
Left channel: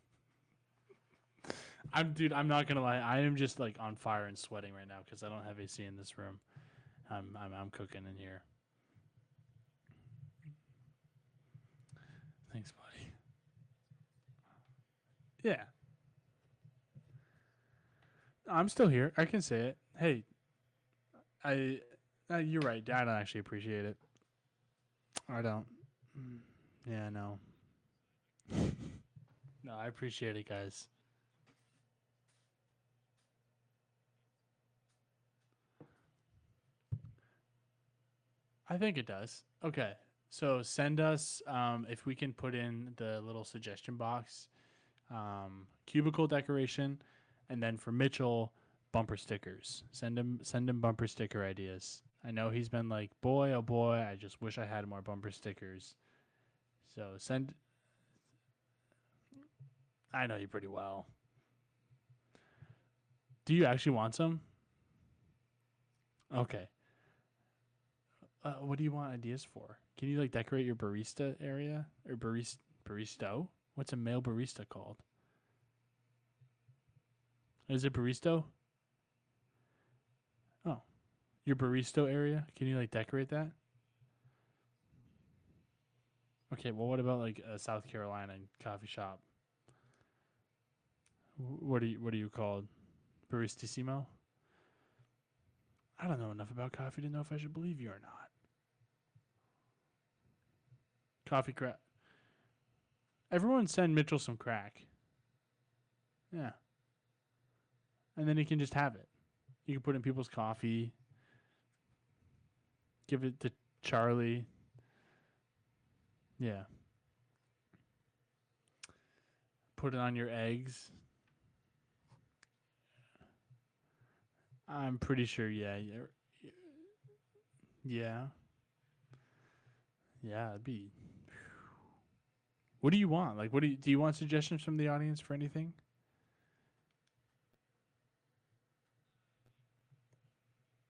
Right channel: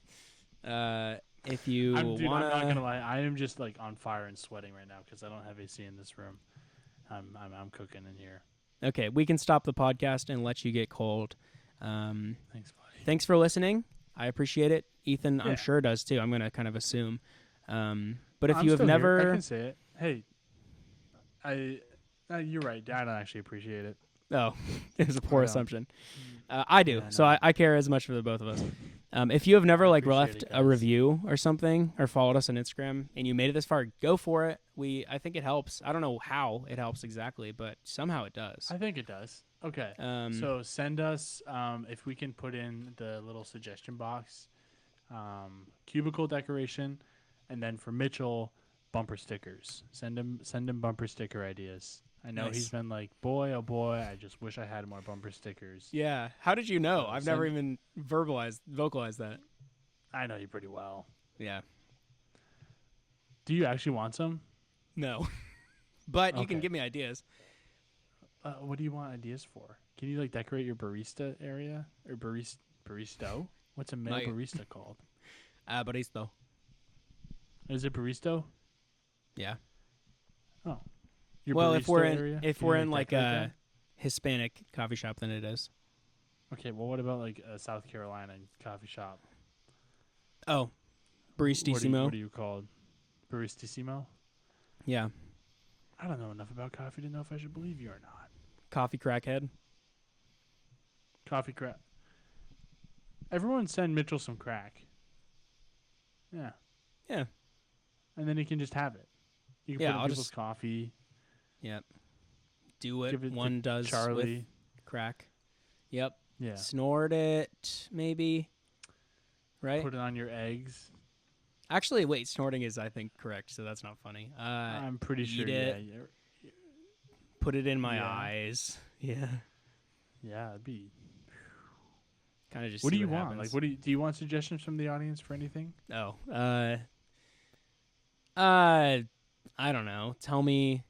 If you I'm not wanna- going to lie. I am just like on fire and sweating right now because I don't have AC in this room. I'm cooking in here. Okay, we can stop the podcast and let you get cold. Thanks, buddy. Thanks for listening. I appreciate it. Ethan, Yeah. I'm sure does too. I'm going to kind of assume. But if I'm you have still never, here. I can say it. Hey, you're right. I don't actually appreciate it. oh, it was a poor I don't. assumption. I do. Yeah, So no. I care as much for the both of us. If you have never I like appreciate left it, a guys. review or something or followed us on Instagram and you made it this far, go for it. I think it helps. I don't know how it helps exactly, but somehow it does. I think it does. Okay. So send us, if we can put in the little suggestion box, cubicle decoration, and then for Mitchell, bumper stickers. Send him bumper sticker ideas. I know Nice. he's been like, boy, oh boy, I just wish I had more bumper stickers. Yeah. How did you know? So I've never send- even vocalized that. I know you pretty well. Yeah. Do you actually want some? No. But you can Okay. give me ideas. What do you want ideas for? Can you like decorate your barista area or baristo? What's a male Like- barista called? Baristo. Is it baristo? Yeah. Oh, your Well, barista if we're in, area. if Can we're you, in like decorate a that? Hispanic coffee shop, then it is. Okay, well, what about like a South Carolina coffee shop? Oh, baristissimo. What are you called? Baristissimo? Yeah. I don't know enough about coffee to know if I should believe you or not. Coffee crackhead. Coffee crack. Everyone send Mitchell some crack. Yeah. Yeah. And then he can just have it. You can Yeah, put in I'll people's just- coffee. Yep. Do it. Give it to One does Charlie. with crack. Yep. Yeah. Snort it, maybe. Right? Put it on your eggs. Actually, wait. Snorting is, I think, correct, so that's not funny. I'm pretty eat sure. it. Yeah. Put it in my Yeah. eyes. Yeah. Yeah. It'd be. Kind of just. What do see you want? happens. Like, do you want suggestions from the audience for anything? Oh. I don't know. Tell me.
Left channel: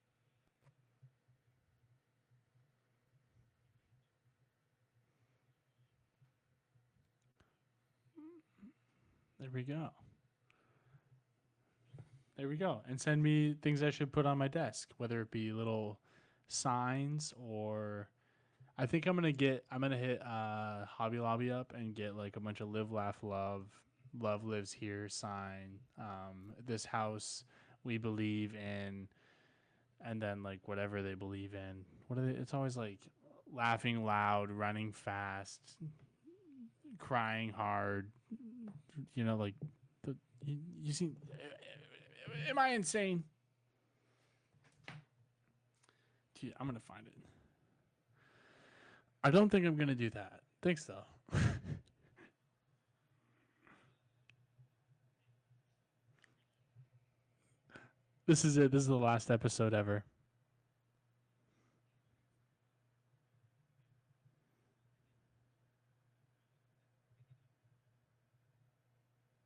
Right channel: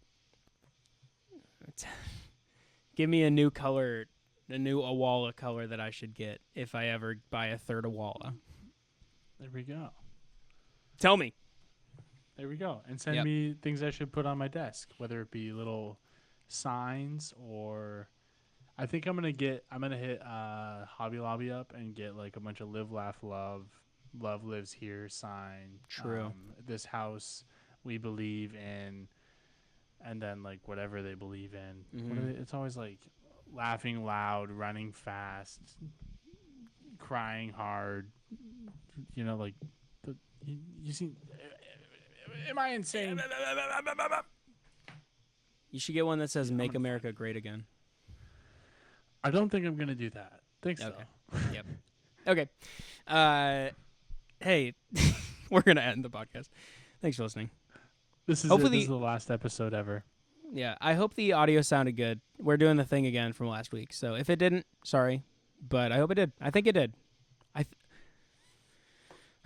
Give me a new color, a new Awala color that I should get if I ever buy a third Awala. There we go. Tell me. There we go. And send Yep. me things I should put on my desk, whether it be little signs or I think I'm gonna hit Hobby Lobby up and get like a bunch of live, laugh, love lives here sign. True. This house we believe in, and then like whatever they believe in. What are they? It's always like laughing loud, running fast, crying hard. You know, like you see. Am I insane? You should get one that says Yeah, I'm "Make gonna America find Great Again." I don't think I'm gonna do that. Thanks Okay. though. Yep. Okay. Hey, we're gonna end the podcast. Thanks for listening. This is Hopefully it. This is the last episode ever. Yeah, I hope the audio sounded good. We're doing the thing again from last week, so if it didn't, sorry, but I hope it did. I think it did.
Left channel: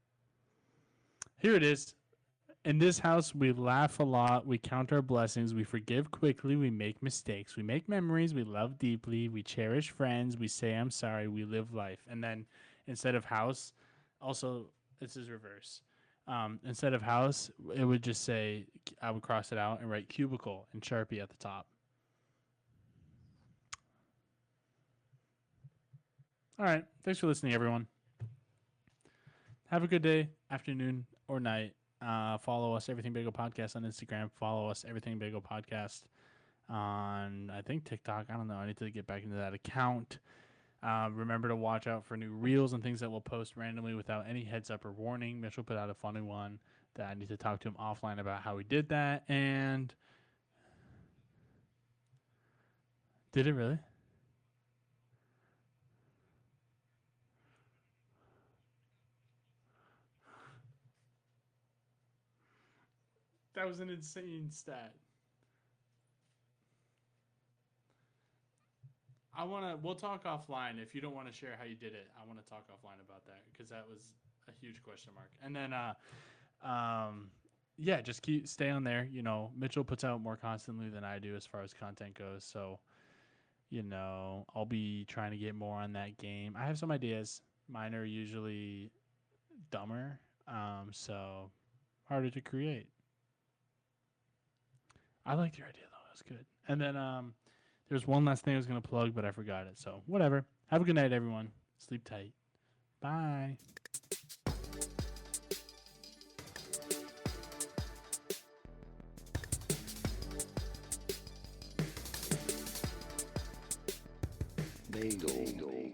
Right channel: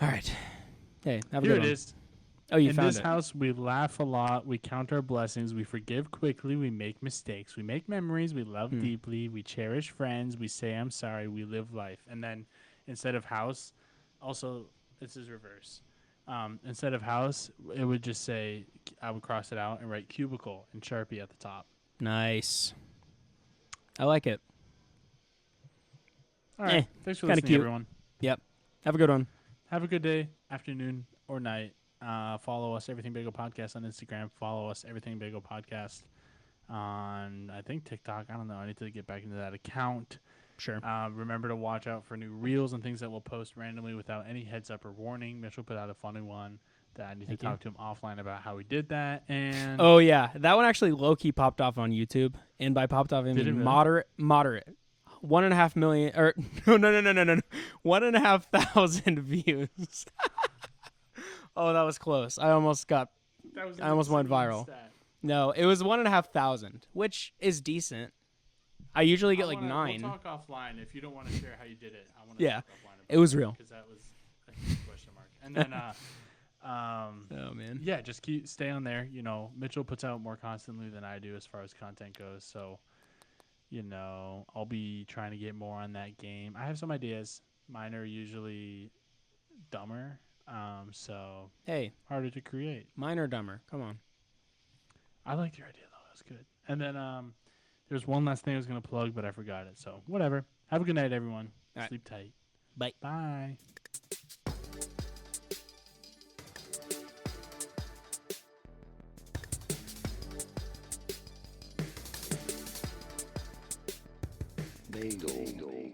All right. Hey, have a Here good it one. is. Oh, you In found this it. house, we laugh a lot. We count our blessings. We forgive quickly. We make mistakes. We make memories. We love deeply. We cherish friends. We say, I'm sorry. We live life. And then instead of house, also, this is reverse. Instead of house, it would just say, I would cross it out and write cubicle in Sharpie at the top. Nice. I like it. All right. Eh, Thanks for kinda listening, cute. everyone. Yep. Have a good one. Have a good day, afternoon, or night. Follow us, Everything Bagel Podcast on Instagram. Follow us, Everything Bagel Podcast on, I think, TikTok. I don't know. I need to get back into that account. Sure. Remember to watch out for new reels and things that we'll post randomly without any heads up or warning. Mitchell put out a funny one that I need to talk to him offline about how we did that. And Oh yeah, that one actually low key popped off on YouTube, and by popped off I Did it mean really? moderate. 1.5 million or no. 1,500 views. Oh, that was close. I almost went viral. No, it was 1,500, which is decent. I usually get like 9. We'll talk offline if you don't want to share how you did it. I want to Yeah, talk offline about it was real. because that was a huge question mark. And then, Oh man. yeah, just stay on there. You know, Mitchell puts out more constantly than I do as far as content goes. So, you know, I'll be trying to get more on that game. I have some ideas. Mine are usually dumber, so Hey, harder to create. mine are dumber. Come on. I liked your idea though; it was good. And then there's one last thing I was gonna plug, but I forgot it. So whatever. Have a good night, everyone. All right. Sleep tight. Bye. Bye. Bagel.